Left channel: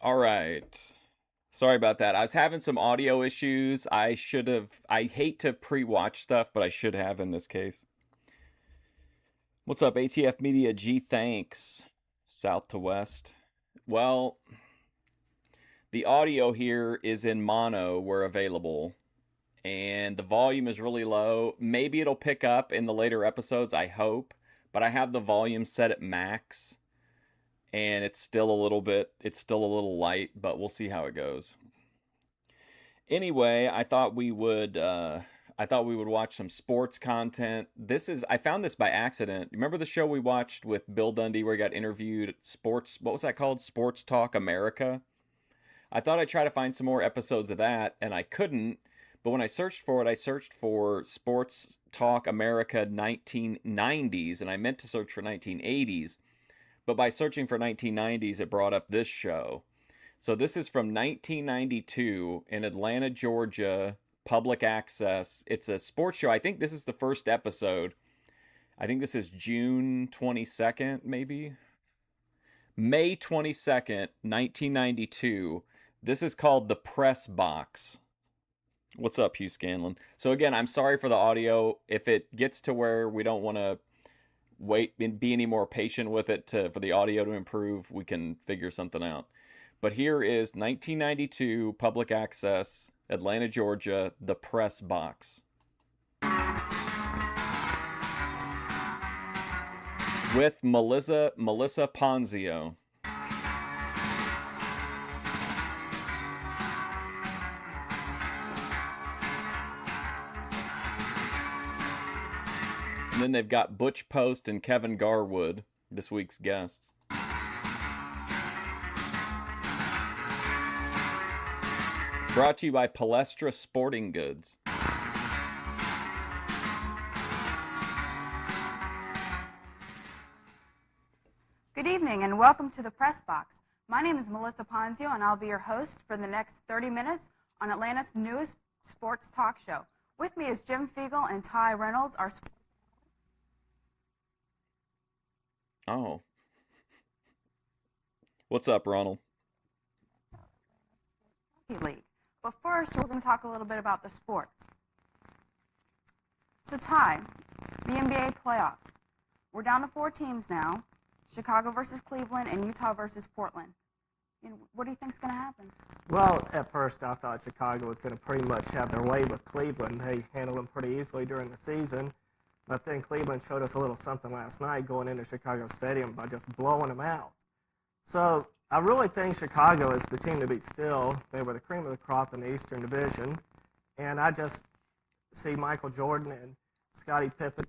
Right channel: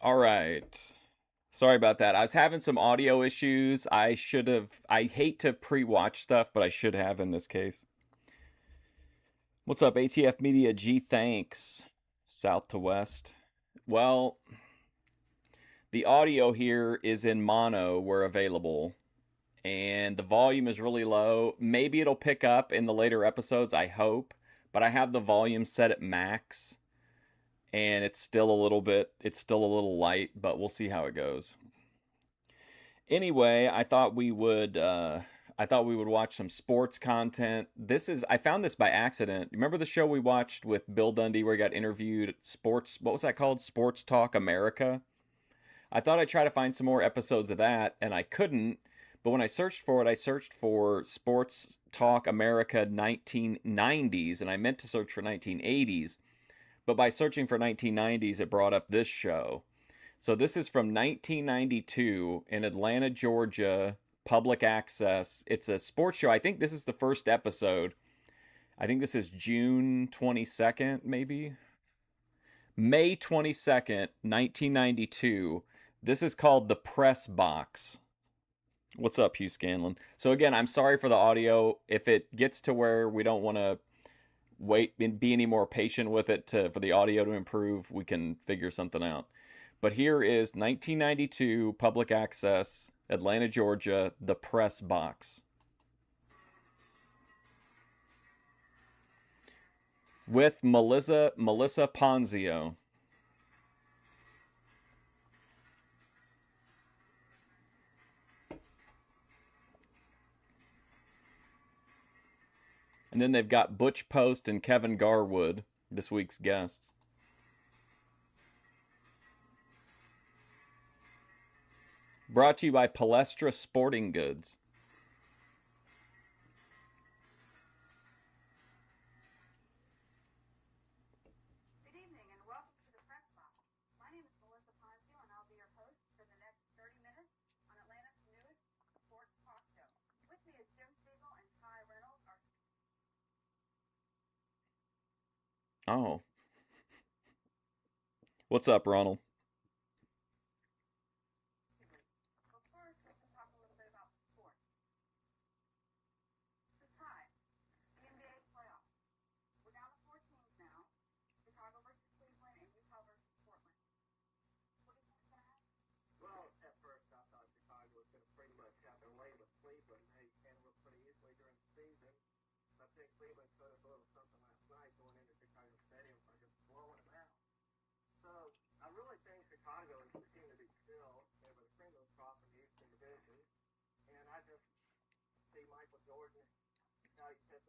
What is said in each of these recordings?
All right. Sorry about that. I was having some audio issues. I hate to pre-watch stuff, but I should have in this case. What's up, ATF Media G? Thanks. South to West. Well, the audio here is in mono where available, and the volume is really low. Maybe it'll pick up in the later episodes, I hope, but I have the volume set at max, and it's still a little light, but we'll see how it goes. Anyway, I thought we would watch some sports content. I found this by accident. Remember the show we watched with Bill Dundee where he got interviewed at Sports, what was that called? Sports Talk America. I thought I'd try to find some more episodes of that, and I couldn't. But when I searched for it, I searched for Sports Talk America 1990s, and I meant to search for 1980s. But by searching for 1990s, it brought up this show. So this is from 1992 in Atlanta, Georgia, public access. It's a sports show. I think this is the first episode. I think this is June 22nd, maybe. May 22nd, 1992. This is called The Press Box. What's up, Hugh Scanlon? So again, I'm sorry for the audio. If it gets to where we don't want to wait and be any more patient with it for the audio to improve, we can figure something out. But here is 1992 public access, Atlanta, Georgia, The Press Box. With Melissa Ponzio. And then they've got Butch Post and Kevin Garwood, this week's guests. Brought to you by Palestra Sporting Goods. Good evening and welcome to the Press Box. My name is Melissa Ponzio and I'll be your host for the next 30 minutes on Atlanta's newest sports talk show. With me is Jim Fiegel and Ty Reynolds, our Oh. What's up, Ronald? league. But first, we're going to talk a little bit about the sports. So Ty, the NBA playoffs. We're down to 4 teams now. Chicago versus Cleveland and Utah versus Portland. What do you think is going to happen? Well, at first I thought Chicago was going to pretty much have their way with Cleveland. They handled them pretty easily during the season. But then Cleveland showed us a little something last night going into Chicago Stadium by just blowing them out. So I really think Chicago is the team to beat still. They were the cream of the crop in the Eastern Division. And I just see Michael Jordan and Scottie Pippen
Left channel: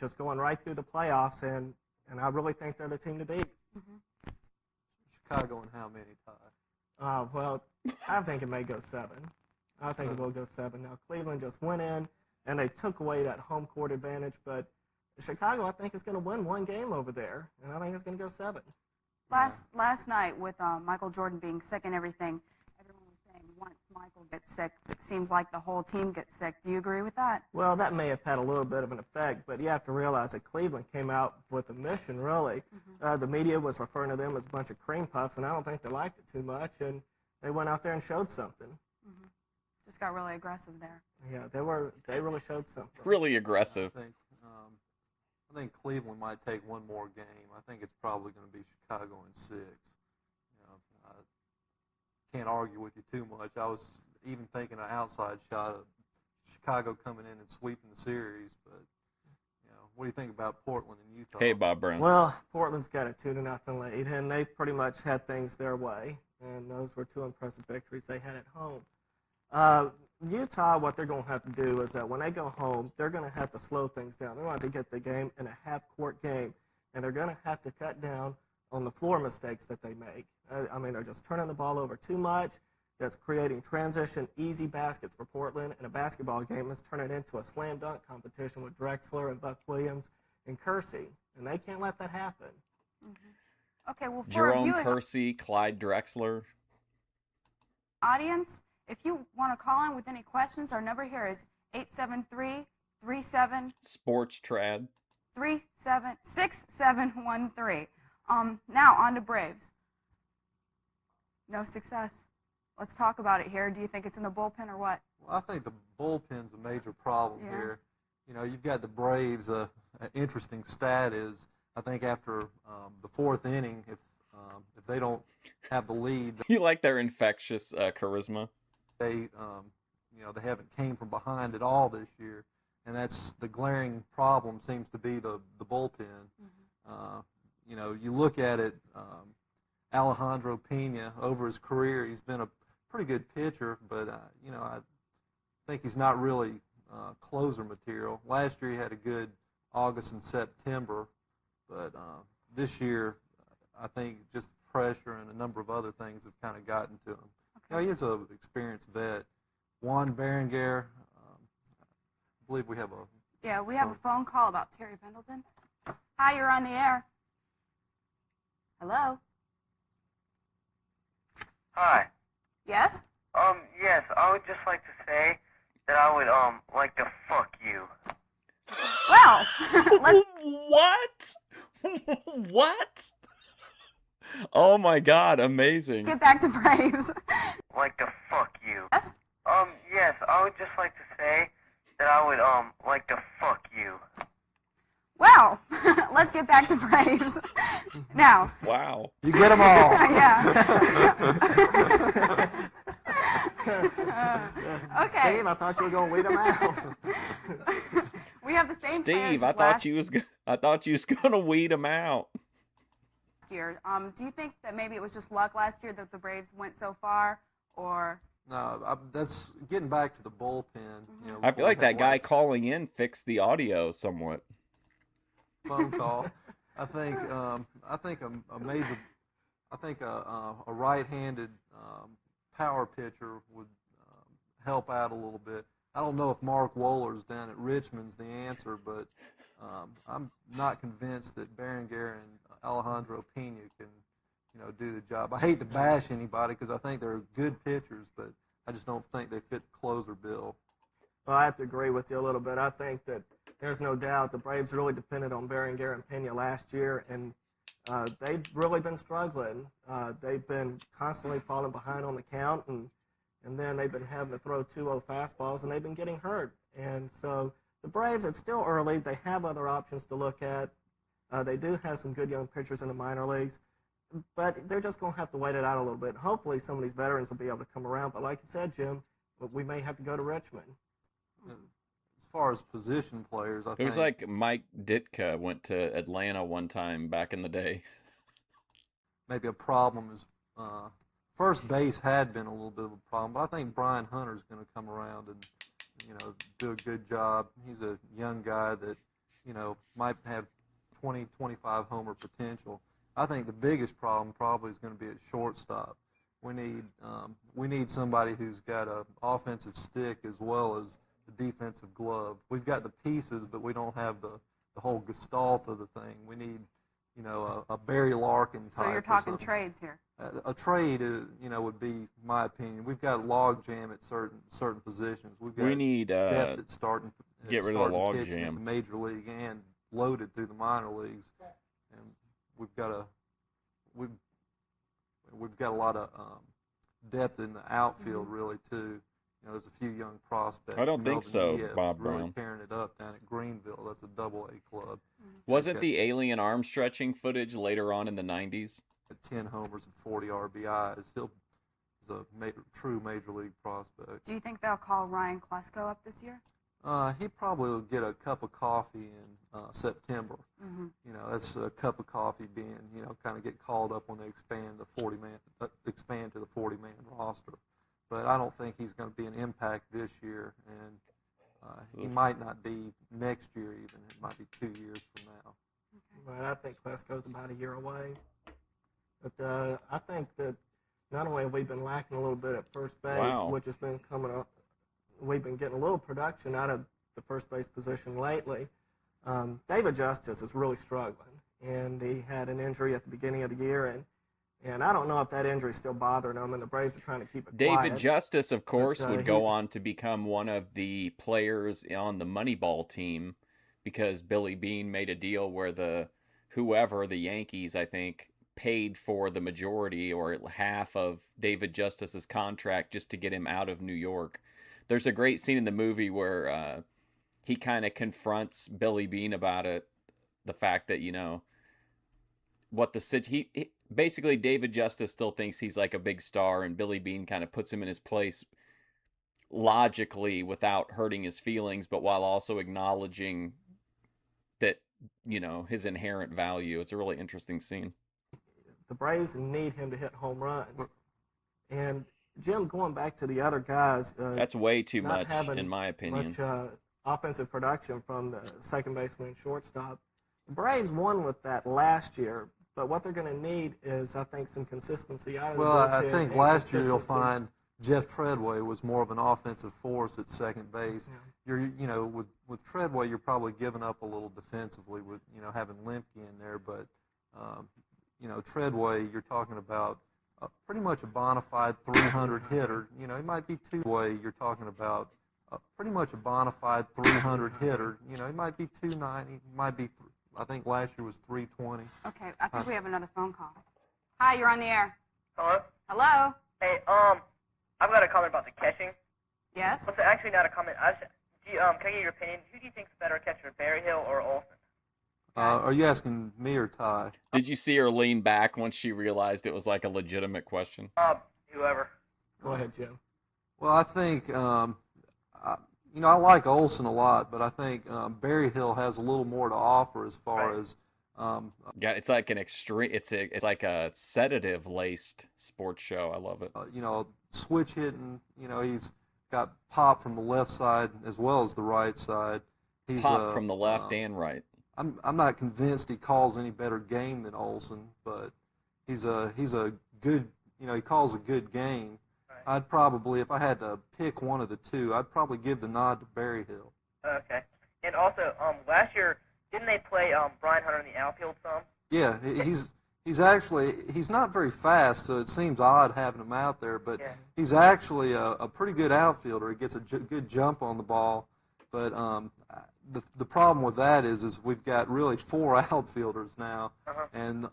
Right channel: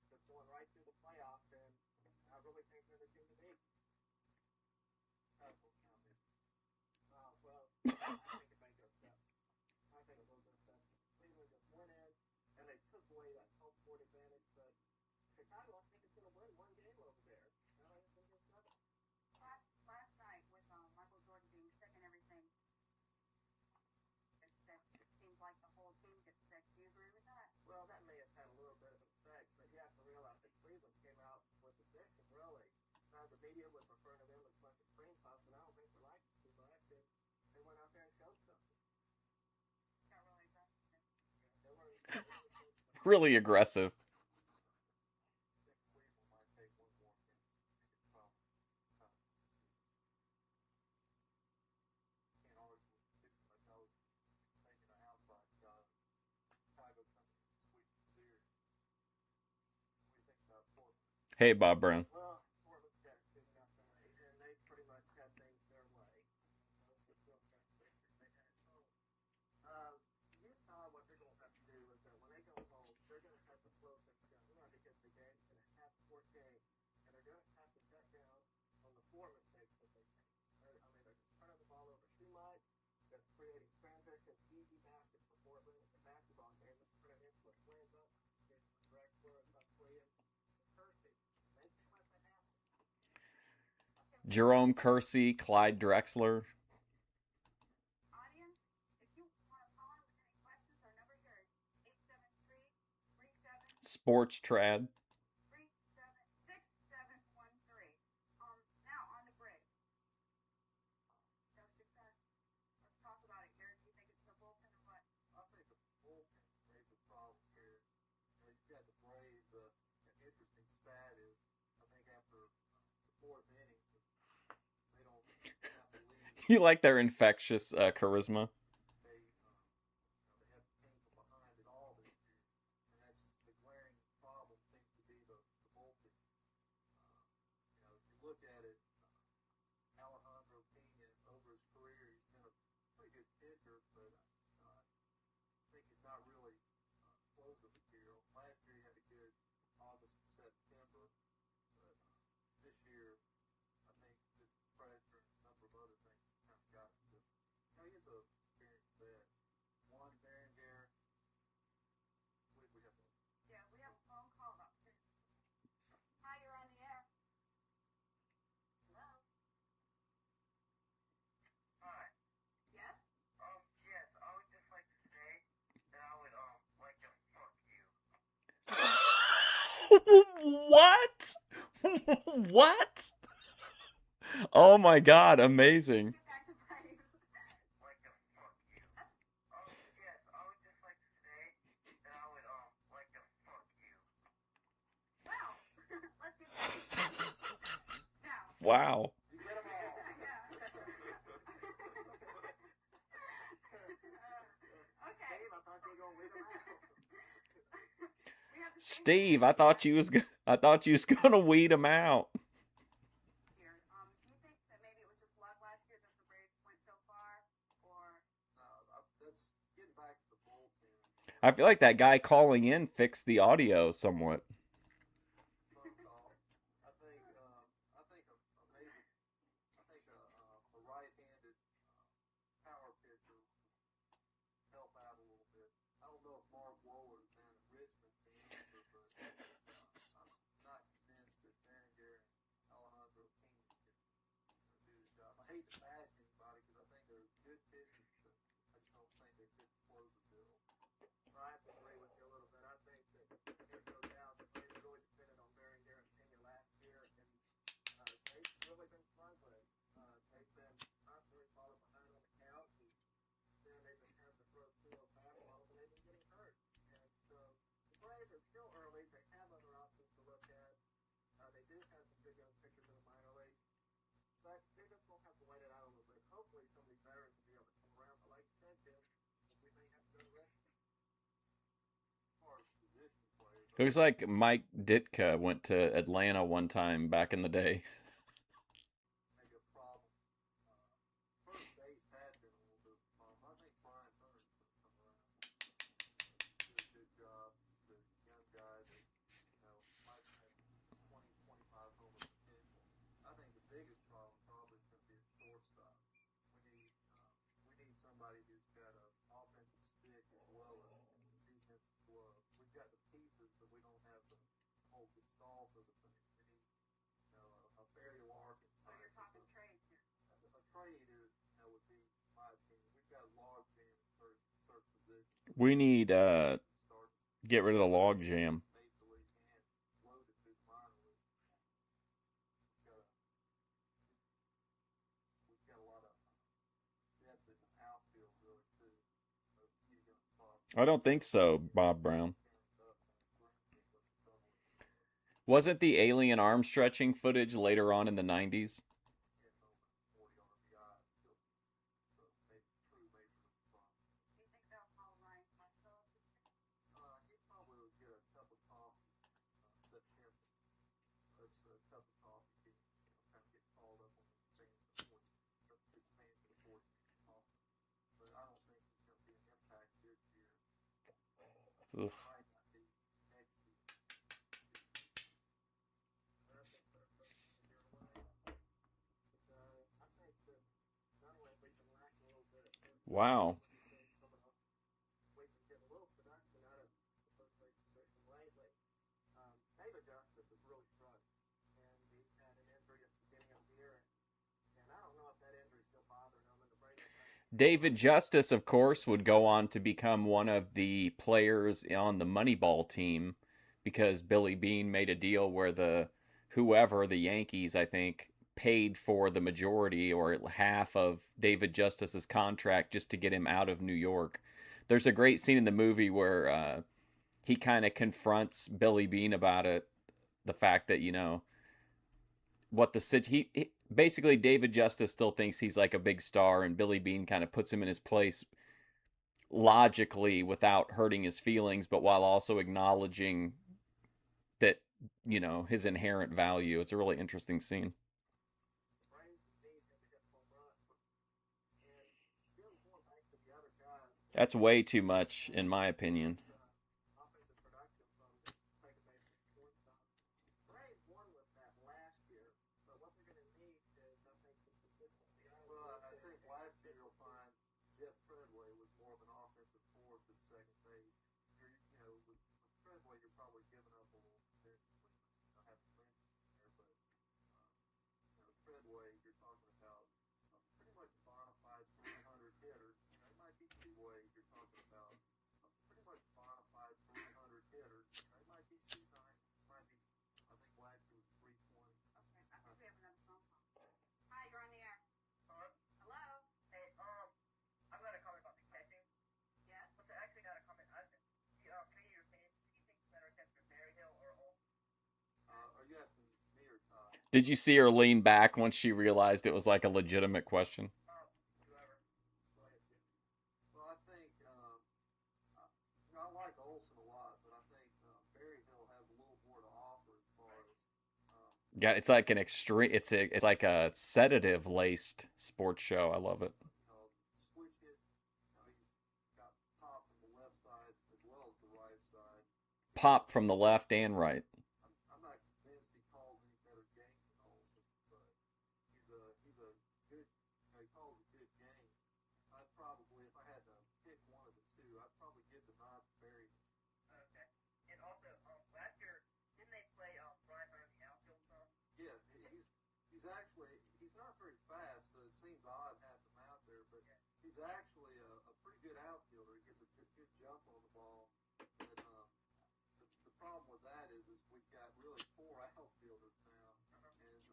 just going right through the playoffs, and I really think they're the team to beat. Mm-hmm. Chicago and how many, Ty? Well, I think it may go 7. I think it will go 7. Now, Cleveland just went in, and they took away that home court advantage, but Chicago, I think, is going to win one game over there, and I think it's going to go 7. Last night, with Michael Jordan being sick and everything, everyone was saying once Michael gets sick, it seems like the whole team gets sick. Do you agree with that? Well, that may have had a little bit of an effect, but you have to realize that Cleveland came out with a mission, really. Mm-hmm. The media was referring to them as a bunch of cream puffs, and I don't think they liked it too much, and they went out there and showed something. Mm-hmm. Just got really aggressive there. Yeah, they really showed something. Really aggressive. I think Cleveland might take one more game. I think it's probably going to be Chicago in 6. I can't argue with you too much. I was even thinking an outside shot of Chicago coming in and sweeping the series, but what do you think about Portland and Utah? Hey, Bob Brown. Well, Portland's got a 2-0 lead, and they've pretty much had things their way, and those were 2 impressive victories they had at home. Utah, what they're going to have to do is that when they go home, they're going to have to slow things down. They're going to have to get the game in a half-court game, and they're going to have to cut down on the floor mistakes that they make. I mean, they're just turning the ball over too much. That's creating transition, easy baskets for Portland, and a basketball game is turning into a slam dunk competition with Drexler and Buck Williams and Kersey, and they can't let that happen. Mm-hmm. Okay, well, Jerome Kersey, Clyde Drexler. Audience, if you want to call in with any questions, our number here is 873-37 Sports Trad 6713. Now on to Braves. No success. Let's talk about it here. Do you think it's in the bullpen or what? Well, I think the bullpen's a major problem Yeah. here. You know, you've got the Braves. An interesting stat is I think after the fourth inning, if they don't have the lead, You like their infectious charisma? they they haven't came from behind at all this year, and that's the glaring problem. Seems to be the bullpen. You look at it. Alejandro Pena, over his career, he's been a pretty good pitcher, but I think he's not really closer material. Last year he had a good August and September, but this year I think just pressure and a number of other things have kind of gotten to him. Okay. He is an experienced vet. Juan Berenguer, I believe we have a Yeah, we have a phone call about Terry Pendleton. Hi, you're on the air. Hello? Hi. Yes? Yes, I would just like to say that I would, like to fuck you. Well, let's What? What? Oh my God! Amazing. get back to Braves. Like to fuck you. Yes? Yes, I would just like to say that I would, like to fuck you. Well, let's get back to Braves. Now, Wow. You get them all. yeah. Okay. Steve, I thought you were going to weed them out. We have the same Steve, fans I as thought last you was gonna weed him out. year. Do you think that maybe it was just luck last year that the Braves went so far, or No, that's getting back to the bullpen. I feel like that guy calling in fixed the audio somewhat. phone call. I think a major, a right-handed power pitcher would help out a little bit. I don't know if Mark Wohlers down at Richmond's the answer, but I'm not convinced that Berenguer and Alejandro Pena can, do the job. I hate to bash anybody because I think they're good pitchers, but I just don't think they fit the closer bill. Well, I have to agree with you a little bit. I think that there's no doubt the Braves really depended on Berenguer and Pena last year, and they've really been struggling. They've been constantly falling behind on the count, and then they've been having to throw 2-0 fastballs, and they've been getting hurt. And so the Braves, it's still early. They have other options to look at. They do have some good young pitchers in the minor leagues, but they're just going to have to wait it out a little bit. Hopefully some of these veterans will be able to come around. But like you said, Jim, we may have to go to Richmond. As far as position players, I It was think like Mike Ditka went to Atlanta one time back in the day. maybe a problem is first base had been a little bit of a problem, but I think Brian Hunter's going to come around and do a good job. He's a young guy that might have 20, 25 homer potential. I think the biggest problem probably is going to be at shortstop. We need somebody who's got an offensive stick as well as a defensive glove. We've got the pieces, but we don't have the whole gestalt of the thing. We need a Barry Larkin type. so you're or talking something. trades here? A trade, would be my opinion. We've got a log jam at certain positions. We've got We need depth at starting. get rid of the starting log pitching jam. in the major league and loaded through the minor leagues, and we've got a lot of depth in the outfield really too. There's a few young prospects. I don't think so, Melvin Diaz Bob is really Brown. tearing it up down at Greenville. That's a Double-A club. Wasn't the alien arm stretching footage later on in the 90s? At 10 homers and 40 RBIs. He's a true major league prospect. Do you think they'll call Ryan Klesko up this year? He probably will get a cup of coffee in September. Mm-hmm. That's a cup of coffee being, kind of get called up when they expand to the 40-man roster. But I don't think he's going to be an impact this year, and he might not be next year even. It might be 2 years from now. Right, I think Klesko's about a year away. But I think that not only have we been lacking a little bit at first base, Wow. which has been coming up, we've been getting a little production out of the first base position lately. David Justice is really struggling, and he had an injury at the beginning of the year, and I don't know if that injury is still bothering him, and the Braves are trying to keep it David quiet. Justice, of course, But, would go on to become one of the players on the Moneyball team because Billy Bean made a deal where the Yankees, I think, paid for the majority or half of David Justice's contract just to get him out of New York. There's a great scene in the movie where he kind of confronts Billy Beane about it, the fact that, you know, what the he basically David Justice still thinks he's like a big star, and Billy Beane kind of puts him in his place logically without hurting his feelings, but while also acknowledging that, you know, his inherent value. It's a really interesting scene. The Braves need him to hit home runs. And Jim, going back to the other guys, That's way too not much, having in my opinion. much offensive production from the second baseman and shortstop. The Braves won with that last year, but what they're going to need is, I think, some consistency out of Well, the bullpen. I think and last year you'll consistency. find Jeff Treadway was more of an offensive force at second base. Yeah. You know, with Treadway, you're probably giving up a little defensively with, you know, having Lemke in there. But, you know, Treadway, you're talking about pretty much a bona fide 300 hitter. You know, he might be you're talking about pretty much a bona fide 300 hitter. You know, he might be 290, might be, I think last year was 320. Okay, I think we have another phone call. Hi, you're on the air. Hello? Hello? Hey, I've got a comment about the catching. Yes? Well, it's actually not a comment. Can I get your opinion? Who do you think's better catcher, Berryhill or Olsen? Are you asking me or Ty? Did you see her lean back once she realized it was like a legitimate question? Whoever. Go ahead, Jim. Well, I think, you know, I like Olsen a lot, but I think Berryhill has a little more to offer as far Right. as Yeah, it's like an extreme. It's like a sedative laced sports show. I love it. you know, switch hitting. You know, he's got pop from the left side as well as the right side. He's, Pop from the left and right. I'm not convinced he calls any better game than Olsen, but he's a good, you know, he calls a good game. Right. I'd probably, if I had to pick one of the two, I'd probably give the nod to Berryhill. Okay. And also, last year, didn't they play Brian Hunter in the outfield some? Yeah, he's actually, he's not very fast, so it seems odd having him out there, but Yeah. he's actually a pretty good outfielder. He gets a good jump on the ball, but the problem with that is we've got really 4 outfielders now, and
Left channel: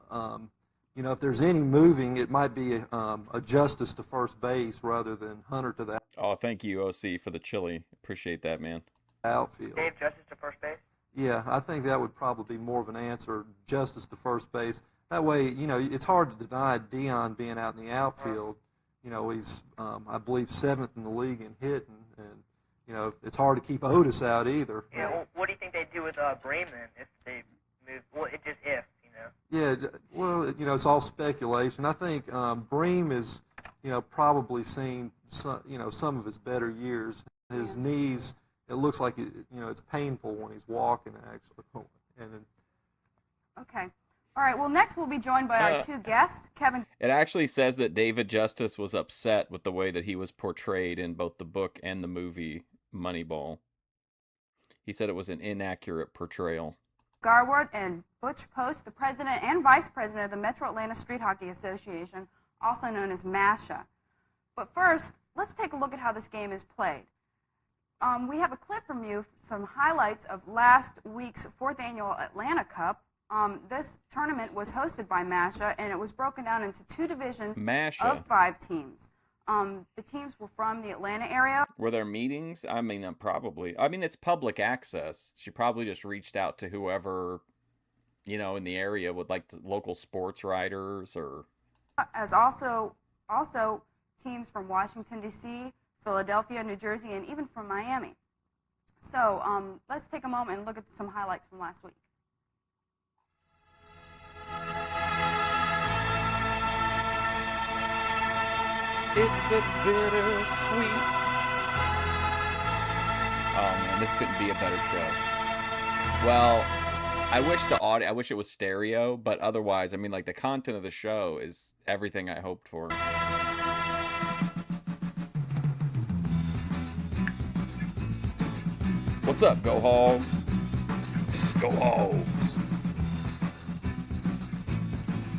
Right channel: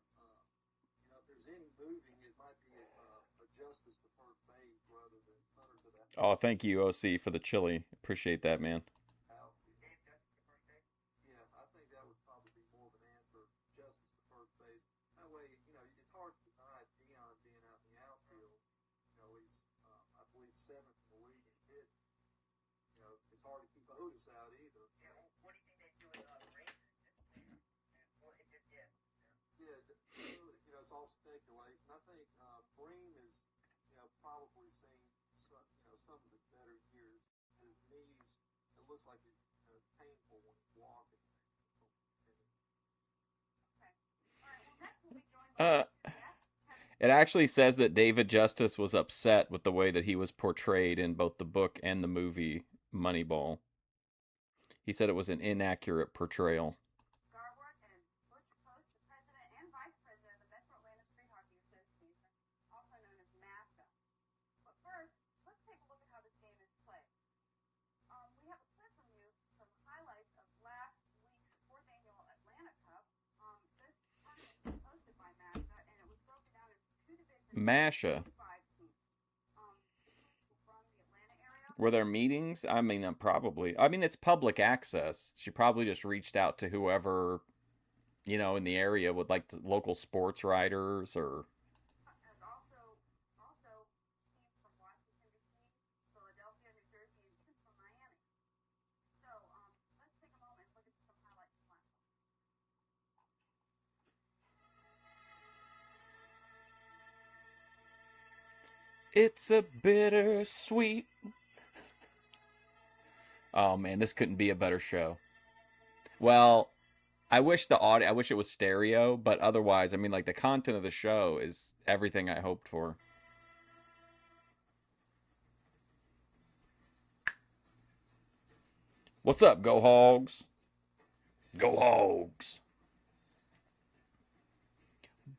you know, if there's any moving, it might be a Justice to first base rather than Hunter to the Oh, thank you, OC, for the chili. Appreciate that, man. outfield. Dave Justice to first base? Yeah, I think that would probably be more of an answer, Justice to first base. That way, you know, it's hard to deny Dion being out in the outfield. You know, he's, I believe, 7th in the league in hitting, and, you know, it's hard to keep Otis out either. Yeah, well, what do you think they'd do with Bream then if they move? Well, it just if, you know. Yeah, well, you know, it's all speculation. I think Bream is, you know, probably seen some, you know, some of his better years. His knees, it looks like it, you know, it's painful when he's walking actually. And Okay. All right, well, next we'll be joined by our 2 guests, Kevin. It actually says that David Justice was upset with the way that he was portrayed in both the book and the movie Moneyball. He said it was an inaccurate portrayal. Garwood and Butch Post, the president and vice president of the Metro Atlanta Street Hockey Association, also known as MASHA. But first, let's take a look at how this game is played. We have a clip from you, some highlights of last week's 4th annual Atlanta Cup. This tournament was hosted by MASHA, and it was broken down into 2 divisions MASHA. of 5 teams. The teams were from the Atlanta area. Were there meetings? I mean, probably. I mean, it's public access. She probably just reached out to whoever, you know, in the area with like the local sports writers or. As also teams from Washington, D.C., Philadelphia, New Jersey, and even from Miami. So let's take a moment and look at some highlights from last week. It's a bittersweet. Oh man, this couldn't be a better show. Well, I wish I wish it was stereo, but otherwise, I mean, like the content of the show is everything I hoped for. What's up, Go Hogs? Go Hogs!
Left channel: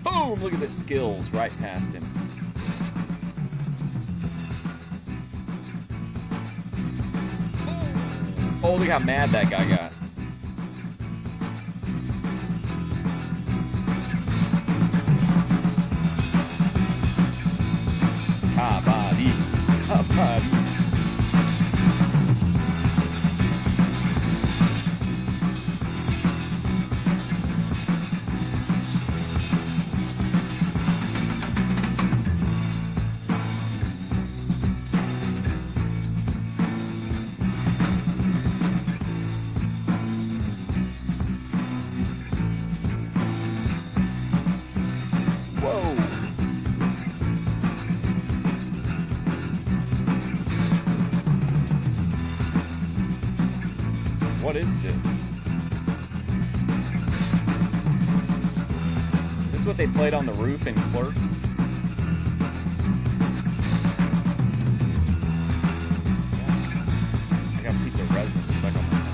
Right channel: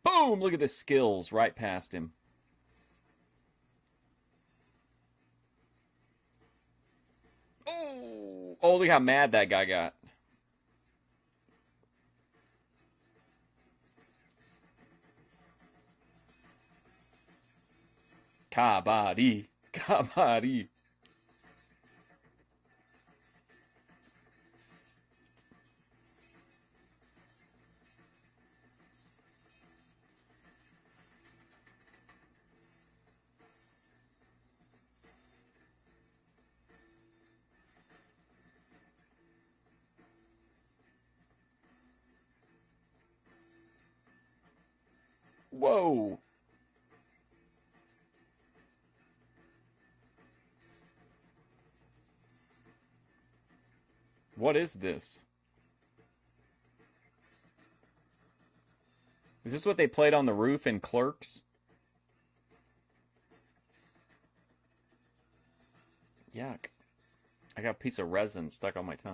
Boom! Look at the skills right past him. Oh, look how mad that guy got. Kabaddi. Kabaddi. Whoa. What is this? Is this what they played on the roof in Clerks? Yeah. I got a piece of resin stuck on my tongue.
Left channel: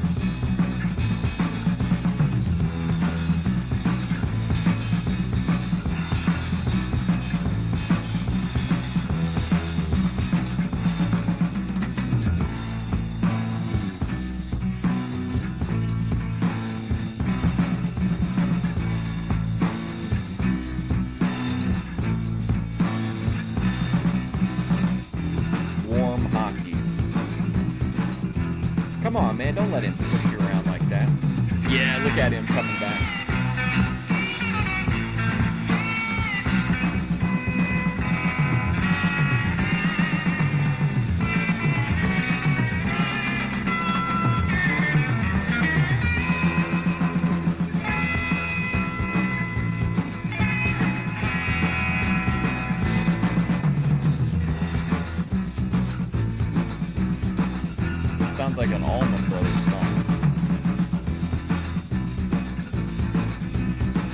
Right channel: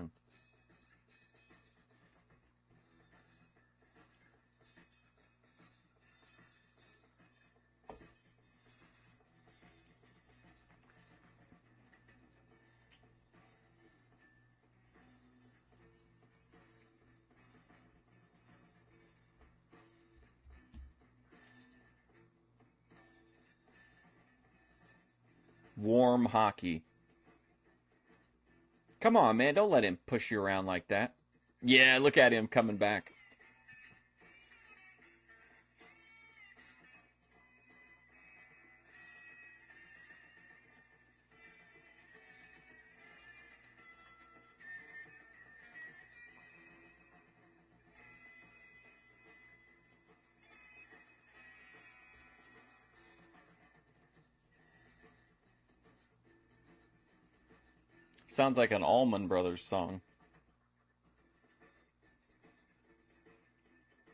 Warm hockey. Come on, man. Don't let him push you around like that. Yeah, look at him coming back. Sounds like an Allman Brothers song.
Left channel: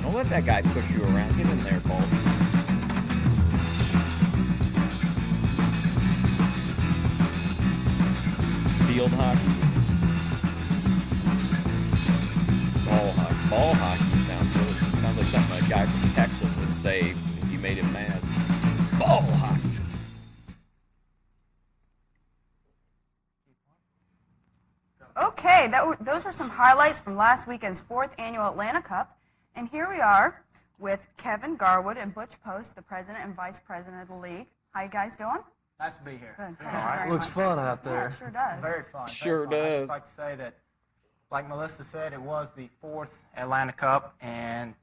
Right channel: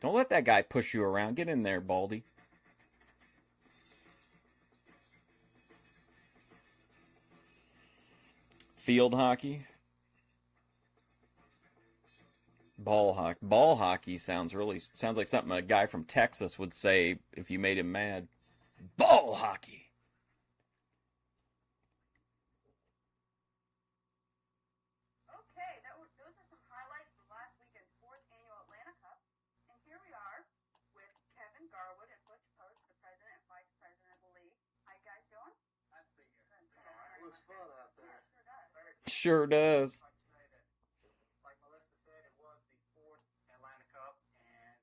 Don't let that guy push you around. Get in there, Baldy. Field hockey. Ball hockey. Ball hockey sounds like something a guy from Texas would say if you made him mad. Ball hockey. Okay, those were some highlights from last weekend's 4th Annual Atlanta Cup. And here we are with Kevin Garwood and Butch Post, the president and vice president of the league. How you guys doing? Nice to be here. Good. Thank you very Looks much. fun out Yeah, there. it sure does. Very fun. Sure very fun. does. I'd like to say that, like Melissa said, it was the 4th Atlanta Cup, and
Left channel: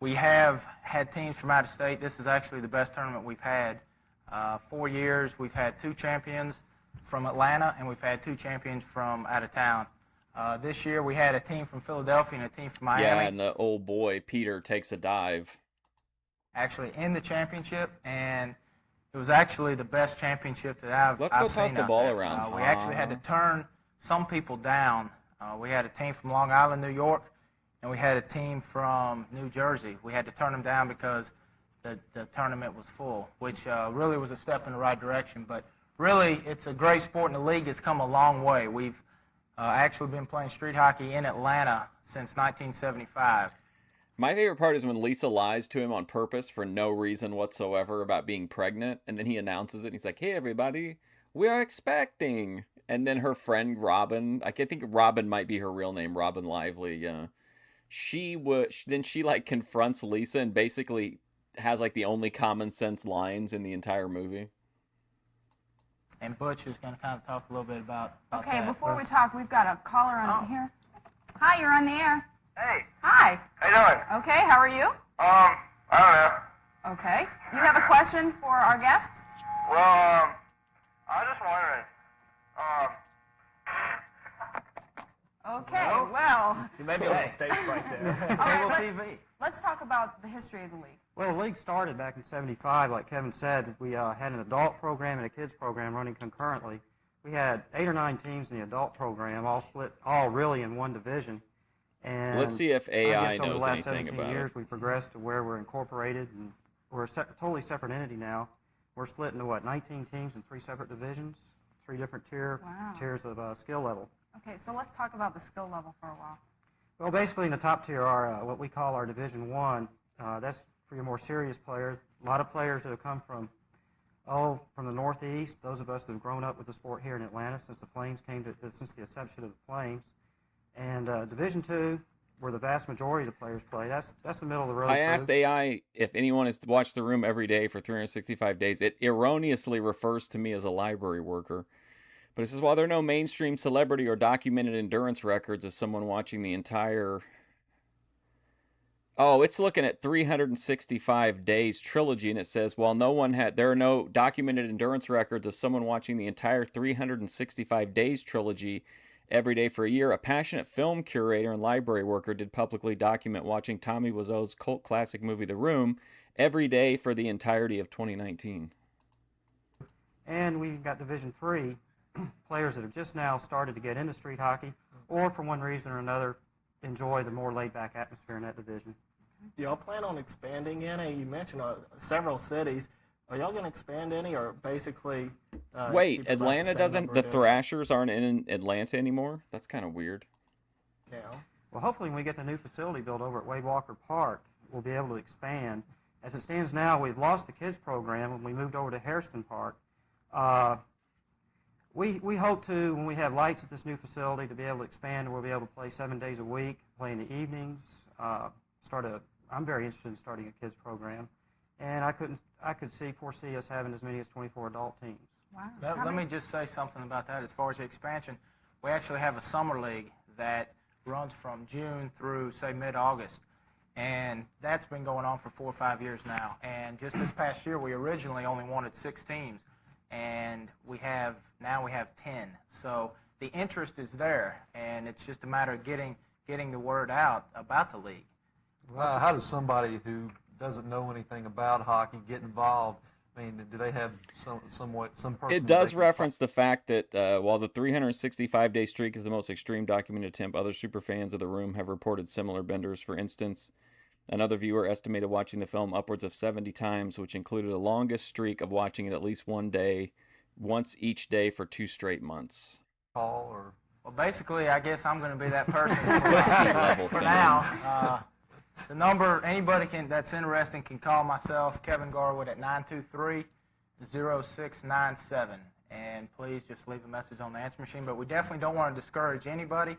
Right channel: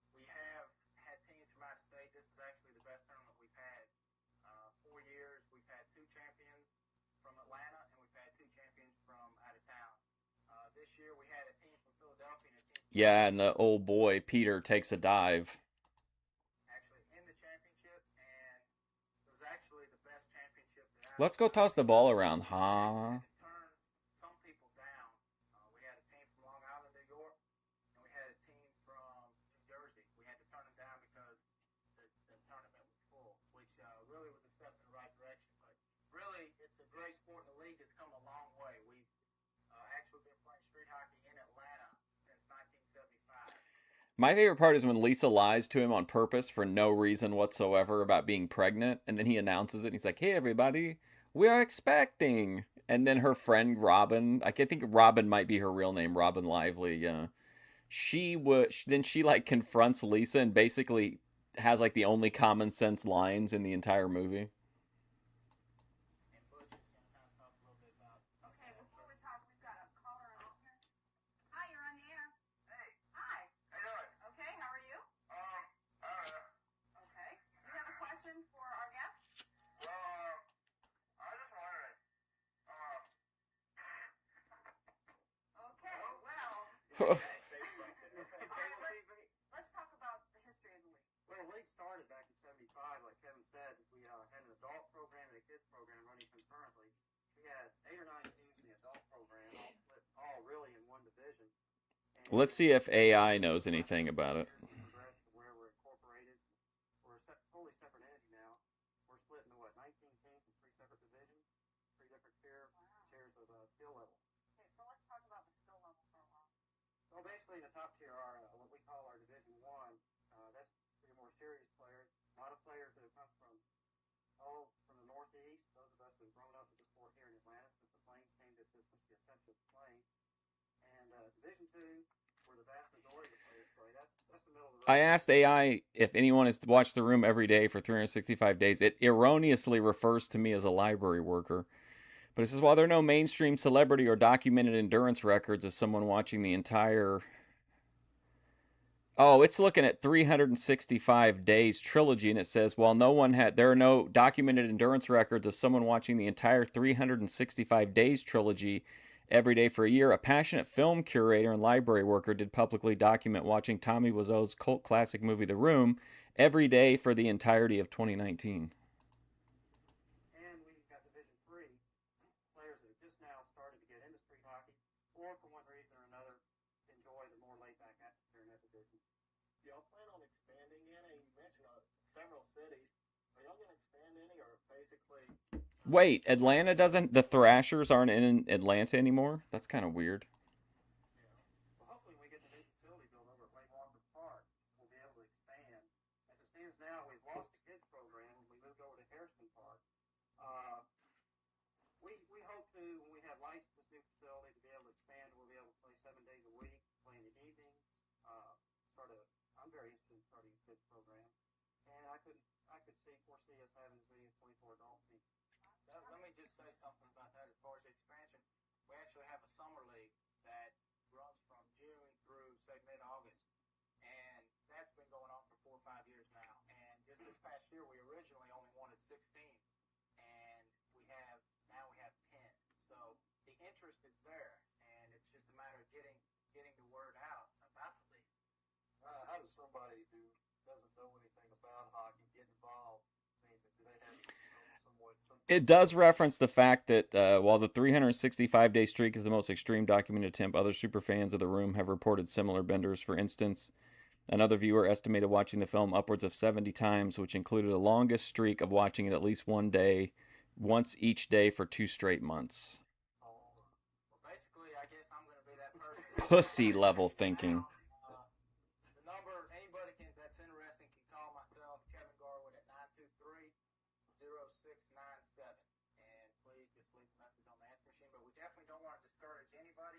we have had teams from out of state. This is actually the best tournament we've had. 4 years, we've had 2 champions from Atlanta, and we've had 2 champions from out of town. This year, we had a team from Philadelphia and a team from Miami. Yeah, and the old boy, Peter, takes a dive. Actually in the championship, and it was actually the best championship that I've Let's go I've toss seen the out ball there. around. We actually had to turn some people down. We had a team from Long Island, New York, and we had a team from New Jersey. We had to turn them down because the tournament was full, which really was a step in the right direction. But really, it's a great sport, and the league has come a long way. We've actually been playing street hockey in Atlanta since 1975. My favorite part is when Lisa lies to him on purpose for no reason whatsoever about being pregnant, and then he announces it, and he's like, "Hey, everybody, we are expecting." And then her friend Robin, I think Robin might be her real name, Robin Lively. She like confronts Lisa and basically has like the only common sense lines in the entire movie. And Butch is going to kind of talk a little bit about Okay, that. before we talk, we've got a caller on here. Hi, you're on the air. Hey, Hi. how you doing? Okay, how are you? I don't know. Okay. You have a question for our guests? Well, I was just wondering, Okay, well, You made me on stage right there. all right, Cable TV. let's talk about the history of the league. Well, the league started back in '75, like Kevin said. We had an adult program and a kids program running concurrently. We had 8 or 9 teams in the adult program, all split, all really in one division. And Let's see if I AI guess over the knows last anything 17 about it. years, we progressed to where we're incorporated, and we're a totally separate entity now. We're split into 19 teams in 3 separate divisions, 3 different Wow. tiers of skill level. Okay, so let's talk about the skill level for a while. Well, basically in the top tier are what we call our Division One. That's for your more serious players. A lot of players that have come from the Northeast. Those of us that have grown up with the sport here in Atlanta since the Flames since the inception of the Flames. And Division Two where the vast majority of the players play. That's the middle of the road. I crew. asked AI if anyone has watched The Room every day for 365 days. It erroneously refers to me as a library worker. But it says, while there are no mainstream celebrity or documented endurance records of someone watching the entire... Oh, it's looking at 365 days trilogy, and it says, while there are no documented endurance records of someone watching the entire 365 days trilogy every day for a year, a passionate film curator and library worker did publicly document watching Tommy Wiseau's cult classic movie The Room every day for the entirety of 2019. And we've got Division III players that have just now started to get into street hockey, or for one reason or another, enjoy the more laid-back atmosphere in that division. Do y'all plan on expanding any? You mentioned several cities. Are y'all going to expand any, or basically? Wait, keep about the Atlanta same doesn't. number The of Thrashers aren't in Atlanta anymore. That's kind of weird. now? Well, hopefully when we get the new facility built over at Wade Walker Park, we'll be able to expand. As it stands now, we've lost the kids program when we moved over to Hairston Park. We hope to, when we have lights at this new facility, to be able to expand. We'll be able to play 7 days a week, play in the evenings. I'm very interested in starting a kids program, and I could foresee us having as many as 24 adult teams. Wow. Let me just say something about that. As far as the expansion, we actually have a summer league that runs from June through, say, mid-August. And that's been going on for 4 or 5 years now. And just this past year, we originally only wanted 6 teams. And now we have 10. So the interest is there, and it's just a matter of getting the word out about the league. Well, how does somebody who doesn't know anything about hockey get involved? I mean, do they have some person? It does reference the fact that while the 365-day streak is the most extreme documented attempt, other superfans of The Room have reported similar benders. For instance, another viewer estimated watching the film upwards of 70 times, which included a longest streak of watching it at least once each day for 2 straight months. Call or Well, basically, I guess I'm going to be that person. Pussy level For thinking. now, the number anybody that's interested can call myself, Kevin Garwood, at 923-0697. And please just leave a message on the answer machine. But we definitely don't want to discourage anybody.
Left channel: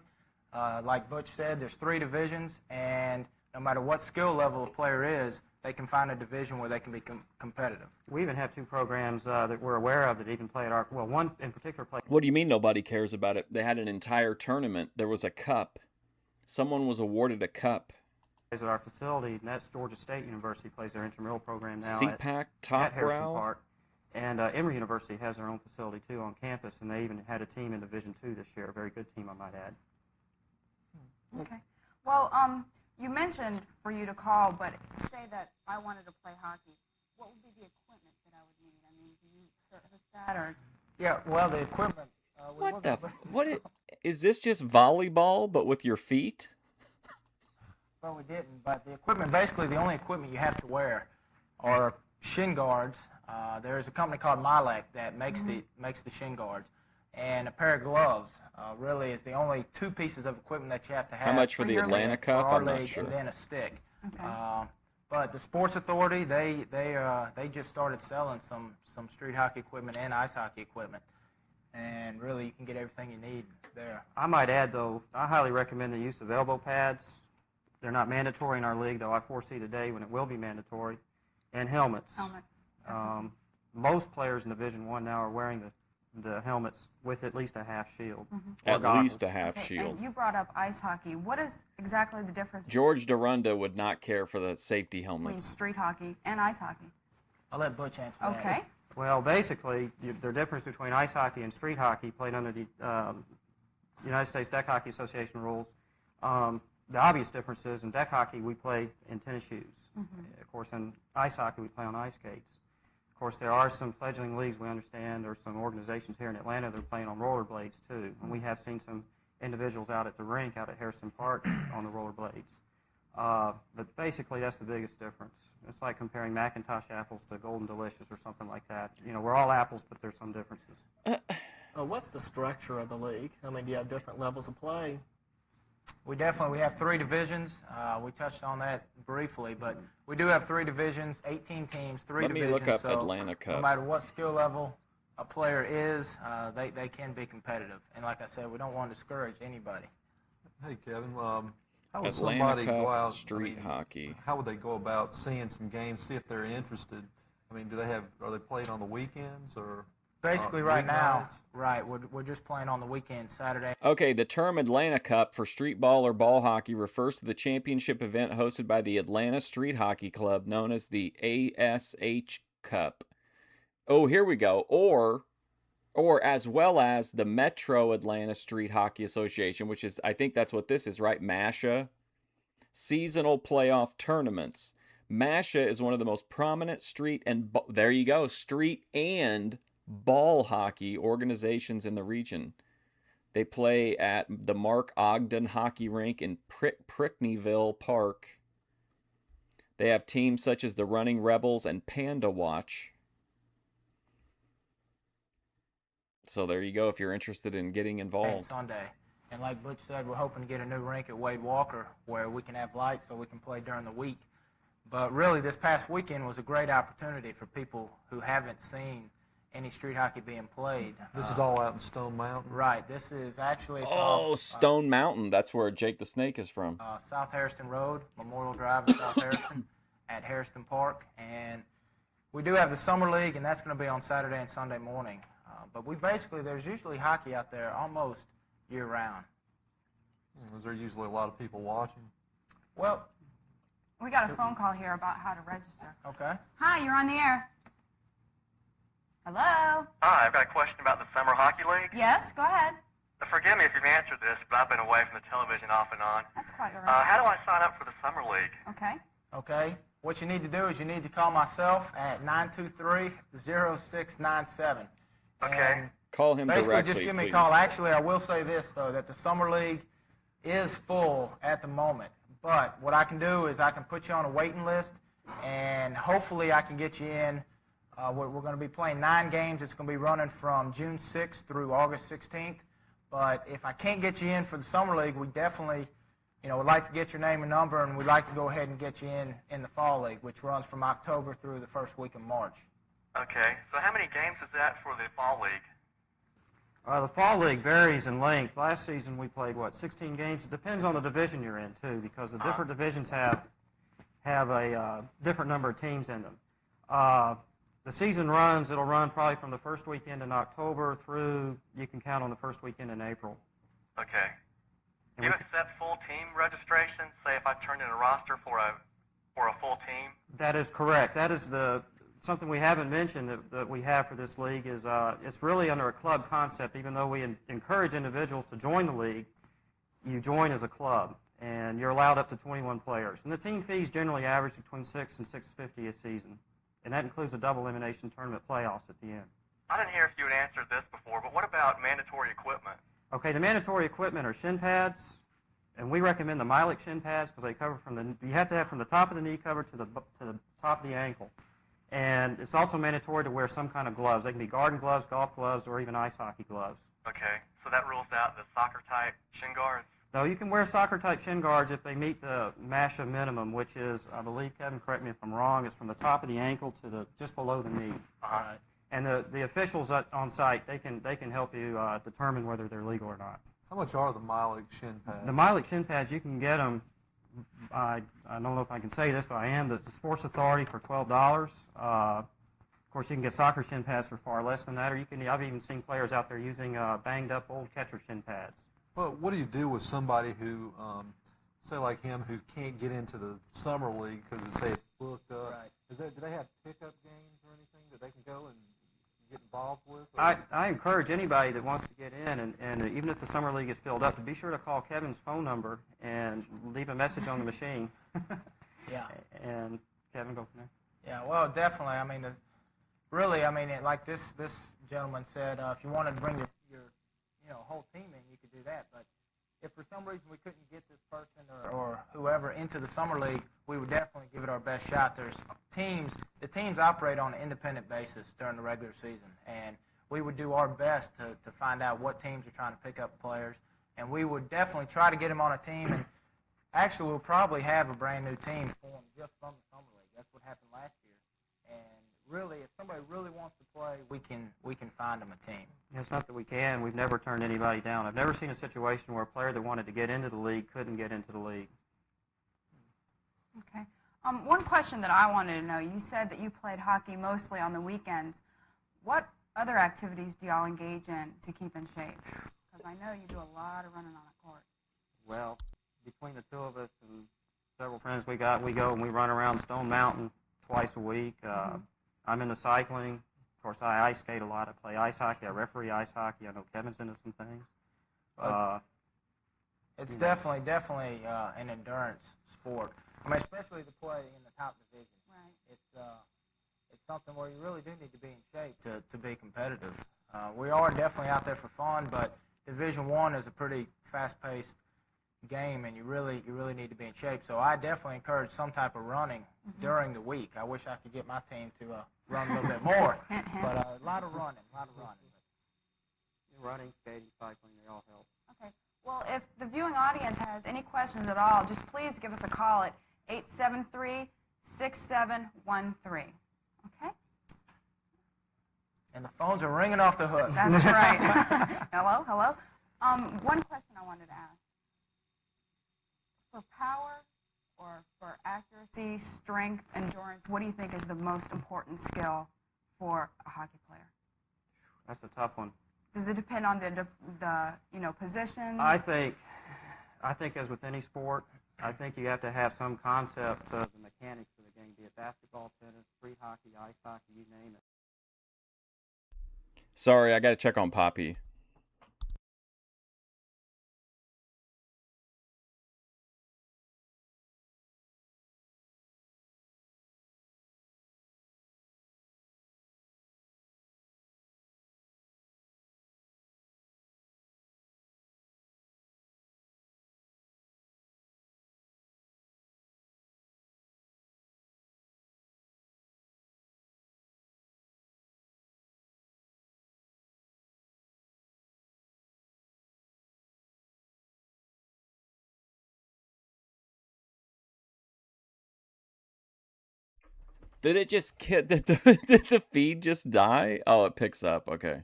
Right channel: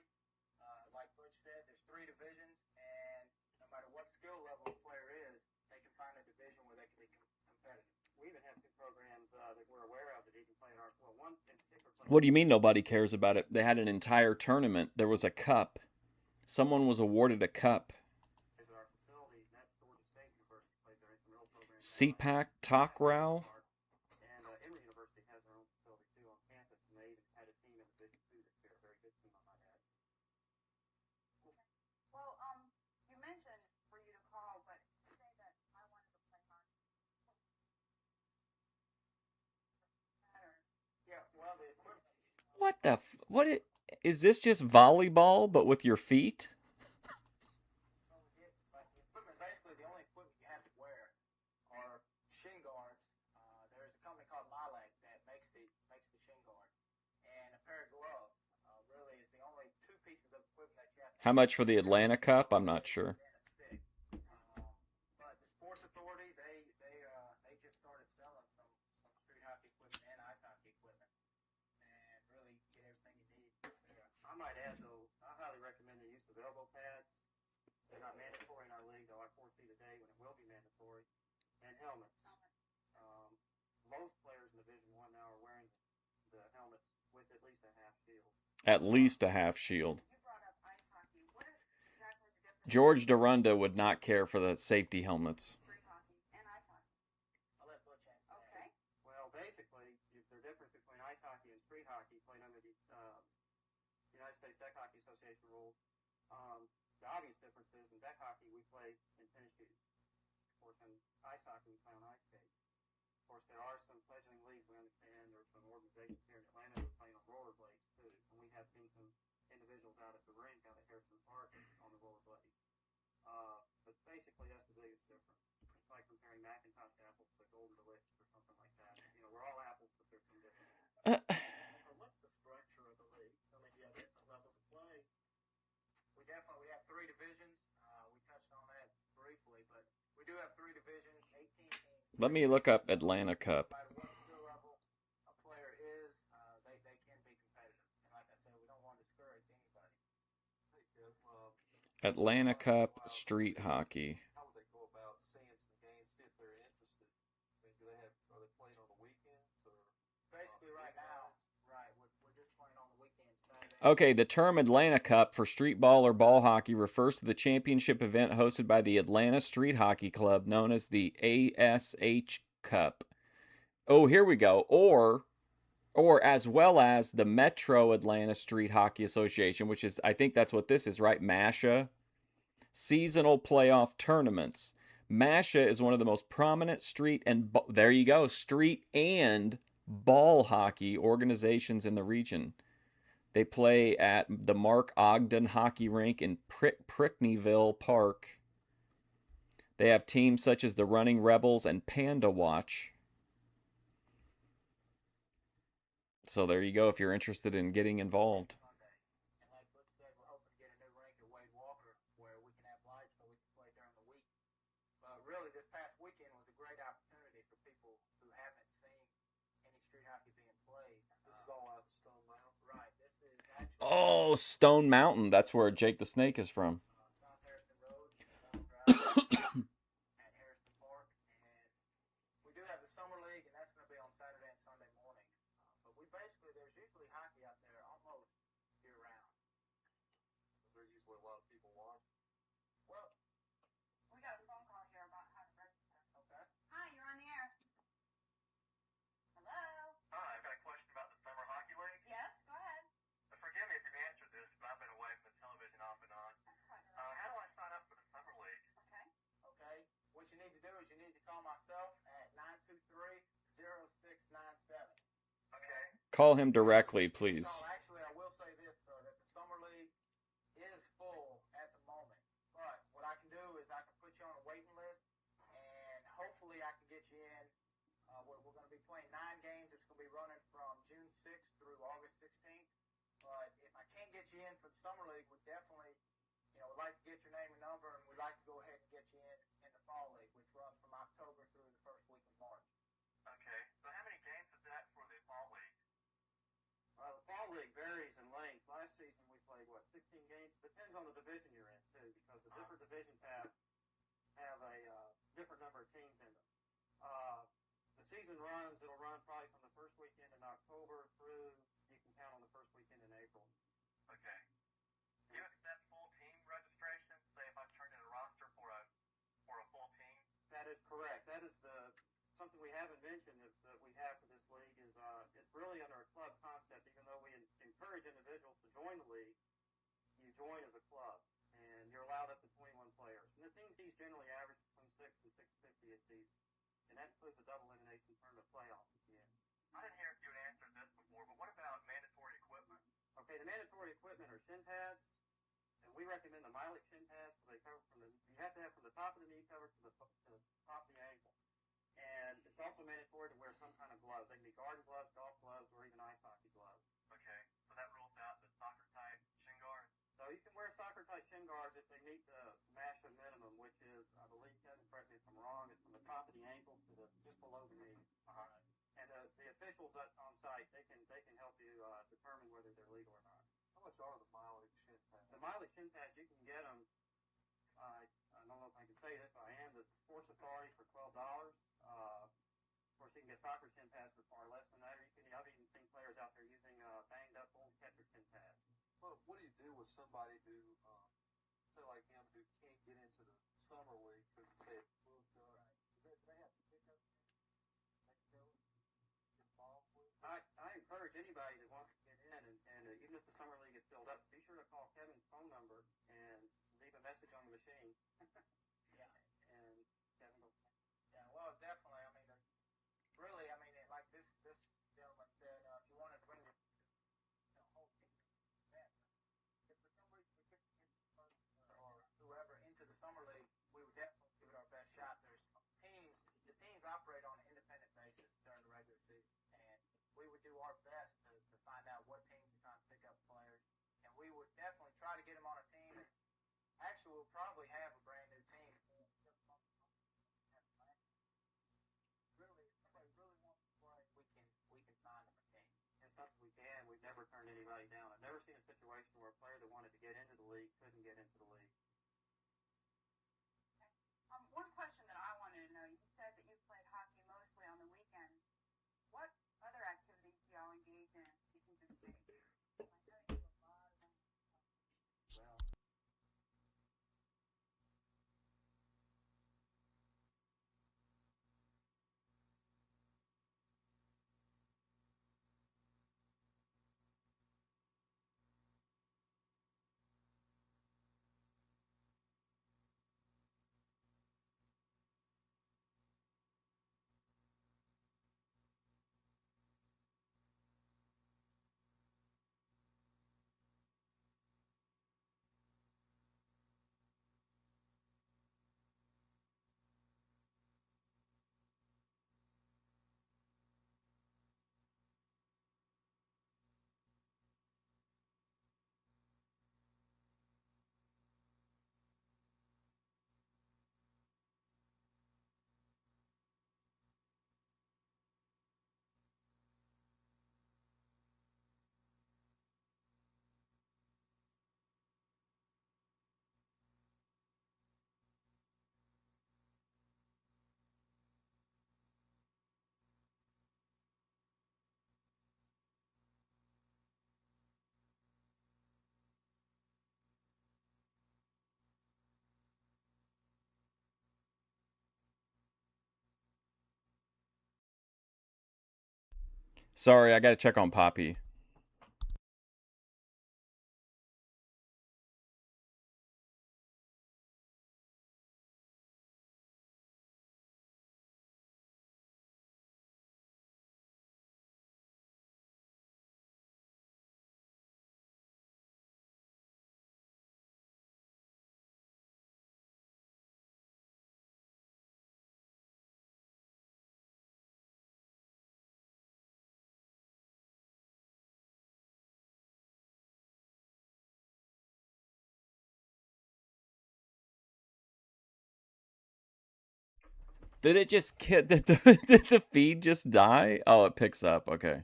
Like Butch said, there's 3 divisions, and no matter what skill level a player is, they can find a division where they can be competitive. We even have 2 programs that we're aware of that even play at one in particular play. What do you mean nobody cares about it? They had an entire tournament. There was a cup. Someone was awarded a cup. At our facility, and that's Georgia State University plays their intramural program now. CPAC at Top Harrison Row. Park. And Emory University has their own facility too on campus, and they even had a team in Division II this year, a very good team, I might add. Okay. Well, you mentioned for you to call, but say that I wanted to play hockey. What would be the equipment that I would need? I mean, do you service that or? Yeah, well, the equipment. What the? Is this just volleyball but with your feet? Well, we didn't, but the equipment, basically the only equipment you have to wear are shin guards. There's a company called Milek that makes the shin guards, and a pair of gloves. Really is the only 2 pieces of equipment that you have to have. How much for the Atlanta Cup? Our I'm not league, sure. And then a stick. Okay. But the Sports Authority, they just started selling some street hockey equipment and ice hockey equipment, and really you can get everything you need there. I might add, though, I highly recommend the use of elbow pads. They're not mandatory in our league, though I foresee the day when it will be mandatory, and helmets. Helmets. Most players in Division I now are wearing the helmets with at least a half shield. At Goggles. least a half Okay, shield. And you brought up ice hockey. What is exactly the difference George Dorunda would not care for the safety between helmets. street hockey and ice hockey? I'll let Butch answer that. Okay. Well, basically, the difference between ice hockey and street hockey, played under the United States Deck Hockey Association rules, the obvious difference is in deck hockey we play in tennis shoes. Of course, in ice hockey we play on ice skates. Of course, there are some fledgling leagues, we understand. There's some organizations here in Atlanta that are playing on rollerblades, too. And we have seen some individuals out at the rink, out at Harrison Park, on the rollerblades. But basically, that's the biggest difference. It's like comparing Macintosh apples to Golden Delicious or something like that. You know, we're all apples, but there's some differences. What's the structure of the league? I mean, do you have different levels of play? We have 3 divisions. We touched on that briefly, but we do have 3 divisions, 18 teams, 3 Let me divisions. look up so Atlanta No Cup. matter what skill level a player is, they can be competitive. And like I said, we don't want to discourage anybody. hey, Kevin, How would Atlanta somebody go Cup out, street hockey. How would they go about seeing some games, see if they're interested? I mean, are they playing on the weekends or Basically, right now, weeknights? right, we're just playing on the weekend, Saturday. Okay, the term Atlanta Cup for street ball or ball hockey refers to the championship event hosted by the Atlanta Street Hockey Club, known as the ASH Cup. Oh, here we go. Or as well as the Metro Atlanta Street Hockey Association, which is, I think that's what this is, right? MASHA. Seasonal playoff tournaments. MASHA is one of the most prominent street and ball hockey organizations in the region. They play at the Mark Ogden Hockey Rink in Prickneyville Park. They have teams such as the Running Rebels and Panda Watch. So there you go if you're interested in getting involved. Sunday. And like Butch said, we're hoping to get a new rink at Wade Walker where we can have lights so we can play during the week. But really, this past weekend was a great opportunity for people who haven't seen any street hockey being played. This is all out in Stone Mountain. Right. This is actually Stone Mountain. That's where Jake the Snake is from. South Harrison Road, Memorial Drive in South Harrison at Harrison Park. And we do have the Summer League, and that's going to be on Saturday and Sunday morning. But there's usually hockey out there almost year-round. Is there usually a lot of people watching? Well, We got a phone call here about how to register. okay. Hi, you're on the air. Hello? Hi, I've got a question about the Summer Hockey League. Yes, go ahead. Forgive me if you've answered this, but I've been away from the television off and on. That's quite all right. How do I sign up for the Summer League? Okay. Okay. What you need to do is you need to call myself at 923-0697. Okay. And Call him basically, directly, just give me please. a call. Actually, I will say this, though, that the Summer League is full at the moment. But what I can do is I can put you on a waiting list, and hopefully I can get you in. We're going to be playing 9 games. It's going to be running from June 6th through August 16th. But if I can't get you in for the Summer League, we definitely, would like to get your name and number, and we'd like to go ahead and get you in the Fall League, which runs from October through the first week of March. Okay. So how many games is that for the Fall League? The Fall League varies in length. Last season we played, 16 games? It depends on the division you're in, too, because the different divisions have a different number of teams in them. The season it'll run probably from the first weekend in October through, you can count on the first weekend in April. Okay. And Do you we accept full team registration? Say if I turned in a roster for a full team? That is correct. That is something we haven't mentioned that we have for this league is it's really under a club concept. Even though we encourage individuals to join the league, you join as a club, and you're allowed up to 21 players. And the team fees generally average between $600 and $650 a season, and that includes a double elimination tournament playoffs at the end. I didn't hear if you had answered this before, but what about mandatory equipment? Okay, the mandatory equipment are shin pads, and we recommend the Milex shin pads because they cover you have to have from the top of the knee cover to the top of the ankle. And it's also mandatory to wear some kind of gloves. They can be garden gloves, golf gloves, or even ice hockey gloves. Okay. So that rules out the soccer-type shin guards? No, you can wear soccer-type shin guards if they meet the MASHA minimum, which is, I believe, Kevin, correct me if I'm wrong, it's from the top of the ankle to just below the knee. Uh-huh. And the officials on site, they can help you determine whether they're legal or not. How much are the Milex shin pads? The Milex shin pads, you can get them, I don't know if I can say this, but I am, the Sports Authority for $12. Of course, you can get soccer shin pads for far less than that, or I've even seen players out there using banged-up old catcher shin pads. Well, what do you do with somebody who, say like him, who can't get into the Summer League because it's, say, it's booked up? Right. Do they have pickup games or anything that they can go and get involved with? I encourage anybody that wants to get in, and even if the Summer League is filled up, to be sure to call Kevin's phone number and leave a message on the machine. Yeah. And Kevin, go from there. Yeah, well, definitely. Like this gentleman said, if you wanted to bring your whole team in, you could do that. But if for some reason we couldn't get this person or whoever into the Summer League, we would definitely give it our best shot. The teams operate on an independent basis during the regular season, and we would do our best to find out what teams are trying to pick up players, and we would definitely try to get them on a team. And actually, we'll probably have a brand new team formed just from the Summer League. That's what happened last year. And really, if somebody really wants to play, we can find them a team. It's not that we can. We've never turned anybody down. I've never seen a situation where a player that wanted to get into the league couldn't get into the league. One question that I wanted to know, you said that you played hockey mostly on the weekends. What other activities do y'all engage in to keep in shape? Because I know you do a lot of running on the court. Well, between the two of us and several friends we got, we go and we run around Stone Mountain twice a week. I'm into cycling. Of course, I ice skate a lot. I play ice hockey. I referee ice hockey. I know Kevin's into some things. It's definitely an endurance sport. I mean, especially to play in the top division. Right. It's something where you really do need to be in shape to be competitive. We are definitely out there for fun, but Division I is a pretty fast-paced game, and you really need to be in shape. So I definitely encourage some type of running during the week. I wish I could get my team to run a little bit more, but a lot of running. Running, skating, cycling, they all help. Okay. Well, if the viewing audience has any questions at all, just please give us a call at 873-6713. Okay? And the phones are ringing off the hook. That's right. Hello? One question I wanted to ask. For power or for accuracy, strength, endurance, what do you think is the most important skill for a hockey player? That's a tough one. Does it depend on the positions? I think as with any sport, I think you have to have some concept of the mechanics of the game, be it basketball, tennis, free hockey, ice hockey, you name it. Sorry, I got to check on Poppy. Did it just did the feed just die? Oh, it picks up. Okay.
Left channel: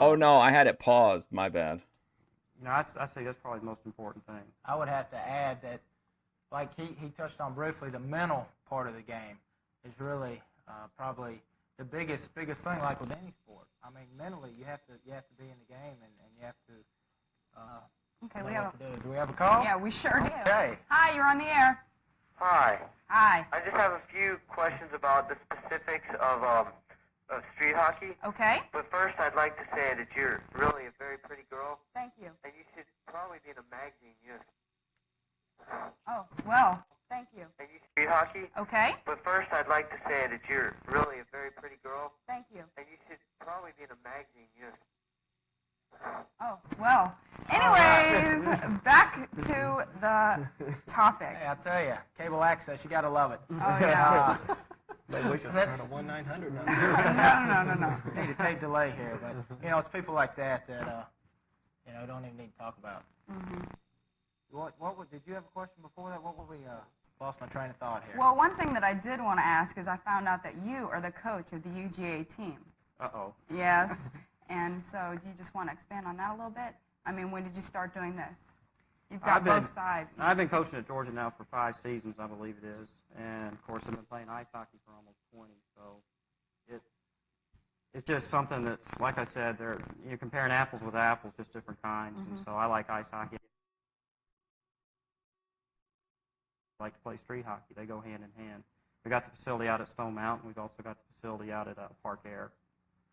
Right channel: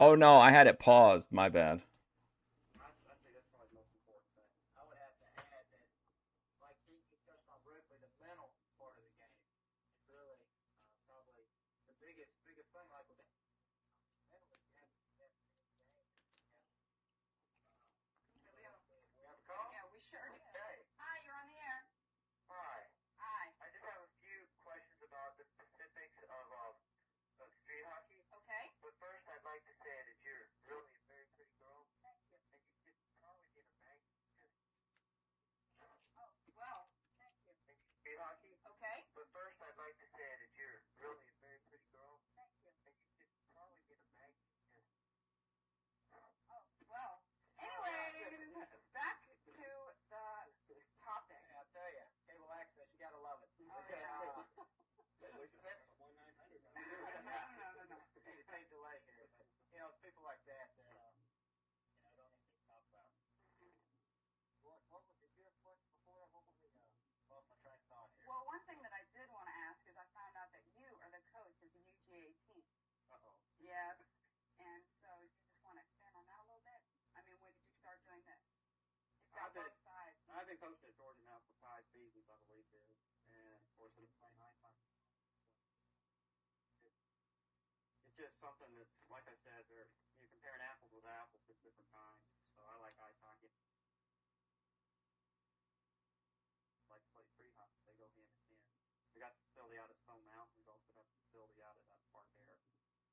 Oh no, I had it paused. My bad. I'd say that's probably the most important thing. I would have to add that, like he touched on briefly, the mental part of the game is really probably the biggest thing, like with any sport. I mean, mentally, you have to be in the game, and you have to Okay, know we have what to do. Do we have a call? Yeah, we sure do. Okay. Hi, you're on the air. Hi. Hi. I just have a few questions about the specifics of street hockey. Okay. But first, I'd like to say that you're really a very pretty girl, Thank you. and you should probably be in a magazine. Oh, well, thank you. And you street hockey. Okay. But first, I'd like to say that you're really a very pretty girl, Thank you. and you should probably be in a magazine. Oh, well. Anyways, back to the topic. Hey, I tell you, cable access, you got to love it. Oh, yeah. Maybe we should start a 1-900 number. No. Need a tape delay here, but it's people like that don't even need to talk about. Did you have a question before that? What were we? Lost my train of thought here. Well, one thing that I did want to ask is I found out that you are the coach of the UGA team. Uh-oh. Yes. And so do you just want to expand on that a little bit? I mean, when did you start doing this? You've got both sides. I've been coaching at Georgia now for 5 seasons, I believe it is. And, of course, I've been playing ice hockey for almost 20. So it's just something that's, like I said, you're comparing apples with apples, just different kinds. And so I like ice hockey. I like to play street hockey. They go hand in hand. We got the facility out at Stone Mountain. We've also got the facility out at Park Air.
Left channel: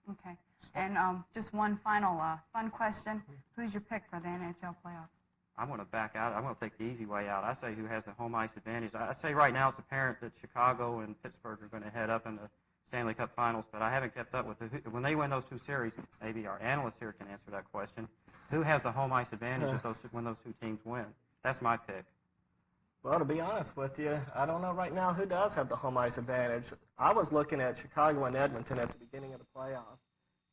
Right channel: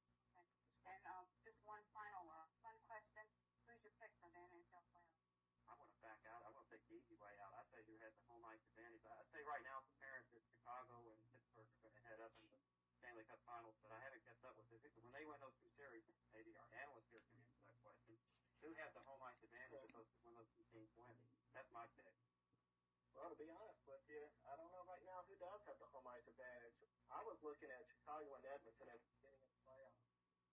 Okay. And just one final fun question. Who's your pick for the NHL playoffs? I'm going to back out. I'm going to take the easy way out. I say who has the home ice advantage. I say right now it's apparent that Chicago and Pittsburgh are going to head up in the Stanley Cup Finals, but I haven't kept up with it. When they win those 2 series, maybe our analyst here can answer that question. Who has the home ice advantage when those 2 teams win? That's my pick. Well, to be honest with you, I don't know right now who does have the home ice advantage. I was looking at Chicago and Edmonton at the beginning of the playoffs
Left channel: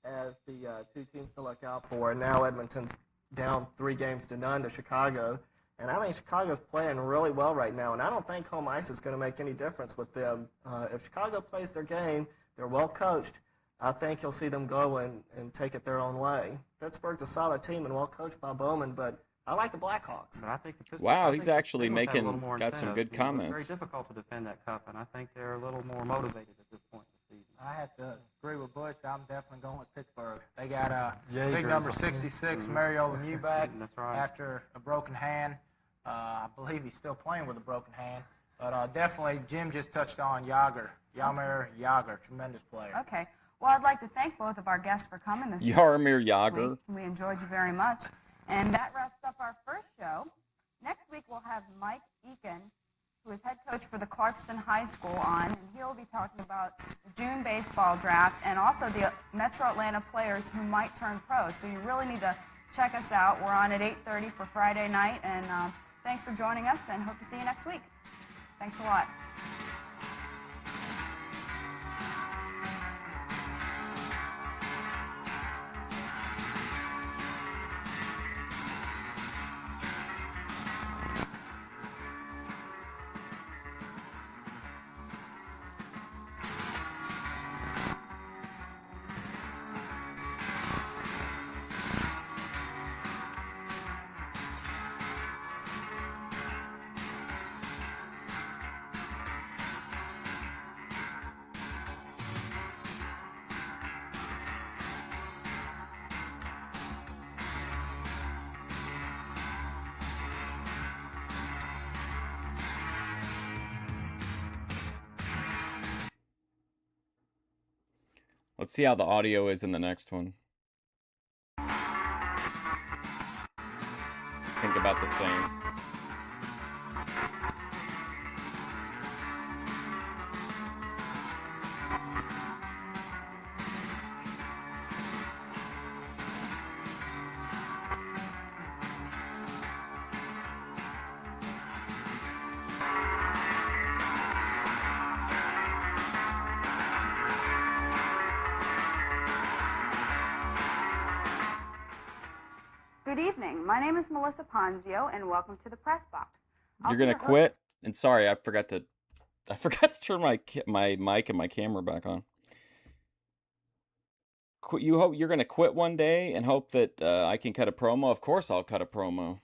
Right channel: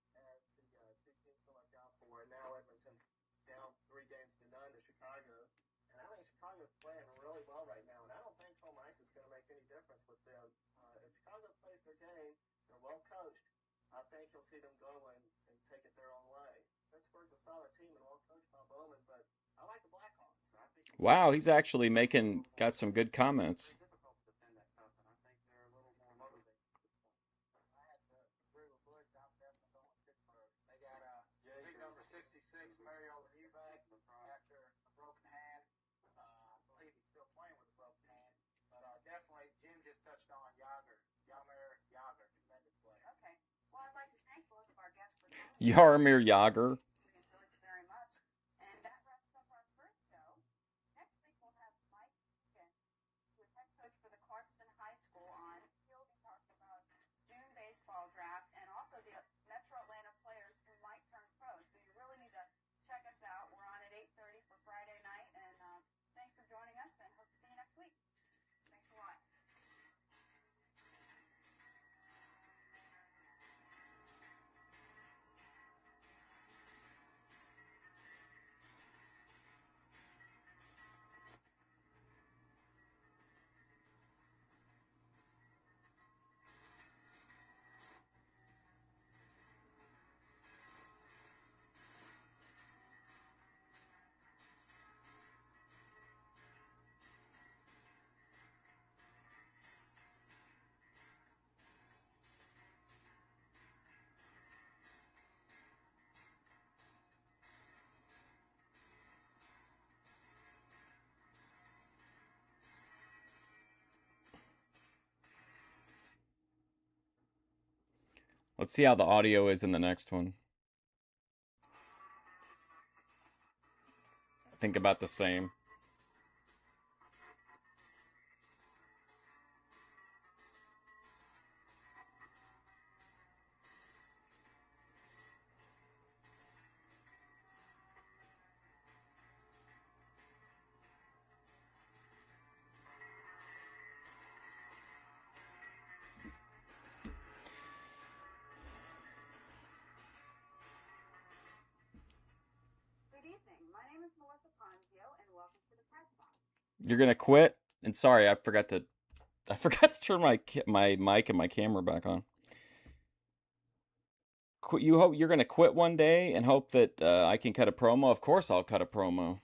as the 2 teams to look out for, and now Edmonton's down 3-0 to Chicago. And I think Chicago's playing really well right now, and I don't think home ice is going to make any difference with them. If Chicago plays their game, they're well coached. I think you'll see them go and take it their own way. Pittsburgh's a solid team and well coached by Bowman, but I like the Blackhawks. But I think the Pittsburgh- Wow, I he's think the actually Steelers have a little making more got some incentive. good It was comments. very difficult to defend that cup, and I think they're a little more motivated at this point in the season. I have to agree with Bush. I'm definitely going with Pittsburgh. They got Yeager's big number on. 66, Mario Lemieux back That's right. after a broken hand. I believe he's still playing with a broken hand. But definitely, Jim just touched on Jaromir Jagr, tremendous player. Okay. Well, I'd like to thank both of our guests for coming this Jaromir Jagr. We enjoyed you very much. And that wraps up our first show. Next week, we'll have Mike Eakin, who is head coach for the Clarkston High School, on, and he'll be talking about the June baseball draft and also the Metro Atlanta players who might turn pro. So you really need to check us out. We're on at 8:30 for Friday night, and thanks for joining us, and hope to see you next week. Thanks a lot. Let's see how the audio is in the next one. Think about the same. Good evening. My name is Melissa Ponzio, and welcome to the Press Box. I'll You're be gonna your host. quit? And sorry, I forgot to turn my mic and my camera back on. You hope you're gonna quit one day and hope that I can cut a promo? Of course I'll cut a promo.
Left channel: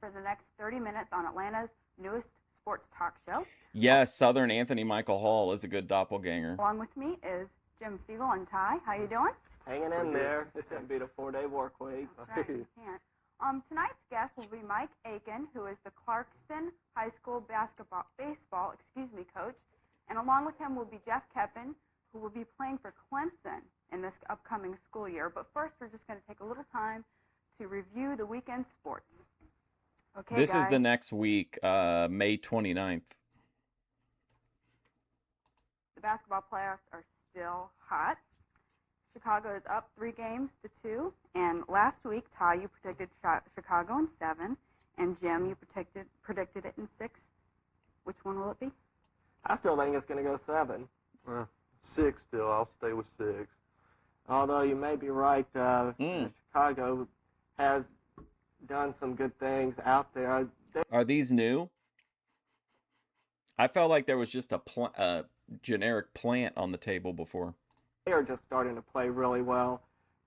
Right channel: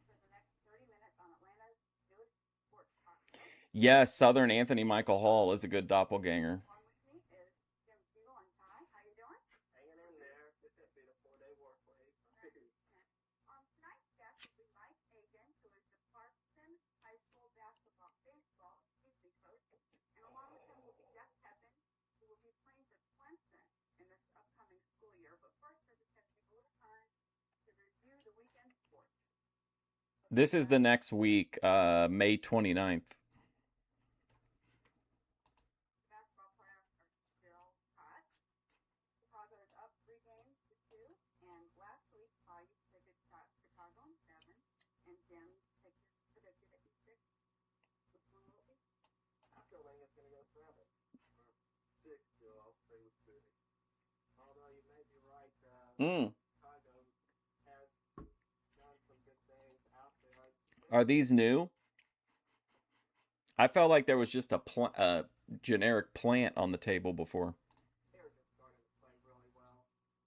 For the next 30 minutes on Atlanta's newest sports talk show. Yes, Southern Anthony Michael Hall is a good doppelganger. Along with me is Jim Fiegel and Ty. How you doing? Hanging in there. It couldn't beat a 4-day work week. That's right, you can't. Tonight's guest will be Mike Aiken, who is the Clarkston High School baseball coach. And along with him will be Jeff Keppen, who will be playing for Clemson in this upcoming school year. But first, we're just going to take a little time to review the weekend sports. Okay, This is guys? the next week, May 29th. The basketball playoffs are still hot. Chicago is up 3-2, and last week, Ty, you predicted Chicago in 7, and Jim, you predicted it in 6. Which one will it be? I still think it's going to go 7. 6 still. I'll stay with 6. Although you may be right, Chicago has done some good things out there. Are these new? I felt like there was just a generic plant on the table before. They are just starting to play really well.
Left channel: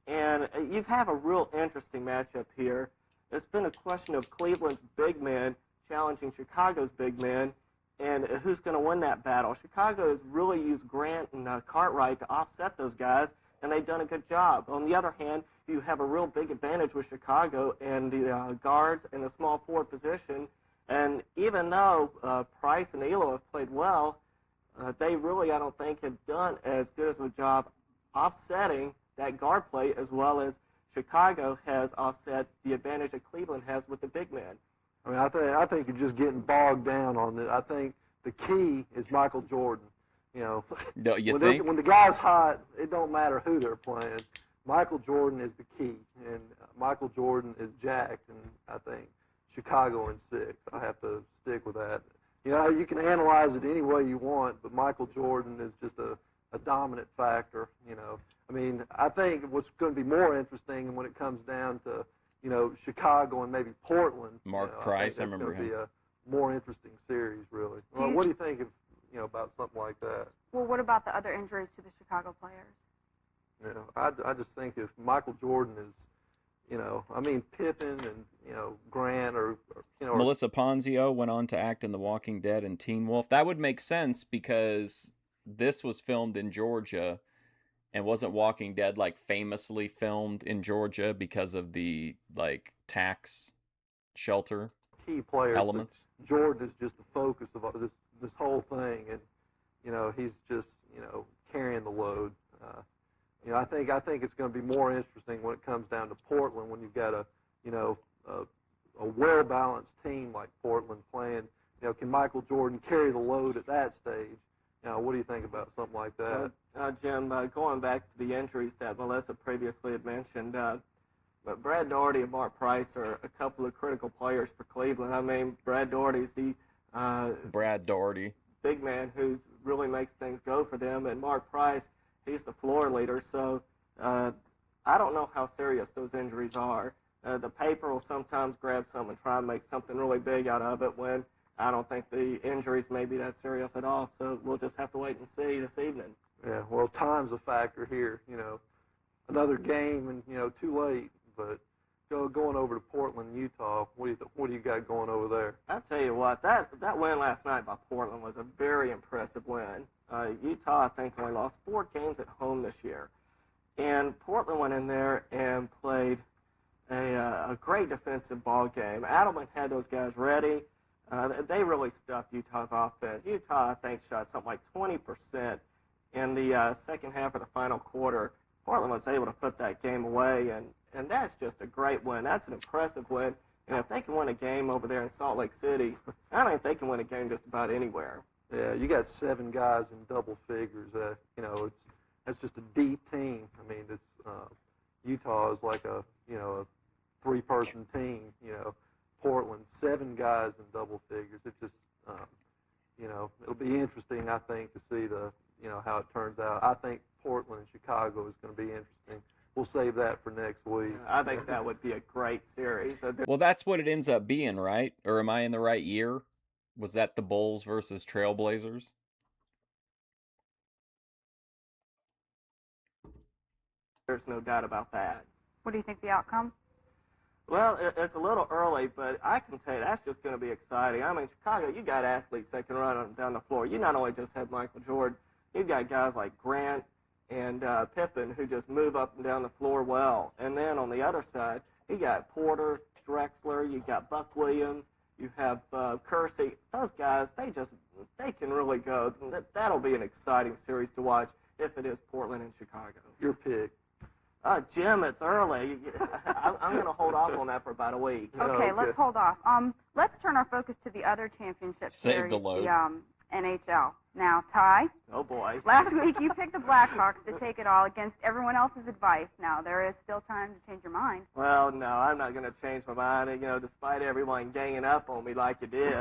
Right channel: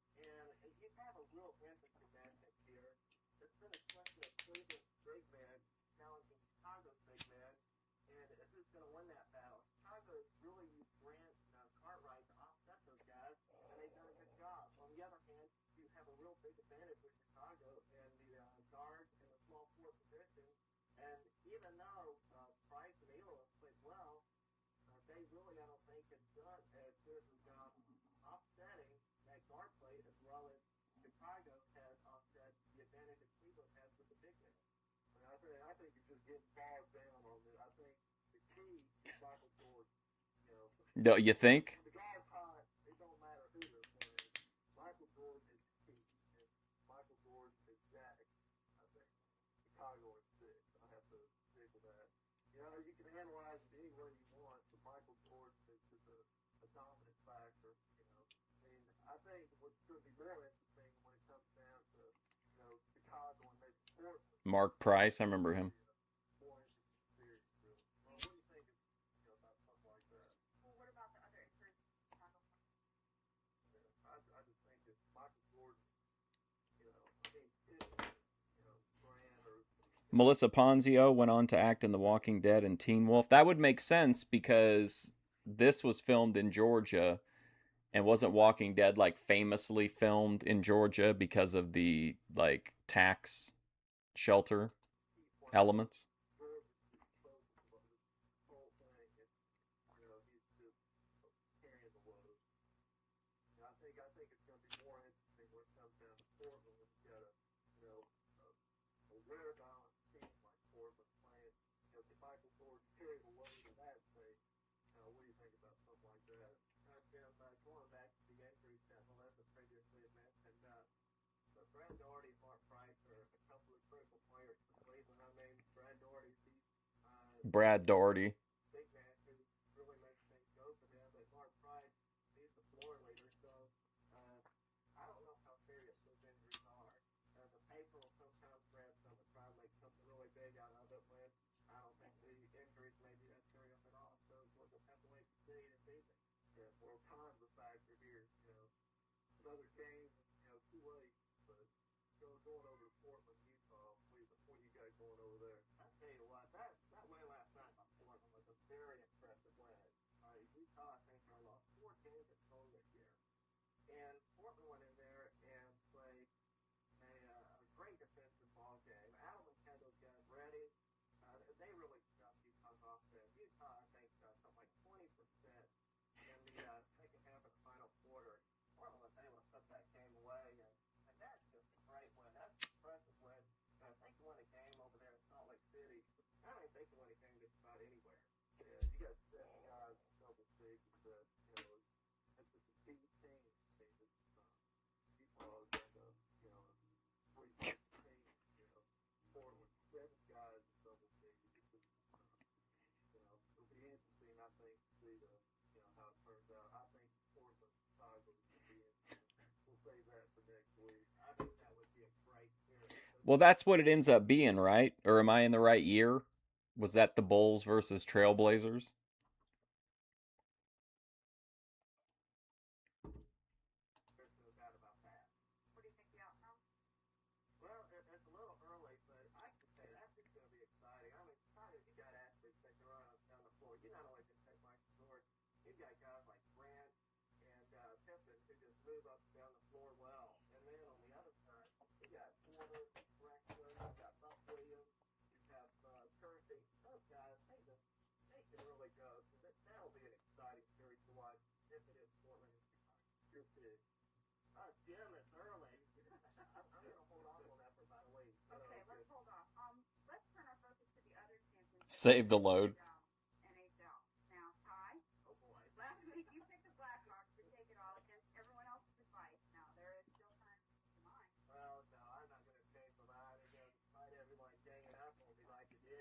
And you have a real interesting matchup here. It's been a question of Cleveland's big men challenging Chicago's big men, and who's going to win that battle. Chicago has really used Grant and Cartwright to offset those guys, and they've done a good job. On the other hand, you have a real big advantage with Chicago and the guards and the small forward position. And even though Price and Elo have played well, they really, I don't think, have done as good as a job offsetting that guard play as well as Chicago has offset the advantage that Cleveland has with the big man. I mean, I think you're just getting bogged down on it. I think the key is Michael Jordan. You know, No, you think? when the guy's hot, it don't matter who they're playing. Michael Jordan is the key, and Michael Jordan is jacked, and I think Chicago in 6. I have to stick with that. You know, you can analyze it any way you want, but Michael Jordan is just a dominant factor, you know. I mean, I think what's going to be more interesting when it comes down to, you know, Chicago and maybe Portland. Mark you know, Price, I think that's remember gonna him. Be a more interesting series, really. Well, what do you think of, about something like that. Well, what about the other injuries to the Chicago players? I just think if Michael Jordan is, I mean, Pippen and, Grant or Melissa Ponzio went on to act in The Walking Dead and Teen Wolf. That would make sense because this was filmed in Georgia, and wasn't Walking Dead like famously filmed in Georgia because of the like tax shelter key players. elements? Jordan is just the focus of this whole thing, and he's just carrying the load. I think it's going to be more interesting when it comes down to Portland, when you've got a well-balanced team like Portland playing. Can Michael Jordan carry the load at that stage? What do you think about something like that? Jim, going back to the injuries that Melissa previously had mentioned, but Brad Daugherty and Mark Price are a couple of critical players for Cleveland. I mean, Brad Daugherty's the Brad Daugherty. big man who really makes things go for them, and Mark Price, he's the floor leader. So I don't know how serious those injuries are. The paper will sometimes grab some and try and make something really big out of it when I don't think the injuries may be that serious at all. So we'll just have to wait and see this evening. Yeah, well, time's a factor here. Another game and too late. But going over to Portland, Utah, what do you got going over there? I'll tell you what, that win last night by Portland was a very impressive win. Utah, I think, only lost 4 games at home this year. And Portland went in there and played a great defensive ball game. Adelman had those guys ready. They really stuffed Utah's offense. Utah, I think, shot something like 20% in the second half of the final quarter. Portland was able to put that game away, and that's just a great win. That's an impressive win. And if they can win a game over there in Salt Lake City, I think they can win a game just about anywhere. Yeah, you got 7 guys in double figures. That's just a deep team. I mean, Utah is like a 3-person team. Portland, 7 guys in double figures. It just it'll be interesting, I think, to see how it turns out. I think Portland and Chicago is going to be interesting. We'll save that for next week. I think that would be a great series. Well, that's what it ends up being, right? Or am I in the right year? Was that the Bulls versus Trailblazers? There's no doubt about that. What do you think the outcome? Well, it's a little early, but I can tell you that's just going to be exciting. I mean, Chicago, you got athletes that can run down the floor. You not only just have Michael Jordan, you've got guys like Grant and Pippen who just move up and down the floor well. And then on the other side, you got Porter, Drexler, you got Buck Williams, you have Kersey. Those guys, they can really go. That'll be an exciting series to watch if it is Portland and Chicago. Your pick. Jim, it's early. I'm going to hold off on that for about a week. Okay, let's hold off. Let's turn our focus to the other championship Save series, the load. The NHL. Now, Ty, Oh, boy. last week you picked the Blackhawks to take it all against everyone else's advice. Now, there is still time to change your mind. Well, no, I'm not going to change my mind. Despite everyone ganging up on me like you did.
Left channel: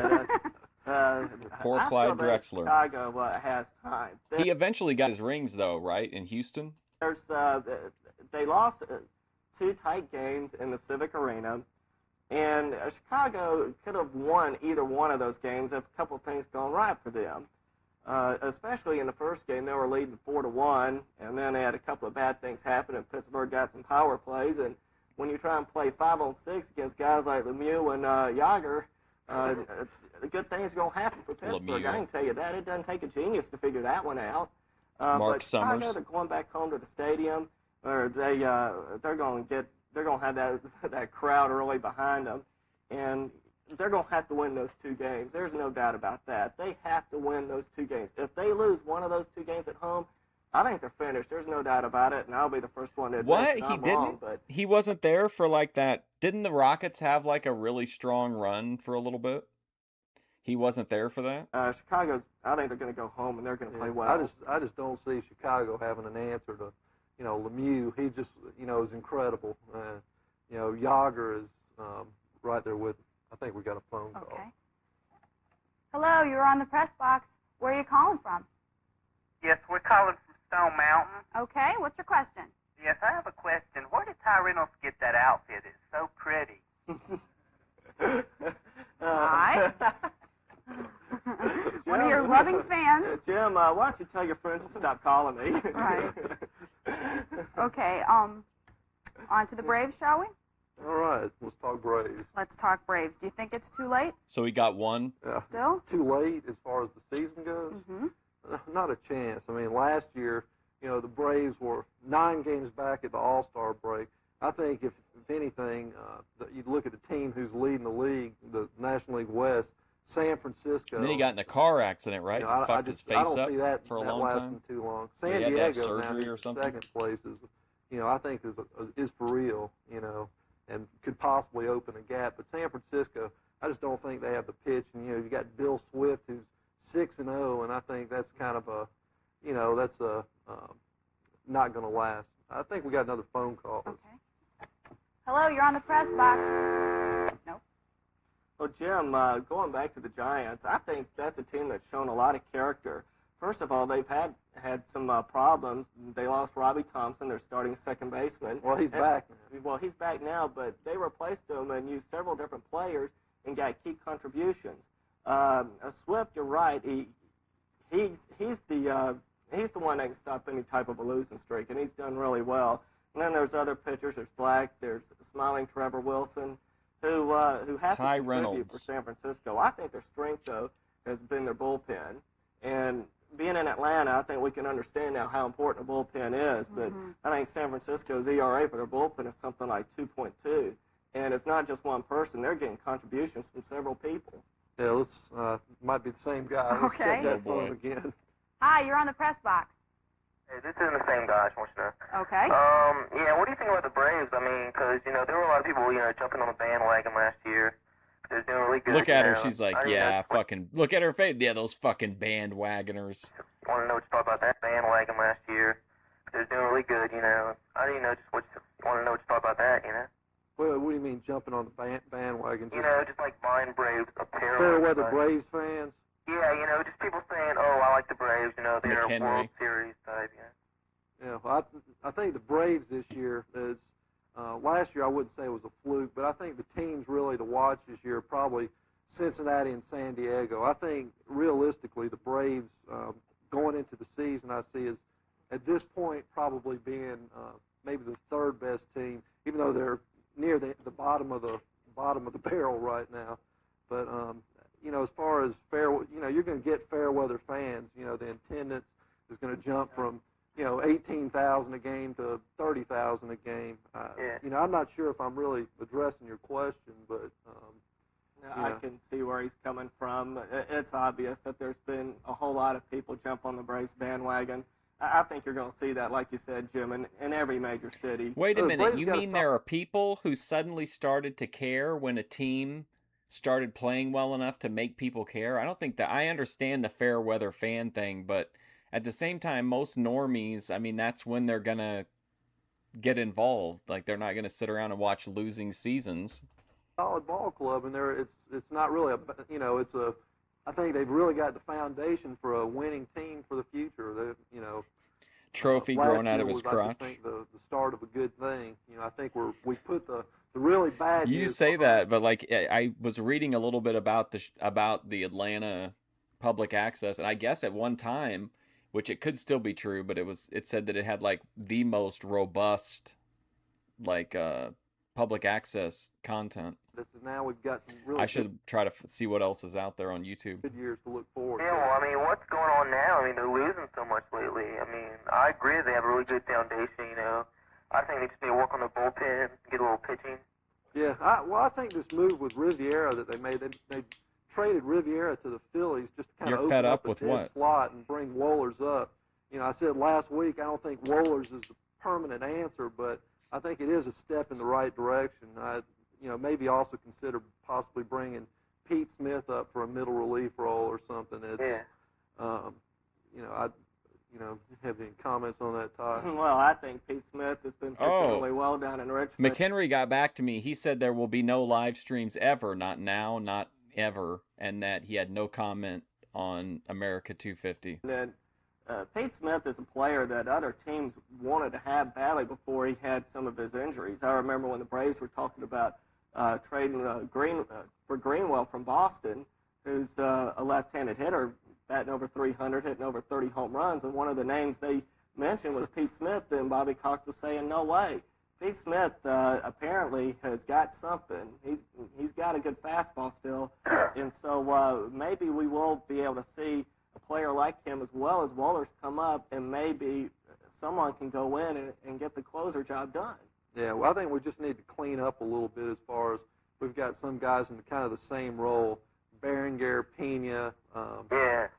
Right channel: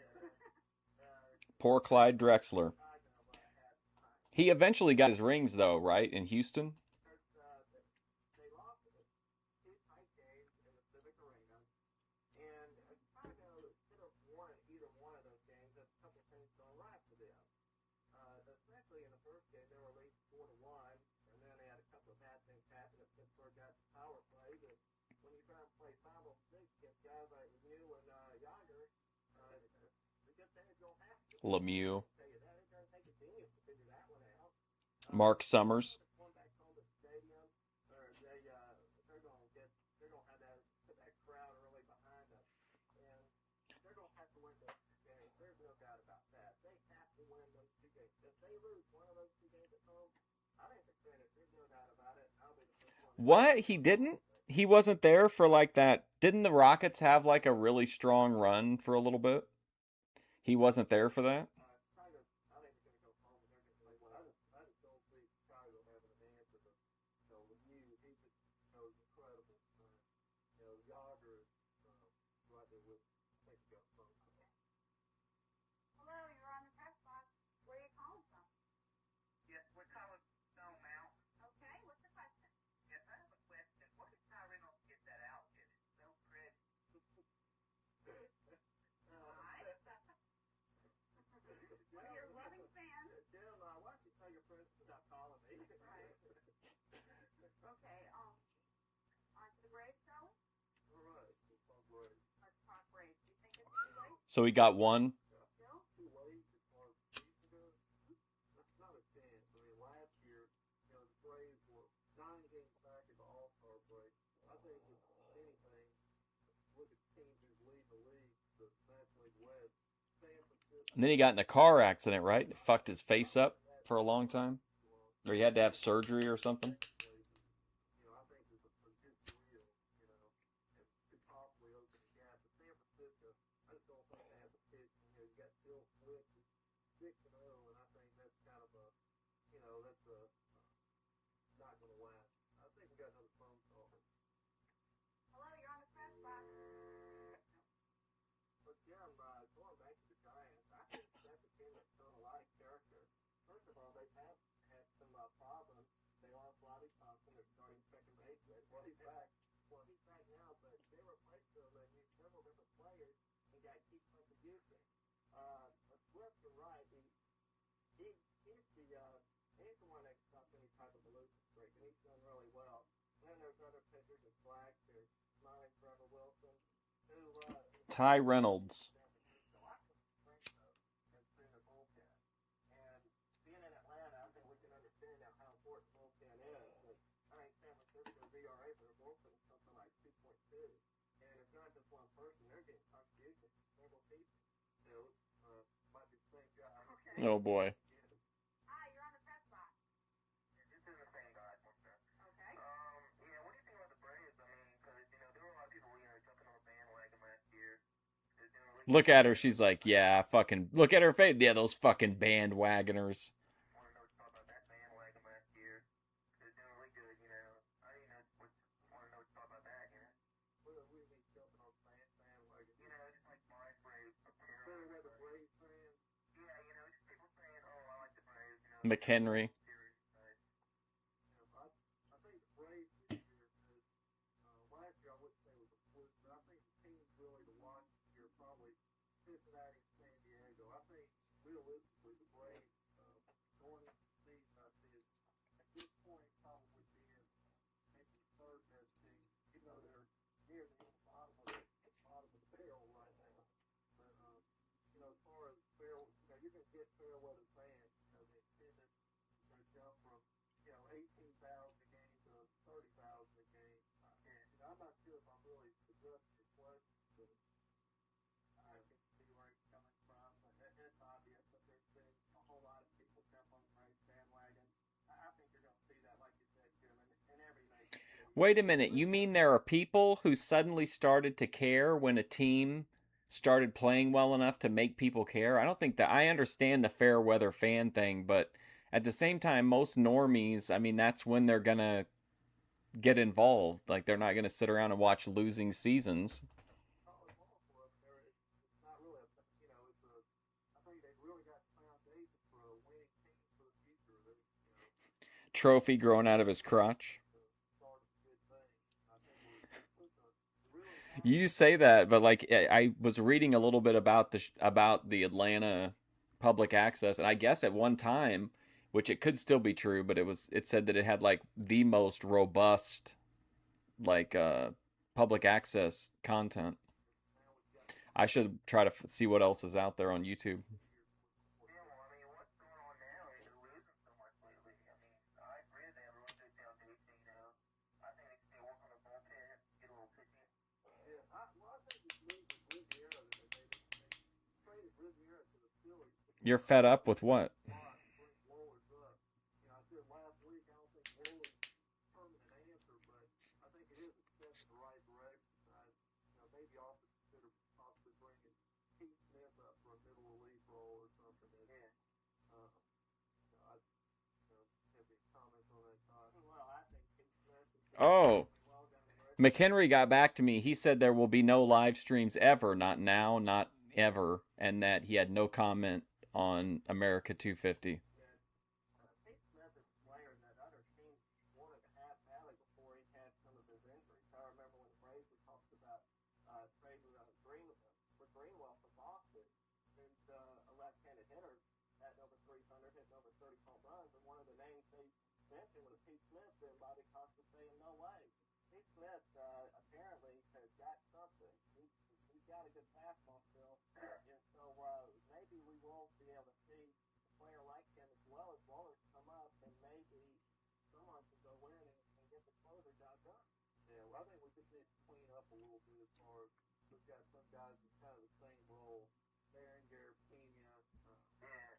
Poor I Clyde feel that Drexler. Chicago has time. He eventually got his rings, though, right? In Houston? They lost 2 tight games in the Civic Arena, and Chicago could have won either one of those games if a couple of things gone right for them. Especially in the first game, they were leading 4-1, and then they had a couple of bad things happen, and Pittsburgh got some power plays. And when you try and play 5-on-6 against guys like Lemieux and Yager, good things are going to happen for Pittsburgh. Lemieux. I can tell you that. It doesn't take a genius to figure that one out. Mark but Chicago, Summers. they're going back home to the stadium, or they're going to have that crowd really behind them, and they're going to have to win those 2 games. There's no doubt about that. They have to win those 2 games. If they lose one of those 2 games at home, I think they're finished. There's no doubt about it, and I'll be the first one to admit What? that He I'm didn't? wrong, but He wasn't there for like that. Didn't the Rockets have like a really strong run for a little bit? He wasn't there for that? Chicago's. I think they're going to go home and they're going to play well. I just don't see Chicago having an answer to, Lemieux. He just, is incredible. Yager is right there with. I think we got a phone call. Okay. Hello, you're on the press box. Where are you calling from? Yes, we're calling from Stone Mountain. Okay, what's your question? Yes, I have a question. Where did Ty Reynolds get that outfit? It's so pretty. Hi. One of your lucky loving fans. Jim, why don't you tell your friends to stop calling me? Right. Okay, on to the Braves, shall we? All right, let's talk Braves. Let's talk Braves. Do you think it's too late So we got one. Yeah. still? Too late as far as the season goes? Mm-hmm. Not a chance. I mean, last year, you know, the Braves were 9 games back at the All-Star break. I think if anything, you'd look at the team who's leading the league, the National League West, San Francisco. And then he got in a car accident, right? You know, I Fucked his just- I face don't up see that, for a that long lasting time. Too long. So San he had to have Diego surgery now or is something? Second place is, you know, I think is for real, you know, and could possibly open a gap. But San Francisco, I just don't think they have the pitch. And, you know, you got Bill Swift, who's 6-0, and I think that's kind of a, you know, that's not going to last. I think we got another phone call. Okay. Hello, you're on the press box. Nope. Well, Jim, going back to the Giants, I think that's a team that's shown a lot of character. First of all, they've had some problems. They lost Robbie Thompson, their starting second baseman. Well, he's back now. Well, he's back now, but they replaced him and used several different players and got key contributions. Swift, you're right. He's the one that can stop any type of a losing streak, and he's done really well. And then there's other pitchers. There's Black. There's smiling Trevor Wilson, who has Ty to contribute Reynolds. for San Francisco. I think their strength though has been their bullpen, and being in Atlanta, I think we can understand now how important a bullpen is. But I think San Francisco's ERA for their bullpen is something like 2.2, and it's not just one person. They're getting contributions from several people. Yeah, let's might be the same guy. Let's Okay. check that Oh, boy. phone again. Hi, you're on the press box. Hey, this isn't the same guy, I just want you to know. Okay. Yeah, what do you think about the Braves? I mean, because, you know, there were a lot of people, you know, jumping on the bandwagon last year. They're doing really good. Look at you her. know. She's like, I mean, yeah, I fucking. Look at her face. Yeah, those fucking bandwagoners. want to know what you thought about that bandwagon last year. They're doing really good, you know. I don't even know just what you want to know what you thought about that, you know. Well, what do you mean jumping on the bandwagon? You know, just like buying Braves apparel. fair and weather stuff. Braves fans. Yeah, you know, just people saying, oh, I like the Braves, you know, they're a McHenry. World Series type, you know. Yeah, well, I think the Braves this year is. Last year I wouldn't say it was a fluke, but I think the teams really to watch this year are probably Cincinnati and San Diego. I think realistically the Braves going into the season I see is at this point probably being maybe the third best team, even though they're near the bottom of the barrel right now. But you know, as far as fair, you know, you're going to get fair weather fans. You know, the attendance is going to jump from 18,000 a game to 30,000 a game. Yeah. You know, I'm not sure if I'm really addressing your question, but I Yeah. can see where he's coming from. It's obvious that there's been a whole lot of people jump on the Braves bandwagon. I think you're going to see that, like you said, Jim, in every major city. Wait a The minute. Braves You got mean some- there are people who suddenly started to care when a team started playing well enough to make people care? I don't think that. I understand the fair weather fan thing, but at the same time, most normies, I mean, that's when they're going to get involved. Like, they're not going to sit around and watch losing seasons. solid ball club, and it's not really I think they've really got the foundation for a winning team for the future. Trophy last growing out year of his was, I crotch. think the start of a good thing. You know, I think we put the really bad. You years say behind that, but like I was reading a little bit about the Atlanta public access, and I guess at one time, which it could still be true, but it said that it had like the most robust like public access content. Now we've got some really I should try to see what else is out there on YouTube. good years to look forward Yeah, to. well, I mean, what's going on now? I mean, they're losing so much lately. I mean, I agree they have a really good foundation, you know. I think they just need to work on their bullpen, get a little pitching. Yeah, I think this move with Riviera that they made, they traded Riviera to the Phillies just to kind You're of fed open up the with dead what? slot and bring Wohlers up. You know, I said last week I don't think Wohlers is the permanent answer, but I think it is a step in the right direction. Maybe also consider possibly bringing Pete Smith up for a middle relief role or something. It's, Yeah. have any comments on that, Todd? Well, I think Pete Smith has been Oh. particularly well down in Richmond. McHenry got back to me. He said there will be no live streams ever, not now, not ever, and that he had no comment on America 250. And Pete Smith is a player that other teams wanted to have badly before he had some of his injuries. I remember when the Braves were talking about trading for Greenwell from Boston, who's a left-handed hitter. batting over 300, hitting over 30 home runs. And one of the names they mentioned was Pete Smith, and Bobby Cox was saying, no way. Pete Smith apparently has got something. He's got a good fastball still, and so maybe we will be able to see a player like him as well as Wohlers come up, and maybe someone can go in and get the closer job done. Yeah, well, I think we just need to clean up a little bit as far as we've got some guys in kind of the same role. Berenger, Pena,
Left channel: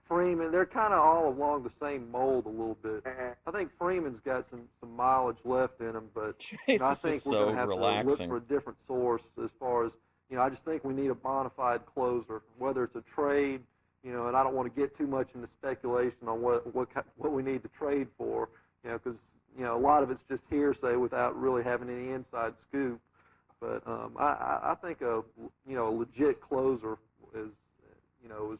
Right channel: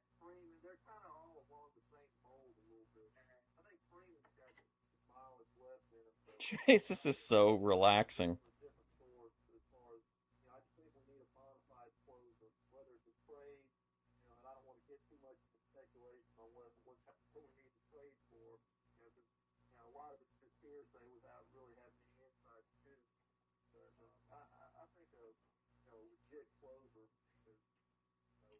Freeman, they're kind of all along the same mold a little bit. I think Freeman's got some mileage left in him, but Jesus, I this think is we're so gonna have relaxing. to look for a different source as far as, I just think we need a bona fide closer, whether it's a trade, and I don't want to get too much into speculation on what we need to trade for, because, a lot of it's just hearsay without really having any inside scoop. But I think a legit closer is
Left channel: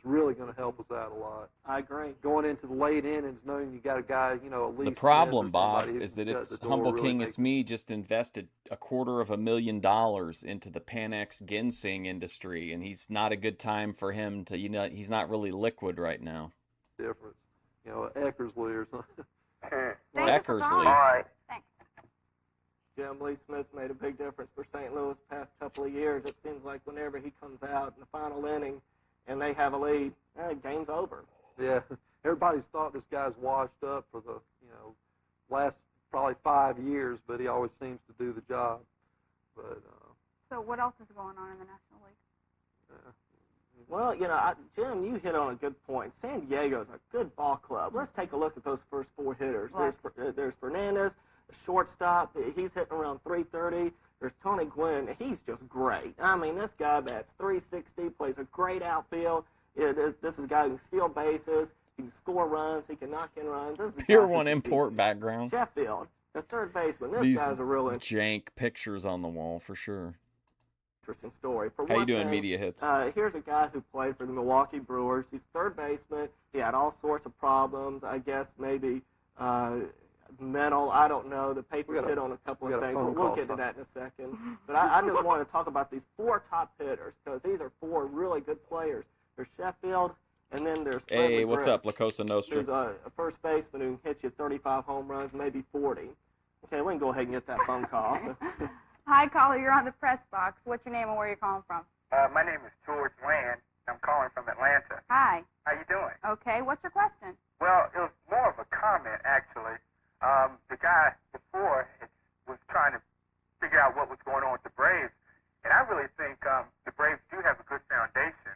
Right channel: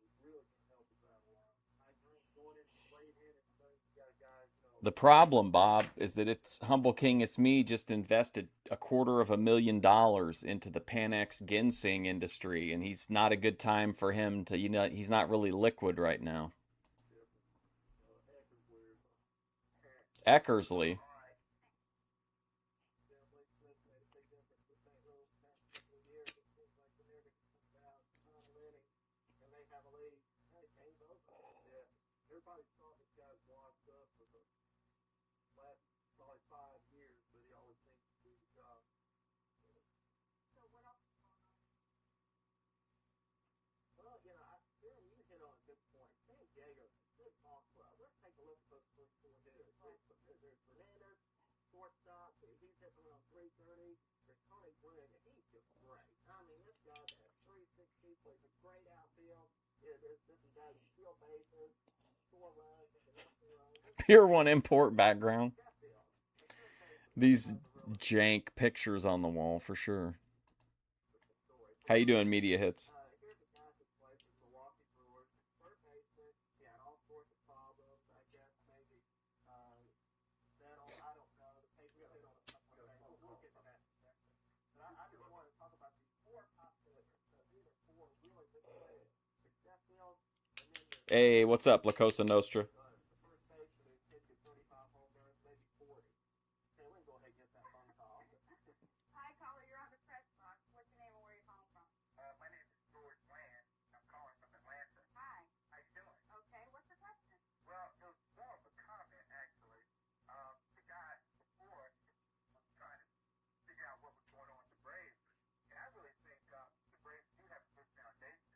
really going to help us out a lot. I agree. Going into the late innings, knowing you got a guy, at least. The problem, Bob, who is that can it's shut the door, Humble really King. make It's me just invested $250,000 into the Panex ginseng industry, and he's not a good time for him to. He's not really liquid right now. a difference. Eckersley or something. Thank you for Eckersley. calling. All right. Thanks. Jim Lee Smith's made a big difference for St. Louis the past couple of years. It seems like whenever he comes out in the final inning and they have a lead, game's over. Yeah, everybody's thought this guy's washed up for the last probably 5 years, but he always seems to do the job. But So what else is going on in the National League? Well, Jim, you hit on a good point. San Diego's a good ball club. Let's take a look at those first four hitters. There's Fernandez, a shortstop. He's hitting around 330. There's Tony Gwynn. He's just great. I mean, this guy bats 360, plays a great outfield. This is a guy who can steal bases. He can score runs. He can knock in runs. This is a Pure guy One who- import background. Sheffield, the third baseman. This These guy's a real jank pictures on the wall for sure. interesting story. For How you one doing, thing, media hits? Here's a guy who played for the Milwaukee Brewers. He's third baseman. He had all sorts of problems. I guess maybe mental. I don't know. The Patriots hit on a couple of things. We'll get to that in a second. But I just want to talk about these four top hitters because these are four really good players. There's Sheffield, and then there's Hey, Frederick what's Grimm. up, La Cosa Nostra? There's a first baseman who can hit you 35 home runs, maybe 40. Okay, we can go ahead and get that phone call. Hi, caller. You're on the press box. What's your name and where are you calling from? My name is George Land. I'm calling from Atlanta. Hi. How you doing? Okay. What's your question? Well, it was more of a comment, actually. The guy before was trying to figure out what was going on with the Braves, and I really think the Braves do have a good foundation.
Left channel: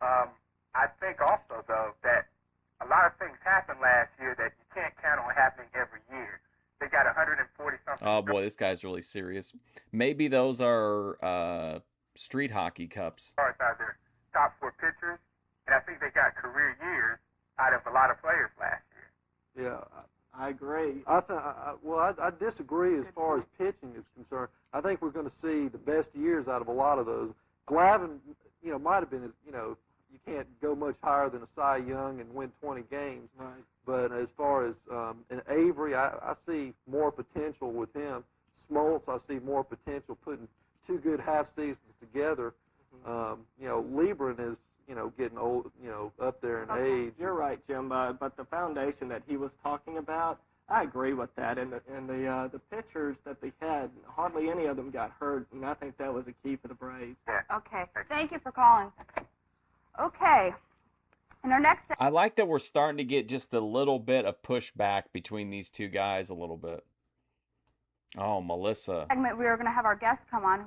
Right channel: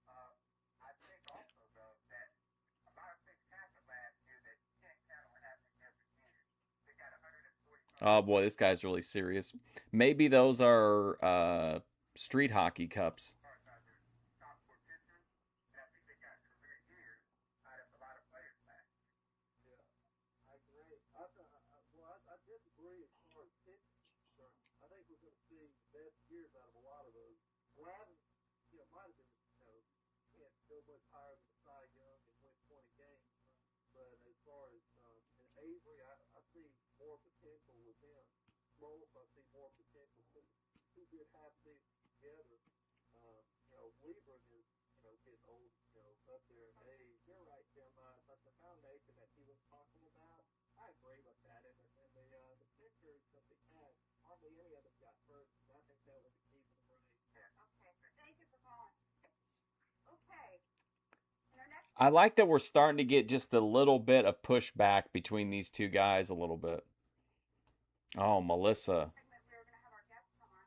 I think also, though, that a lot of things happened last year that you can't count on happening every year. They got 140-something. Oh boy, this guy's really serious. Maybe those are street hockey cups. Stars out there, top four pitchers, and I think they got career years out of a lot of players last year. yeah, I agree. I disagree as far as pitching is concerned. I think we're going to see the best years out of a lot of those. Glavine, might have been, you can't go much higher than a Cy Young and win 20 games. Right. But as far as in Avery, I see more potential with him. Smoltz, I see more potential putting two good half seasons together. Liebran is, getting old, up there in age. You're right, Jim. But the foundation that he was talking about, I agree with that. And the pitchers that they had, hardly any of them got hurt, and I think that was a key for the Braves. Okay. Thank you for calling. Okay. And our next I like that we're starting to get just a little bit of pushback between these two guys a little bit. Oh, Melissa. segment, we are going to have our guests come on,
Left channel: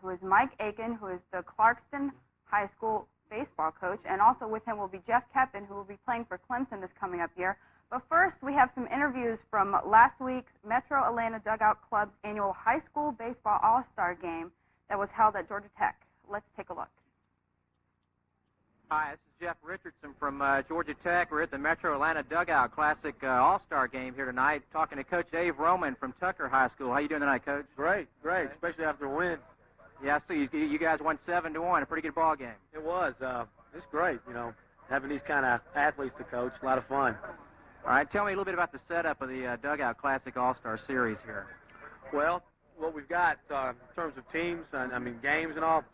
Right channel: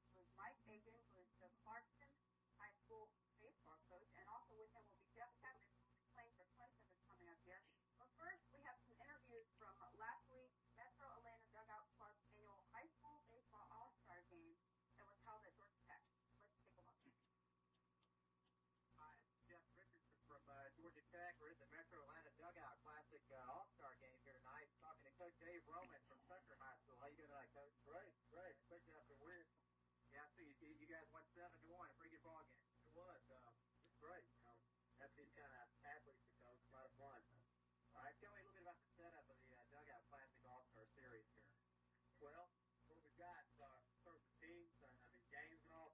who is Mike Aiken, who is the Clarkston High School baseball coach, and also with him will be Jeff Keppen, who will be playing for Clemson this coming up year. But first, we have some interviews from last week's Metro Atlanta Dugout Club's annual high school baseball all-star game that was held at Georgia Tech. Let's take a look. Hi, this is Jeff Richardson from Georgia Tech. We're at the Metro Atlanta Dugout Classic All-Star Game here tonight, talking to Coach Dave Roman from Tucker High School. How you doing tonight, Coach? Great, especially after a win. Yeah, I see you guys won 7-1, a pretty good ball game. It was. It's great, having these kind of athletes to coach. A lot of fun. All right, tell me a little bit about the setup of the Dugout Classic All-Star Series here. Well, what we've got in terms of teams, games and all,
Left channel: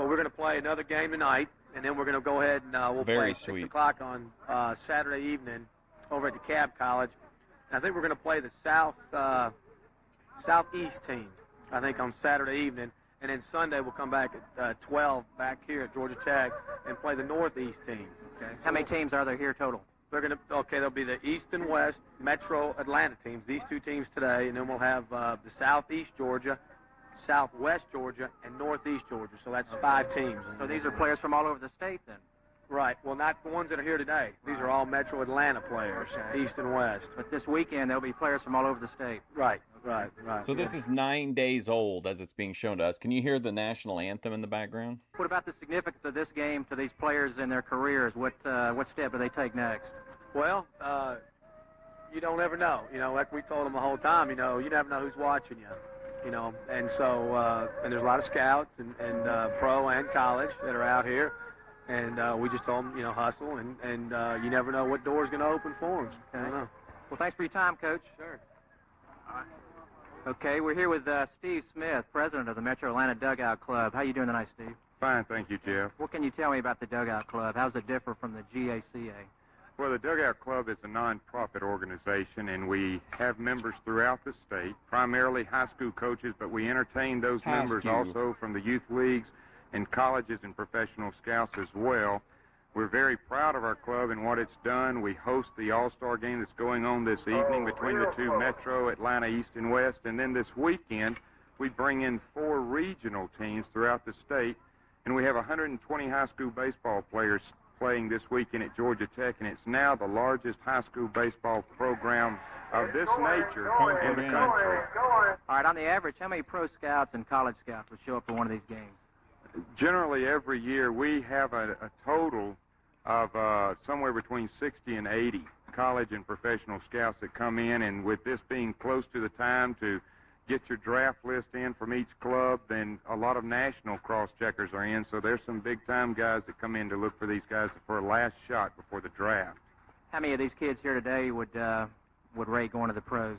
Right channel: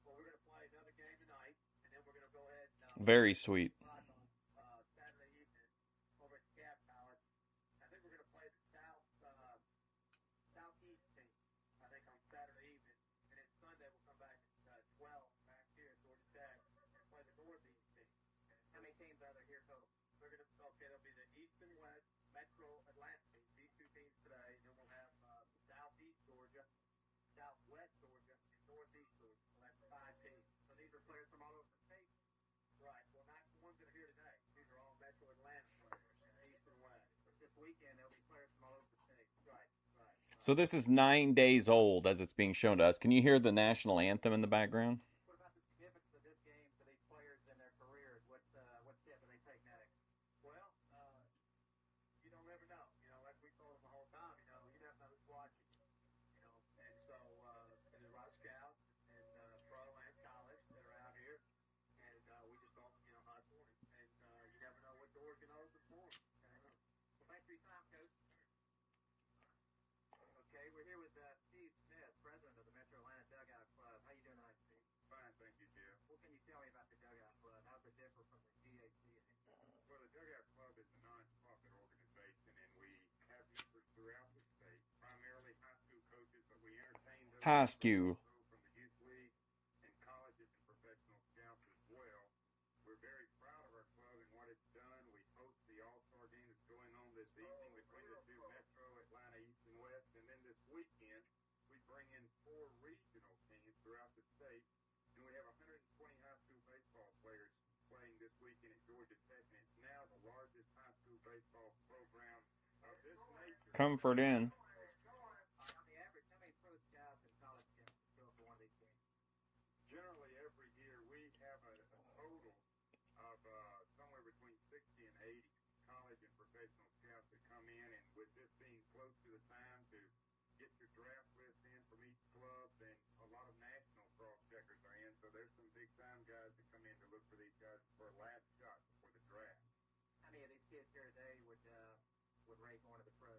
Well, we're going to play another game tonight, and then we're going to go ahead and we'll Very play at sweet. 6 o'clock on Saturday evening over at the Cab College. And I think we're going to play the Southeast team, I think, on Saturday evening. And then Sunday we'll come back at 12 back here at Georgia Tech and play the Northeast team. Okay? How many teams are there here total? There'll be the East and West Metro Atlanta teams, these two teams today, and then we'll have the Southeast Georgia, Southwest Georgia, and Northeast Georgia. So that's 5 teams. So these are players from all over the state then? Right. Well, not the ones that are here today. These are all Metro Atlanta players, Okay. East and West. But this weekend there'll be players from all over the state. Right. So this is 9 days old as it's being shown to us. Can you hear the national anthem in the background? What about the significance of this game to these players in their careers? What step do they take next? Well, you don't ever know. Like we told them the whole time, you never know who's watching you. And so and there's a lot of scouts and pro and college that are out here. And we just told them, hustle, and you never know what door's going to open for them. Okay. Well, thanks for your time, Coach. Sure. Okay, we're here with Steve Smith, president of the Metro Atlanta Dugout Club. How you doing tonight, Steve? Fine, thank you, Jeff. What can you tell me about the Dugout Club? How does it differ from the GACA? Well, the Dugout Club is a non-profit organization, and we have members throughout the state, primarily high school coaches, but we entertain those High members school. also from the youth leagues and colleges and professional scouts as well. We're very proud of our club and what it's done. We host the All-Star game that's going on this evening between the two Metro, Atlanta East and West, and then this weekend we bring in 4 regional teams throughout the state, and we have 120 high school baseball players playing this weekend at Georgia Tech, and it's now the largest high school baseball program of this nature in the country. All right, on the average, how many pro scouts and college scouts would show up for one of these games? Generally, every year we have a total of somewhere between 60 and 80 college and professional scouts that come in, and with this being close to the time to get your draft list in from each club, then a lot of national cross-checkers are in, so there's some big-time guys that come in to look for these guys for a last shot before the draft. How many of these kids here today would rate going to the pros?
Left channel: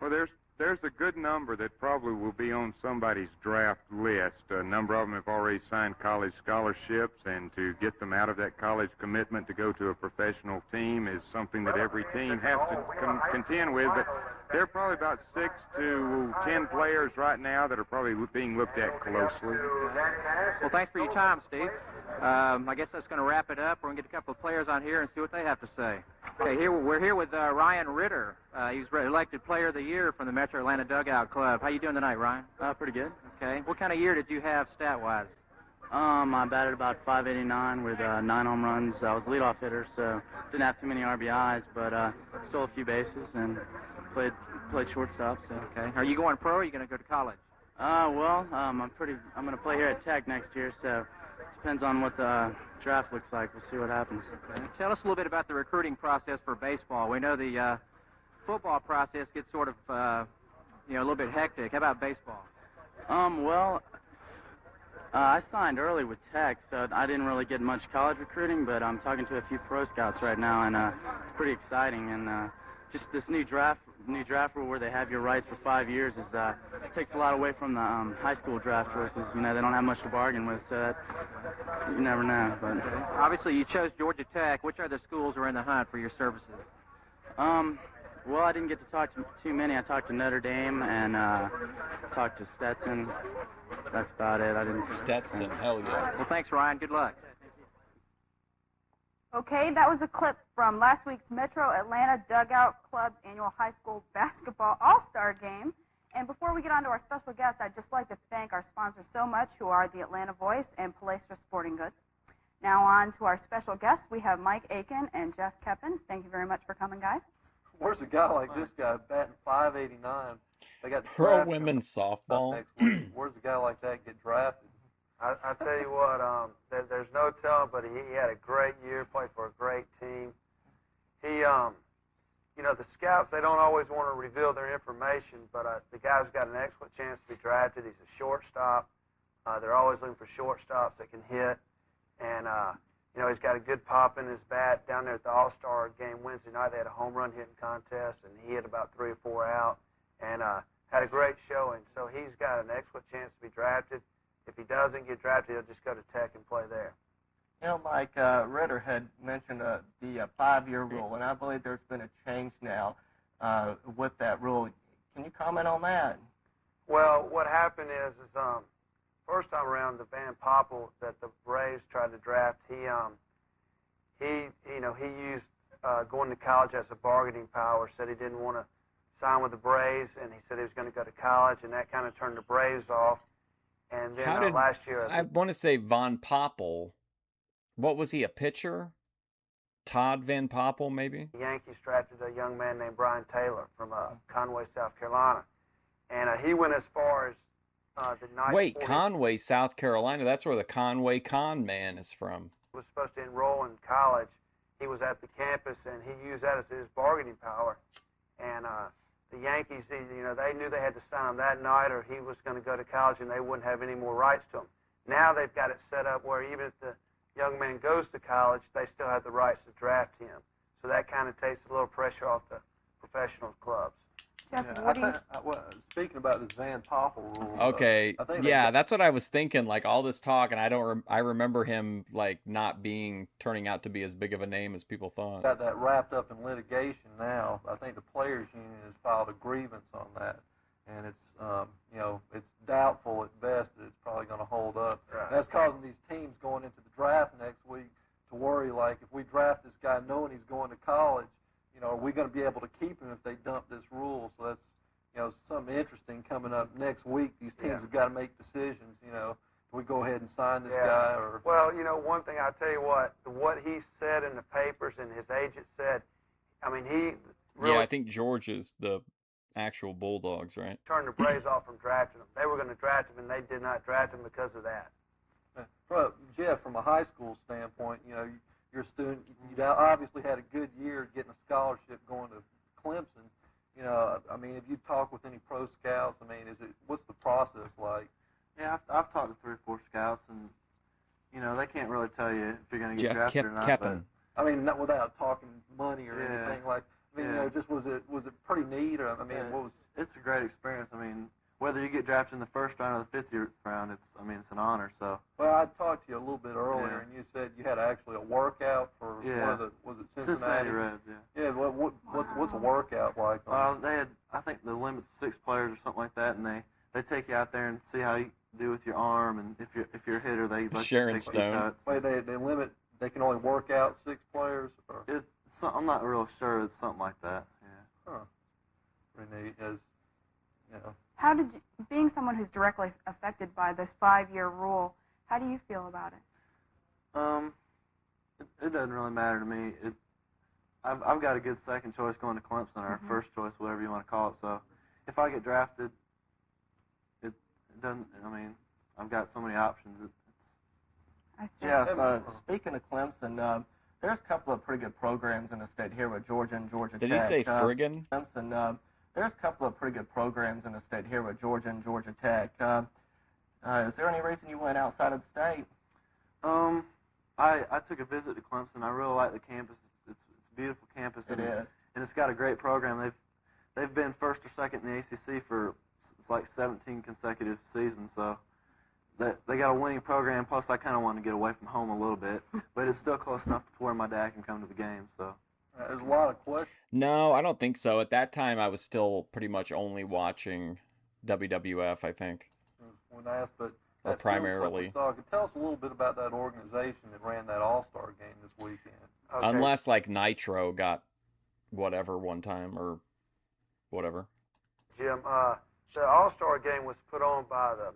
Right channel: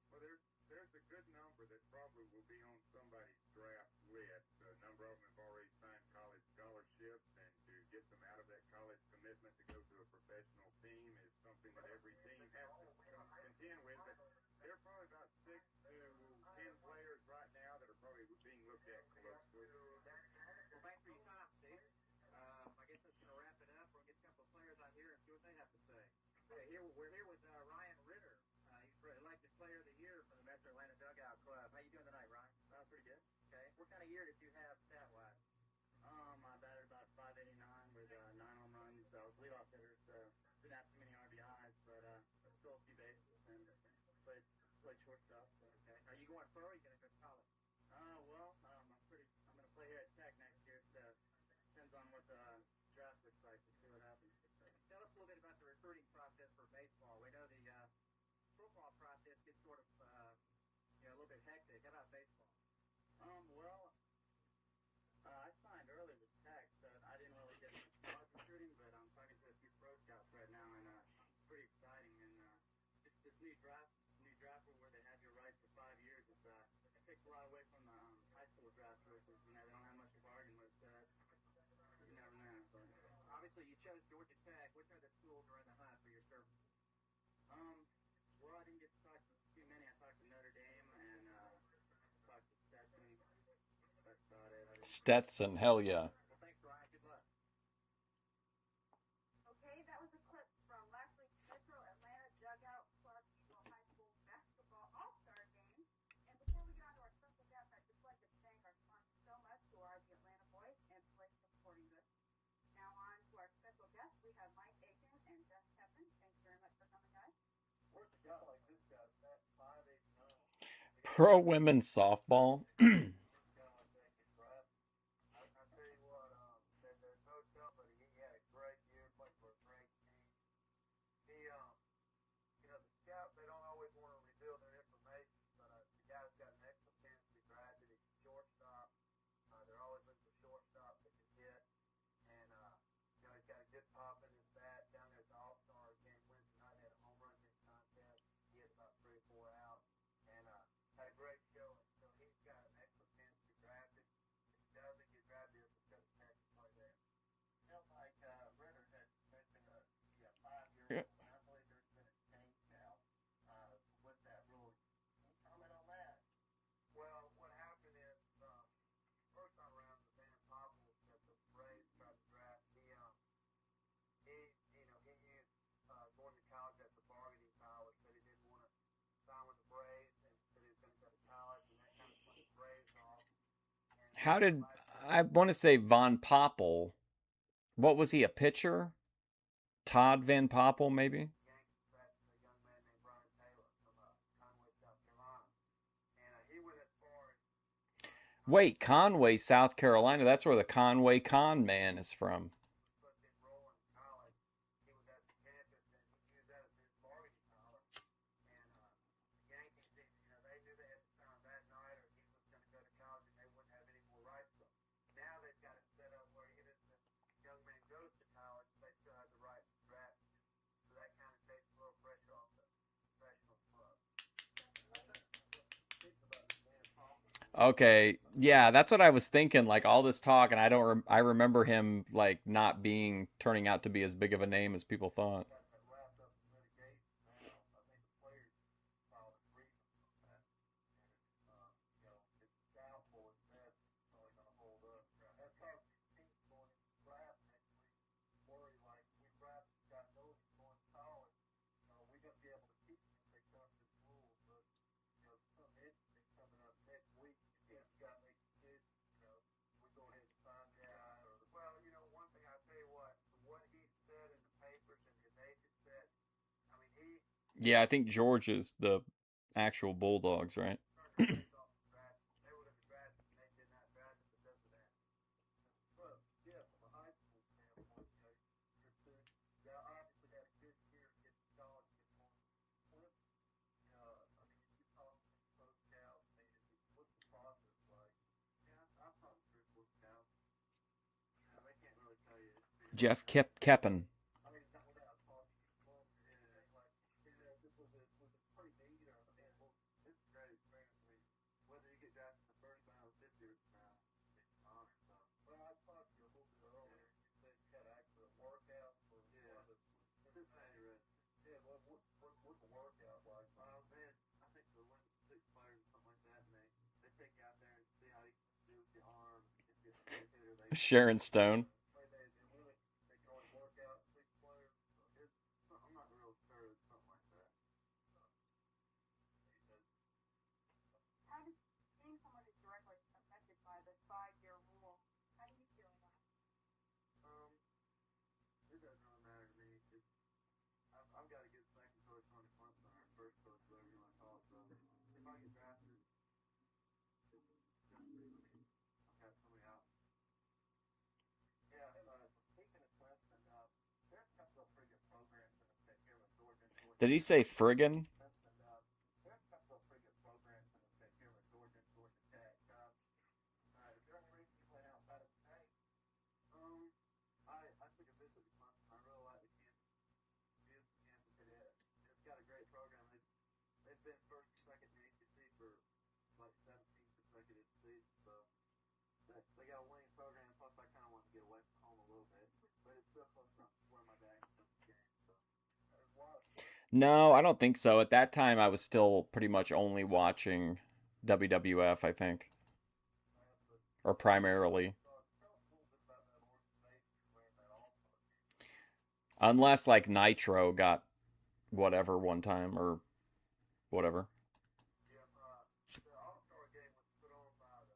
Well, there's a good number that probably will be on somebody's draft list. A number of them have already signed college scholarships, and to get them out of that college commitment to go to a professional team is something that every team has to contend with. But there are probably about 6 to 10 players right now that are probably being looked at closely. Well, thanks for your time, Steve. I guess that's going to wrap it up. We're going to get a couple of players on here and see what they have to say. Okay, we're here with Ryan Ritter. He's elected Player of the Year from the Metro Atlanta Dugout Club. How you doing tonight, Ryan? Pretty good. Okay. What kind of year did you have stat-wise? I batted about .589 with 9 home runs. I was a leadoff hitter, so didn't have too many RBIs, but stole a few bases and played shortstop. So. Okay. Are you going pro or are you going to go to college? I'm going to play here at Tech next year, so depends on what the draft looks like. We'll see what happens. Okay. Tell us a little bit about the recruiting process for baseball. We know the football process gets sort of, a little bit hectic. How about baseball? I signed early with Tech, so I didn't really get much college recruiting, but I'm talking to a few pro scouts right now, and it's pretty exciting. And just this new draft rule where they have your rights for 5 years takes a lot away from the high school draft choices. They don't have much to bargain with, so you never know. But obviously, you chose Georgia Tech. Which other schools are in the hunt for your services? Well, I didn't get to talk to too many. I talked to Notre Dame and talked to Stetson. That's about it. I didn't. Stetson, hell yeah. Well, thanks, Ryan. Good luck. Okay, that was a clip from last week's Metro Atlanta Dugout Club's annual high school basketball all-star game. And before we get on to our special guest, I'd just like to thank our sponsors so much, who are the Atlanta Voice and Palestra Sporting Goods. Now on to our special guests. We have Mike Aiken and Jeff Keppen. Thank you very much for coming, guys. Where's a guy like this guy batting .589? They got Pro women's softball. Where's a guy like that get drafted? I tell you what, there's no telling, but he had a great year, played for a great team. He, the scouts, they don't always want to reveal their information, but the guy's got an excellent chance to be drafted. He's a shortstop. They're always looking for shortstops that can hit. And, he's got a good pop in his bat. Down there at the All-Star game Wednesday night, they had a home run hitting contest, and he hit about 3 or 4 out and had a great showing. So he's got an excellent chance to be drafted. If he doesn't get drafted, he'll just go to Tech and play there. You know, Mike, Ritter had mentioned the 5-year rule, and I believe there's been a change now with that rule. Can you comment on that? Well, what happened is first time around, the Van Poppel that the Braves tried to draft, he used going to college as a bargaining power. Said he didn't want to sign with the Braves, and he said he was going to go to college, and that kind of turned the Braves off. And then How did last year, I want to say Von Poppel? What was he, a pitcher? Todd Van Poppel, maybe? the Yankees drafted a young man named Brian Taylor from Conway, South Carolina, and he went as far as the 940. Wait, Conway, South Carolina. That's where the Conway Con Man is from. Was supposed to enroll in college. He was at the campus, and he used that as his bargaining power. And the Yankees, they knew they had to sign him that night, or he was going to go to college, and they wouldn't have any more rights to him. Now they've got it set up where even if the young man goes to college, they still have the rights to draft him. So that kind of takes a little pressure off the professional clubs. Jeff, Yeah, what do you... speaking about this Van Poppel rule. Okay, I think yeah, that's what I was thinking. Like all this talk, and I remember him like not turning out to be as big of a name as people thought. got that wrapped up in litigation now. I think the players' union has filed a grievance on that, and it's it's doubtful at best that it's probably going to hold up. Right. And that's causing these teams going into the draft next week to worry, like if we draft this guy knowing he's going to college, are we going to be able to keep him if they dump this rule? So that's something interesting coming up next week. These teams have got to make decisions. Do we go ahead and sign this guy or? Well, one thing I'll tell you what he said in the papers and his agent said. I mean, he really Yeah, I think George is the actual Bulldogs, right? turned the Braves off from drafting him. They were going to draft him, and they did not draft him because of that. Jeff, from a high school standpoint, you're a student. You obviously had a good year getting a scholarship going to Clemson. I mean, if you talk with any pro scouts, what's the process like? Yeah, I've talked to 3 or 4 scouts, and they can't really tell you if you're going to get Jeff drafted or not. Keppen. I mean, not without talking money or Yeah. anything like. Just was it pretty neat? Or what was? It's a great experience. I mean, whether you get drafted in the 1st round or the 5th round, it's an honor. So. Well, I talked to you a little bit earlier, and you said you had actually a workout for one of the was it Cincinnati Reds, yeah. Yeah, what's a workout like? They had, I think the limit's 6 players or something like that, and they take you out there and see how you do with your arm, and if you're a hitter, they let you Sharon take Stone. shots. Wait, they limit. They can only work out 6 players. Or? I'm not real sure. It's something like that. Yeah. Huh. Pretty neat. How did you, being someone who's directly affected by this 5-year rule, how do you feel about it? It doesn't really matter to me. I've got a good second choice going to Clemson, or first choice, whatever you want to call it. So if I get drafted, it doesn't. I mean, I've got so many options. I see. Jeff, speaking of Clemson, there's a couple of pretty good programs in the state here with Georgia and Georgia Tech. Did he say friggin'? Clemson, there's a couple of pretty good programs in the state here with Georgia and Georgia Tech. Is there any reason you went outside of the state? I took a visit to Clemson. I really like the campus. It's a beautiful campus. It is, and it's got a great program. They've been 1st or 2nd in the ACC for like 17 consecutive seasons. So they got a winning program. Plus, I kind of want to get away from home a little bit, but it's still close enough to where my dad can come to the game. So. There's a lot of questions. No, I don't think so. At that time, I was still pretty much only watching WWF, I think. When asked, but or primarily. So, tell us a little bit about that organization that ran that All-Star game this weekend. Okay. Unless like Nitro got whatever one time or whatever. Jim, the All-Star game was put on by the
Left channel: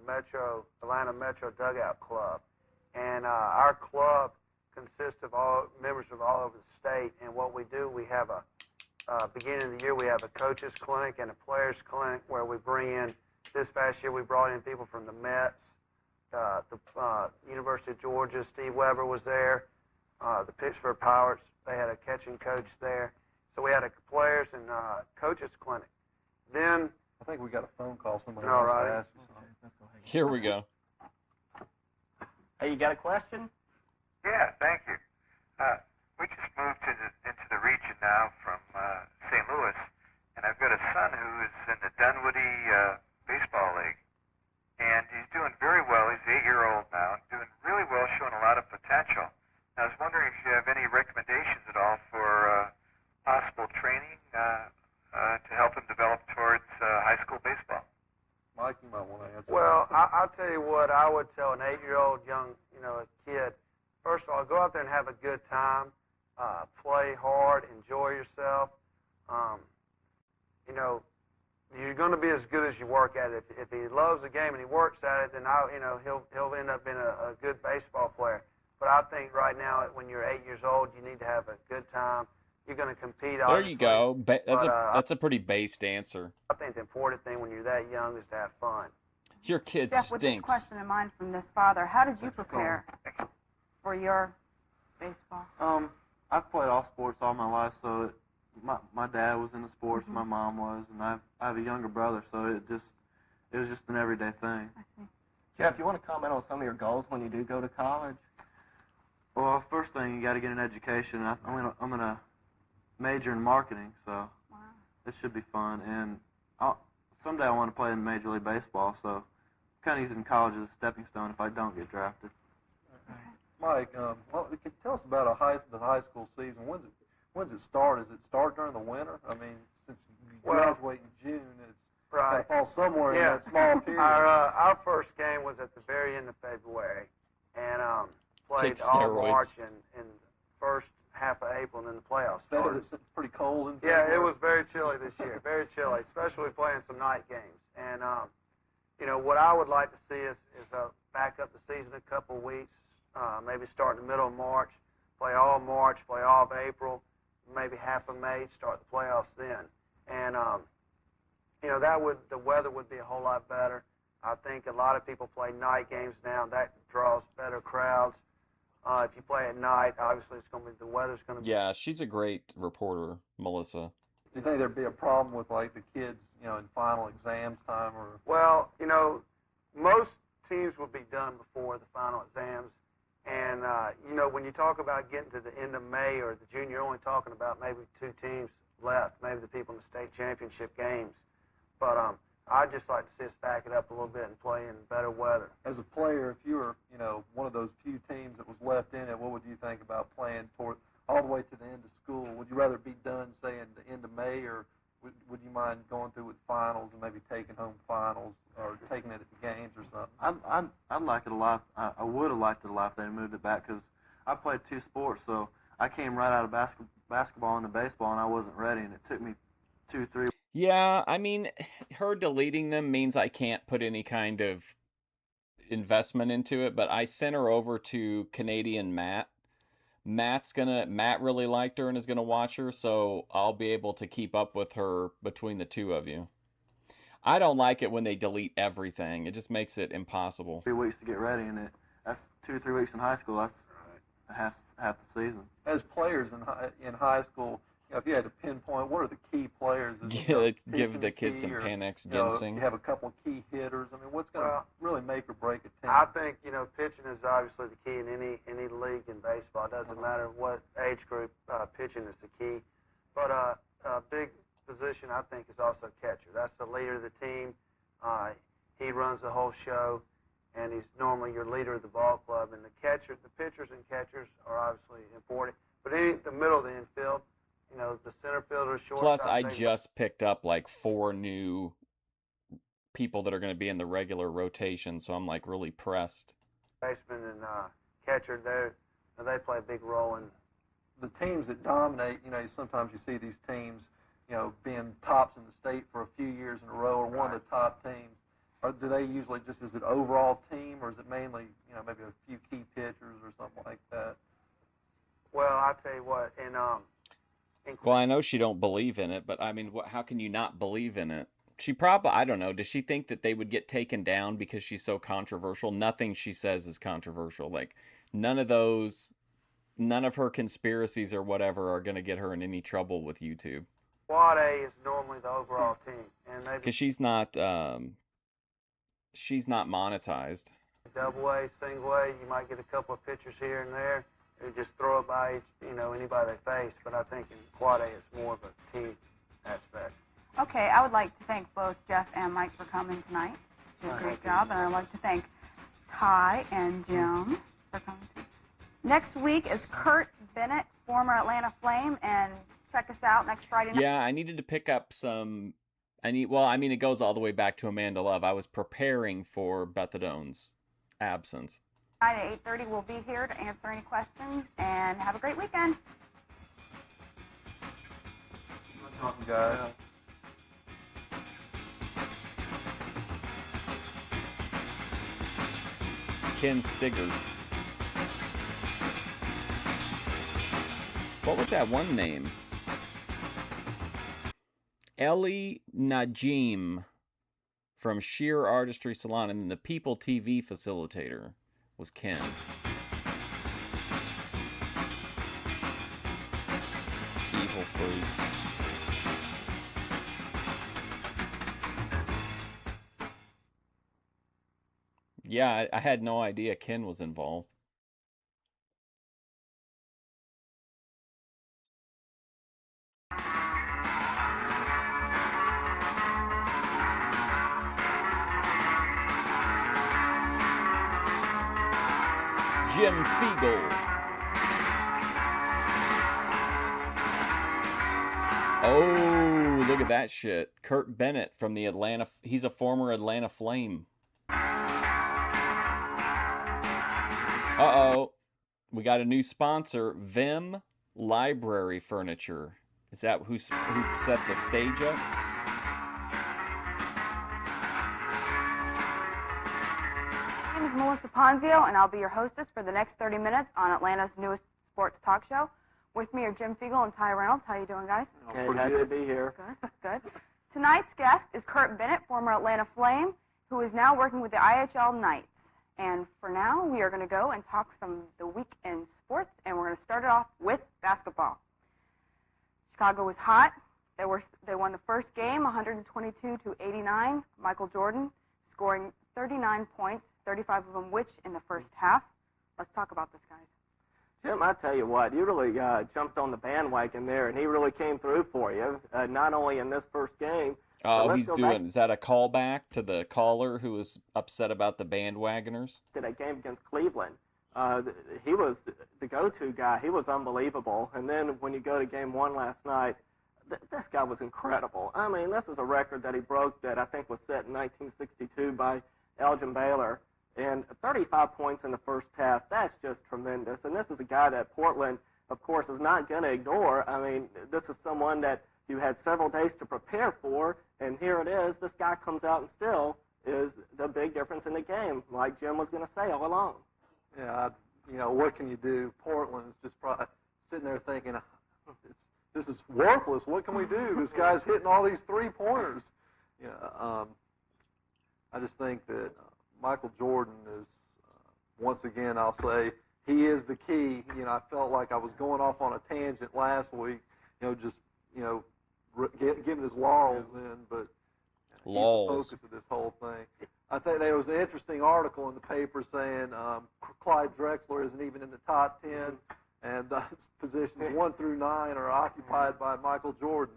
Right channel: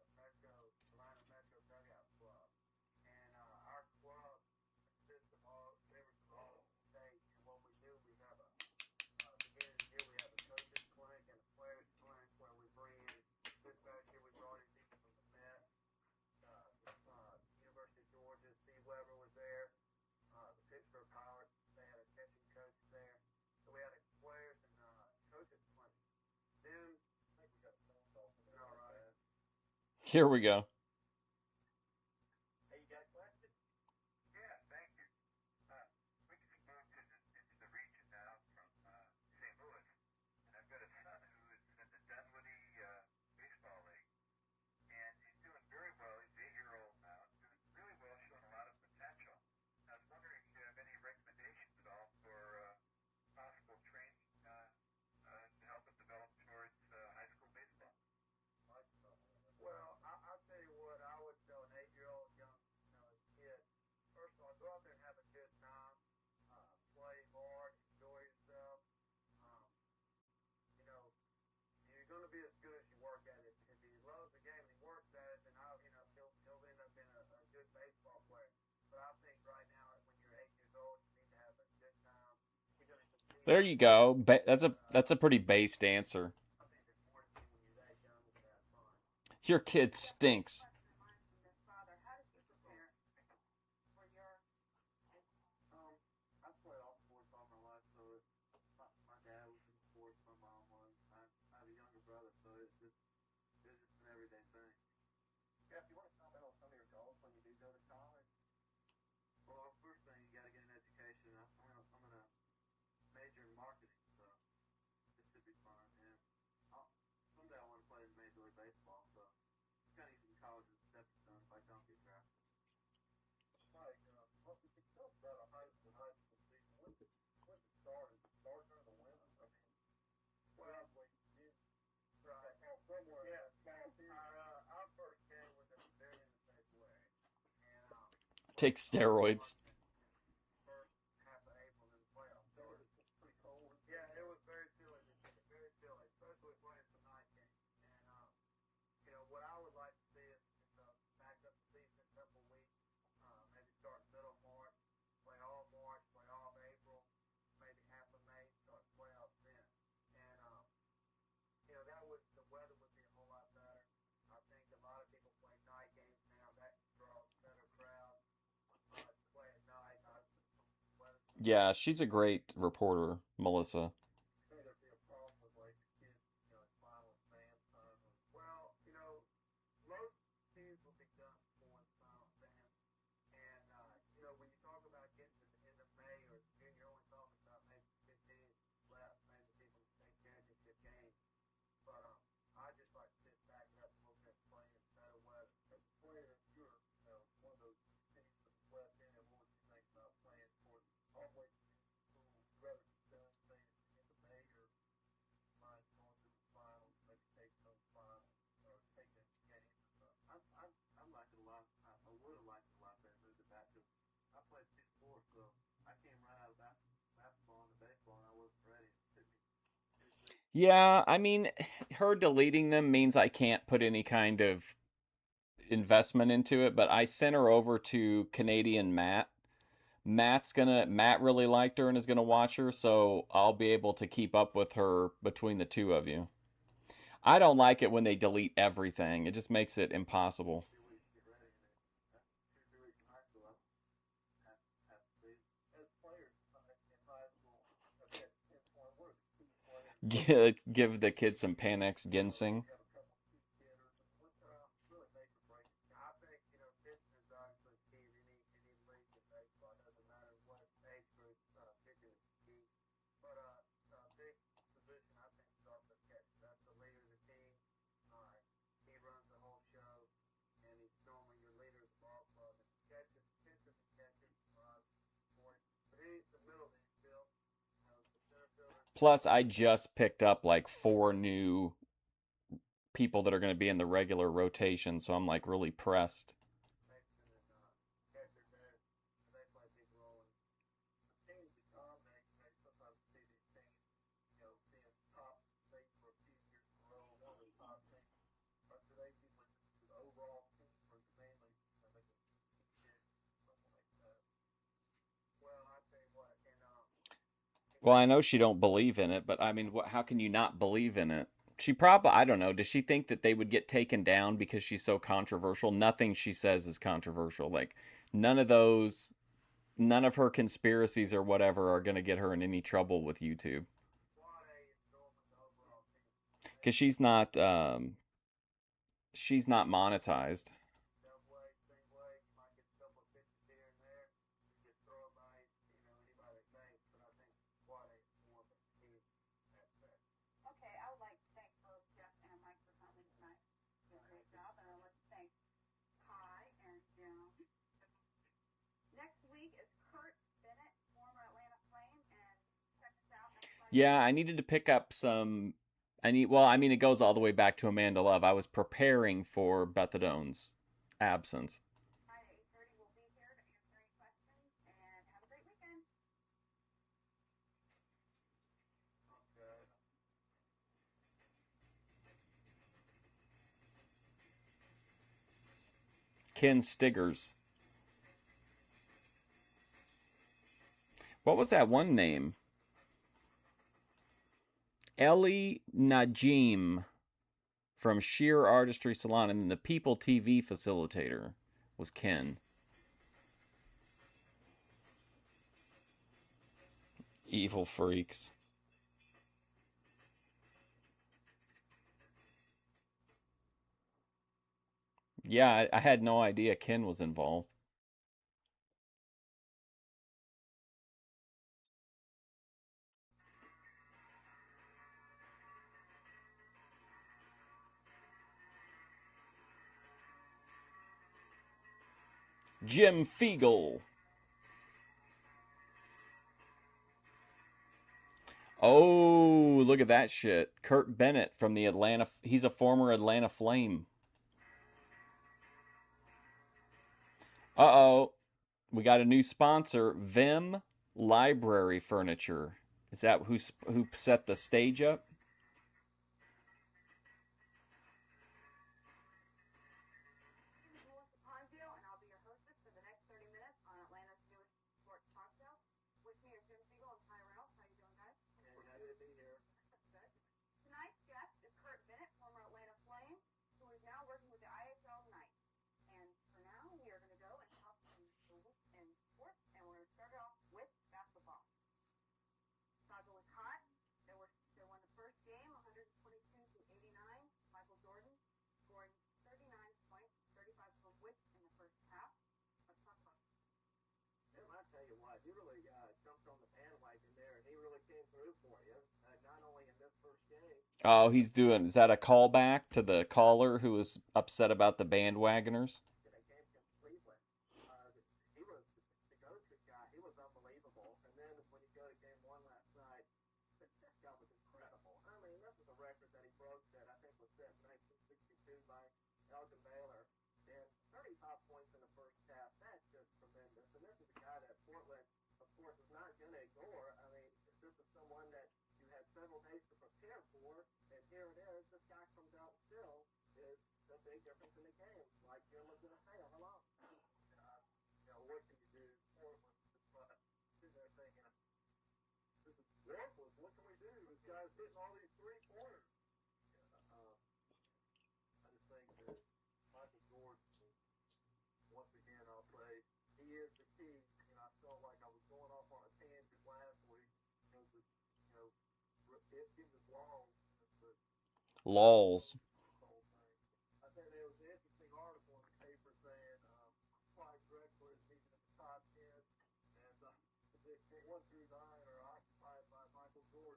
Atlanta Metro Dugout Club, and our club consists of all members of all over the state. And what we do, we have beginning of the year, we have a coaches clinic and a players clinic where we bring in. This past year, we brought in people from the Mets, the University of Georgia. Steve Weber was there. The Pittsburgh Pirates, they had a catching coach there. So we had a players and coaches clinic. Then I think we got a phone call. Somebody All wants right. to ask you something. Here we go. Hey, you got a question? Yeah, thank you. We just moved into the region now from St. Louis, and I've got a son who is in the Dunwoody Baseball League, and he's doing very well. He's 8 years 8-year-old young, a kid, first of all, go out there and have a good time, play hard, enjoy yourself. You're going to be as good as you work at it. If he loves the game and he works at it, then he'll end up being a good baseball player. But I think right now, when you're 8 years old, you need to have a good time. You're going to compete. There you go. That's a pretty based answer. I think the important thing when you're that young is to have fun. Your kid Jeff, with this stinks. question in mind from this father, how did you prepare for your baseball? I've played all sports all my life, so my dad was into sports, my mom was, and I have a younger brother, so it was just an everyday thing. I see. Jeff, you want to comment on some of your goals when you do go to college? Well, first thing, you got to get an education. I'm gonna major in marketing, so it should be fun. And someday I want to play in Major League Baseball, so I'm kind of using college as a stepping stone if I don't get drafted. Mike, tell us about the high school season. When's it start? Does it start during the winter? I mean, since you graduate in June, it's got to fall somewhere in that small period. Our first game was at the very end of February, and played Take all steroids. March and first half of April, and then the playoffs started. It's pretty cold in Yeah, February. it was very chilly this year, very chilly, especially playing some night games. And what I would like to see is back up the season a couple of weeks, maybe start in the middle of March, play all of March, play all of April, maybe half of May, start the playoffs then. And the weather would be a whole lot better. I think a lot of people play night games now. That draws better crowds. If you play at night, obviously the weather's going to be. Yeah, she's a great reporter, Melissa. Do you think there'd be a problem with like the kids, in final exams time or? Well, most teams will be done before the final exams. And, when you talk about getting to the end of May or the June, you're only talking about maybe 2 teams left, maybe the people in the state championship games. But I'd just like to see us back it up a little bit and play in better weather. As a player, if you were, one of those few teams that was left in it, what would you think about playing all the way to the end of school? Would you rather be done, say, in the end of May, or would you mind going through with finals and maybe taking home finals or taking it at the games or something? I'd like it a lot. I would have liked it a lot if they moved it back, because I played 2 sports, so I came right out of basketball into baseball, and I wasn't ready, and it took me 2-3. Yeah, I mean, her deleting them means I can't put any kind of investment into it, but I sent her over to Canadian Matt. Matt really liked her and is gonna watch her, so I'll be able to keep up with her between the two of you. I don't like it when they delete everything. It just makes it impossible. 3 weeks to get ready, and that's 2 or 3 weeks in high school. That's half the season. As players in high school, if you had to pinpoint, what are the key players? Yeah, let's give the kids some Panax Ginseng. You have a couple of key hitters. I mean, what's going to really make or break a team? I think, pitching is obviously the key in any league in baseball. It doesn't matter what age group, pitching is the key. But a big position, I think, is also catcher. That's the leader of the team. He runs the whole show, and he's normally your leader of the ball club. And the pitchers and catchers are obviously important. But the middle of the infield, the center fielder, shortstop. Plus, I just picked up like 4 new people that are going to be in the regular rotation, so I'm like really pressed. Baseman and catcher, they play a big role in the teams that dominate. Sometimes you see these teams, being tops in the state for a few years in a row, or one of the top teams. Or do they usually is it overall team, or is it mainly, maybe a few key pitchers or something like that? Well, I tell you what, Well, I know she don't believe in it, but I mean, how can you not believe in it? She probably, I don't know, does she think that they would get taken down because she's so controversial? Nothing she says is controversial. Like, none of her conspiracies or whatever are going to get her in any trouble with YouTube. Quad A is normally the overall team. Because she's not monetized. Double A, single A, you might get a couple of pitchers here and there. They just throw it by anybody they face, but I think in Quad A it's more of a team aspect. Okay, I would like to thank both Jeff and Mike for coming tonight. You did a great job, and I'd like to thank Ty and Jim for coming too. Next week is Kurt Bennett, former Atlanta Flame, and check us out next Friday night. Yeah, I needed to pick up some. It goes all the way back to Amanda Love. I was preparing for Beth Adone's absence. Tonight at 8:30, we'll be here to answer any questions, and have a great weekend. Talking, guys. Ken Stiggers. What was that one name? Ellie Najim from Sheer Artistry Salon, and the People TV facilitator was Ken. Evil freaks. Yeah, I had no idea Ken was involved. Jim Fiegel. Oh, look at that shit. Kurt Bennett from the Atlanta... He's a former Atlanta Flame. Uh-oh. We got a new sponsor, Vim Library Furniture. Is that who set the stage up? My name is Melissa Ponzio, and I'll be your hostess for the next 30 minutes on Atlanta's newest sports talk show. With me are Jim Fiegel and Ty Reynolds. How you doing, guys? Okay, happy to be here. Good, good. Tonight's guest is Kurt Bennett, former Atlanta Flame, who is now working with the IHL Knights. And for now, we are going to go and talk some of the weekend sports, and we're going to start it off with basketball. Chicago was hot. They won the first game, 122-89. Michael Jordan scoring 39 points, 35 of them which in the first half. Let's talk about this, guys. Jim, I tell you what, you really jumped on the bandwagon there, and he really came through for you, not only in this first game. Oh, he's doing... Is that a callback to the caller who was upset about the bandwagoners? To that game against Cleveland. He was the go-to guy. He was unbelievable. And then when you go to game one last night, this guy was incredible. I mean, this is a record that he broke that I think was set in 1962 by Elgin Baylor. And 35 points in the first half, that's just tremendous. And this is a guy that Portland, of course, is not going to ignore. I mean, this is someone that you had several days to prepare for, and here it is. This guy comes out and still is the big difference in the game, like Jim was going to say all along. Yeah, what can you do? Portland is just probably sitting there thinking, this is worthless. What can we do? This guy's hitting all these three-pointers. I just think that Michael Jordan is, once again, I'll say, he is the key. I felt like I was going off on a tangent last week, giving his laurels in, but laws to this whole thing. I think there was an interesting article in the paper saying Clyde Drexler isn't even in the top 10, and positions 1 through 9 are occupied by Michael Jordan.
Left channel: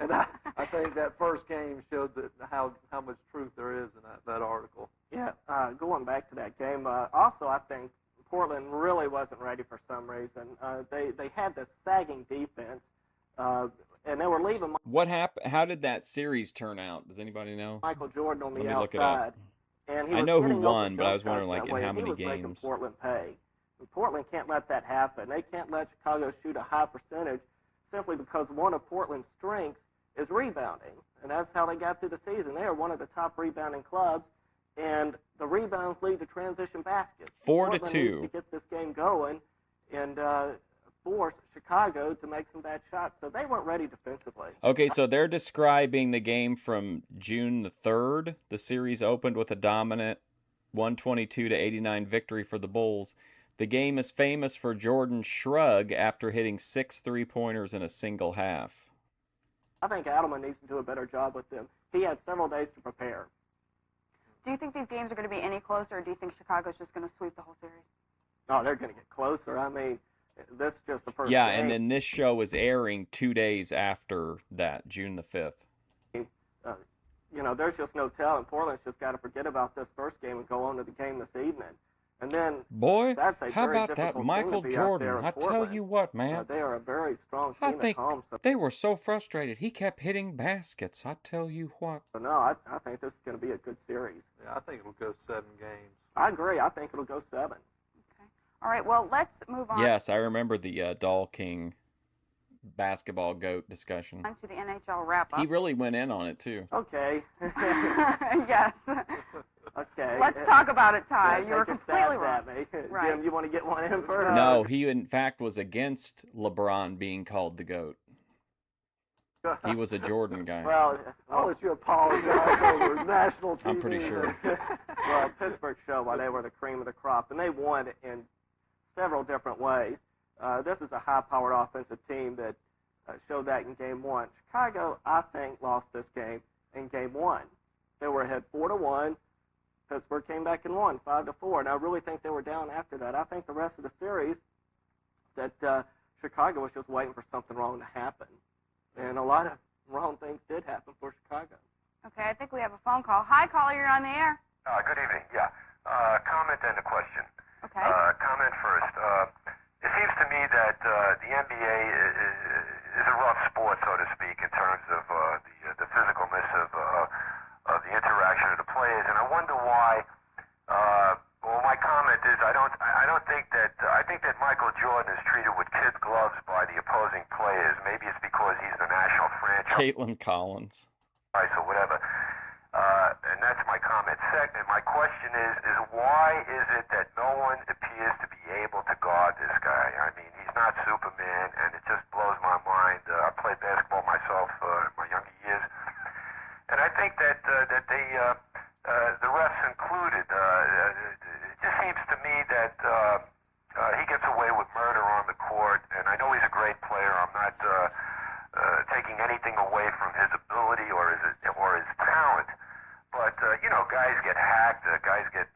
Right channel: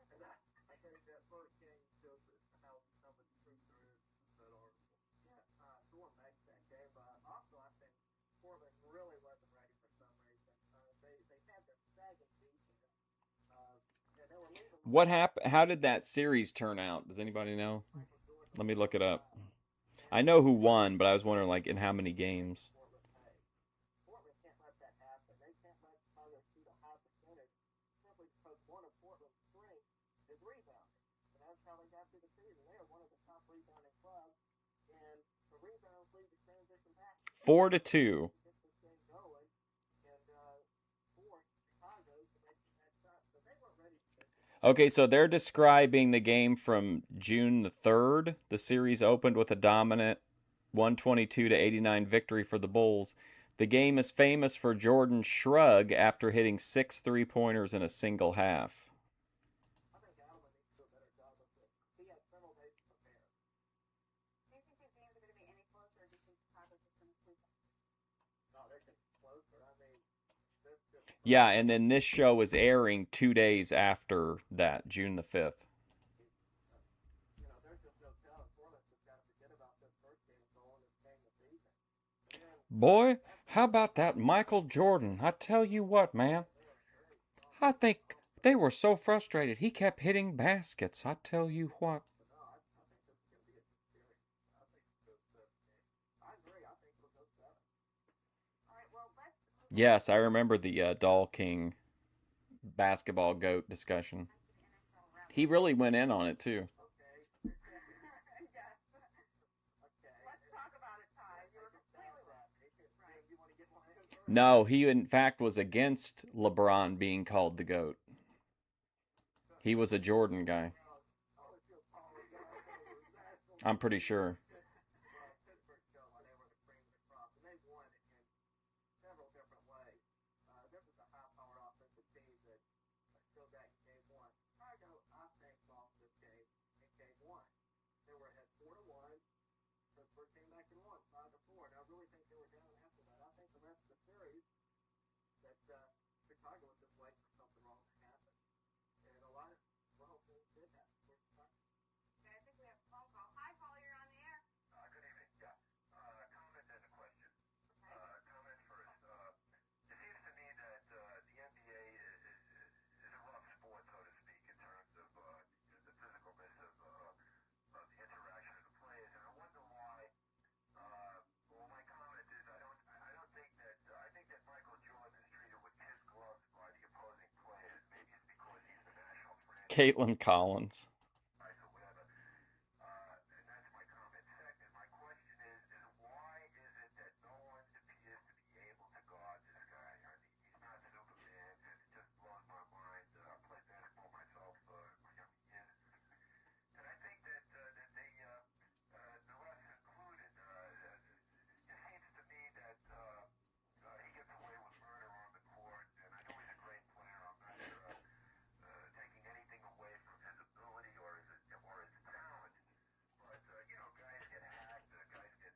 And I think that first game showed that how much truth there is in that article. Yeah, going back to that game, also I think Portland really wasn't ready for some reason. They had this sagging defense, and they were leaving. What happened? How did that series turn out? Does anybody know? Michael Jordan on the Let me outside, look it up. And I know who won, but I was wondering, like, in how many games. Portland pay. And Portland can't let that happen. They can't let Chicago shoot a high percentage simply because one of Portland's strengths is rebounding, and that's how they got through the season. They are one of the top rebounding clubs, and the rebounds lead to transition baskets. 4-2. Portland needs to get this game going and force Chicago to make some bad shots. So they weren't ready defensively. Okay, so they're describing the game from June the 3rd. The series opened with a dominant 122-89 victory for the Bulls. The game is famous for Jordan's shrug after hitting 6 3-pointers in a single half. I think Adelman needs to do a better job with them. He had several days to prepare. Do you think these games are going to be any closer, or do you think Chicago's just going to sweep the whole series? No, they're going to get closer. I mean, this is just the first Yeah, game. and then this show is airing 2 days after that, June the 5th. There's just no telling. Portland's just got to forget about this first game and go on to the game this evening. And then, Boy, that's a how very about that difficult team Michael to be out Jordan? there in I tell Portland. you what, man. They are a very strong team I think at home. So, they were so frustrated. He kept hitting baskets. I tell you what. no, I think this is going to be a good series. Yeah, I think it'll go 7 games. I agree. I think it'll go 7. All right, well, let's move on. Yes, I remember the Doll King basketball GOAT discussion. On to the NHL wrap-up. He really went in on it, too. Okay. Yes. Okay. Let's talk about it, Ty. Yeah, you were take your completely stabs wrong. at me. Right. Jim, you want to get one in first? No, he in fact was against LeBron being called the GOAT. He was a Jordan guy. Well, I'll let you apologize over national TV. I'm pretty sure. Well, Pittsburgh showed why they were the cream of the crop, and they won in several different ways. This is a high-powered offensive team that showed that in Game 1. Chicago, I think, lost this game in Game 1. They were ahead 4-1. Pittsburgh came back and won 5-4, and I really think they were down after that. I think the rest of the series that Chicago was just waiting for something wrong to happen, and a lot of wrong things did happen for Chicago. Okay, I think we have a phone call. Hi, caller, you're on the air. Good evening. Yeah. Comment and a question. Okay. Comment first. It seems to me that the NBA is a rough sport, so to speak, in terms of the physicalness of the interaction of the players, and I wonder why. Well, my comment is I think that Michael Jordan is treated with kid gloves by the opposing players. Maybe it's because he's the national franchise. Caitlin Collins. Or whatever. And that's my comment. Second, my question is why is it that no one appears to be able to guard this guy? I mean, he's not Superman, and it just blows my mind. I played basketball myself in my younger years, and I think that the refs included. It just seems to me that he gets away with murder on the court, and I know he's a great player. I'm not taking anything away from his ability or his talent. But, guys get hacked, guys get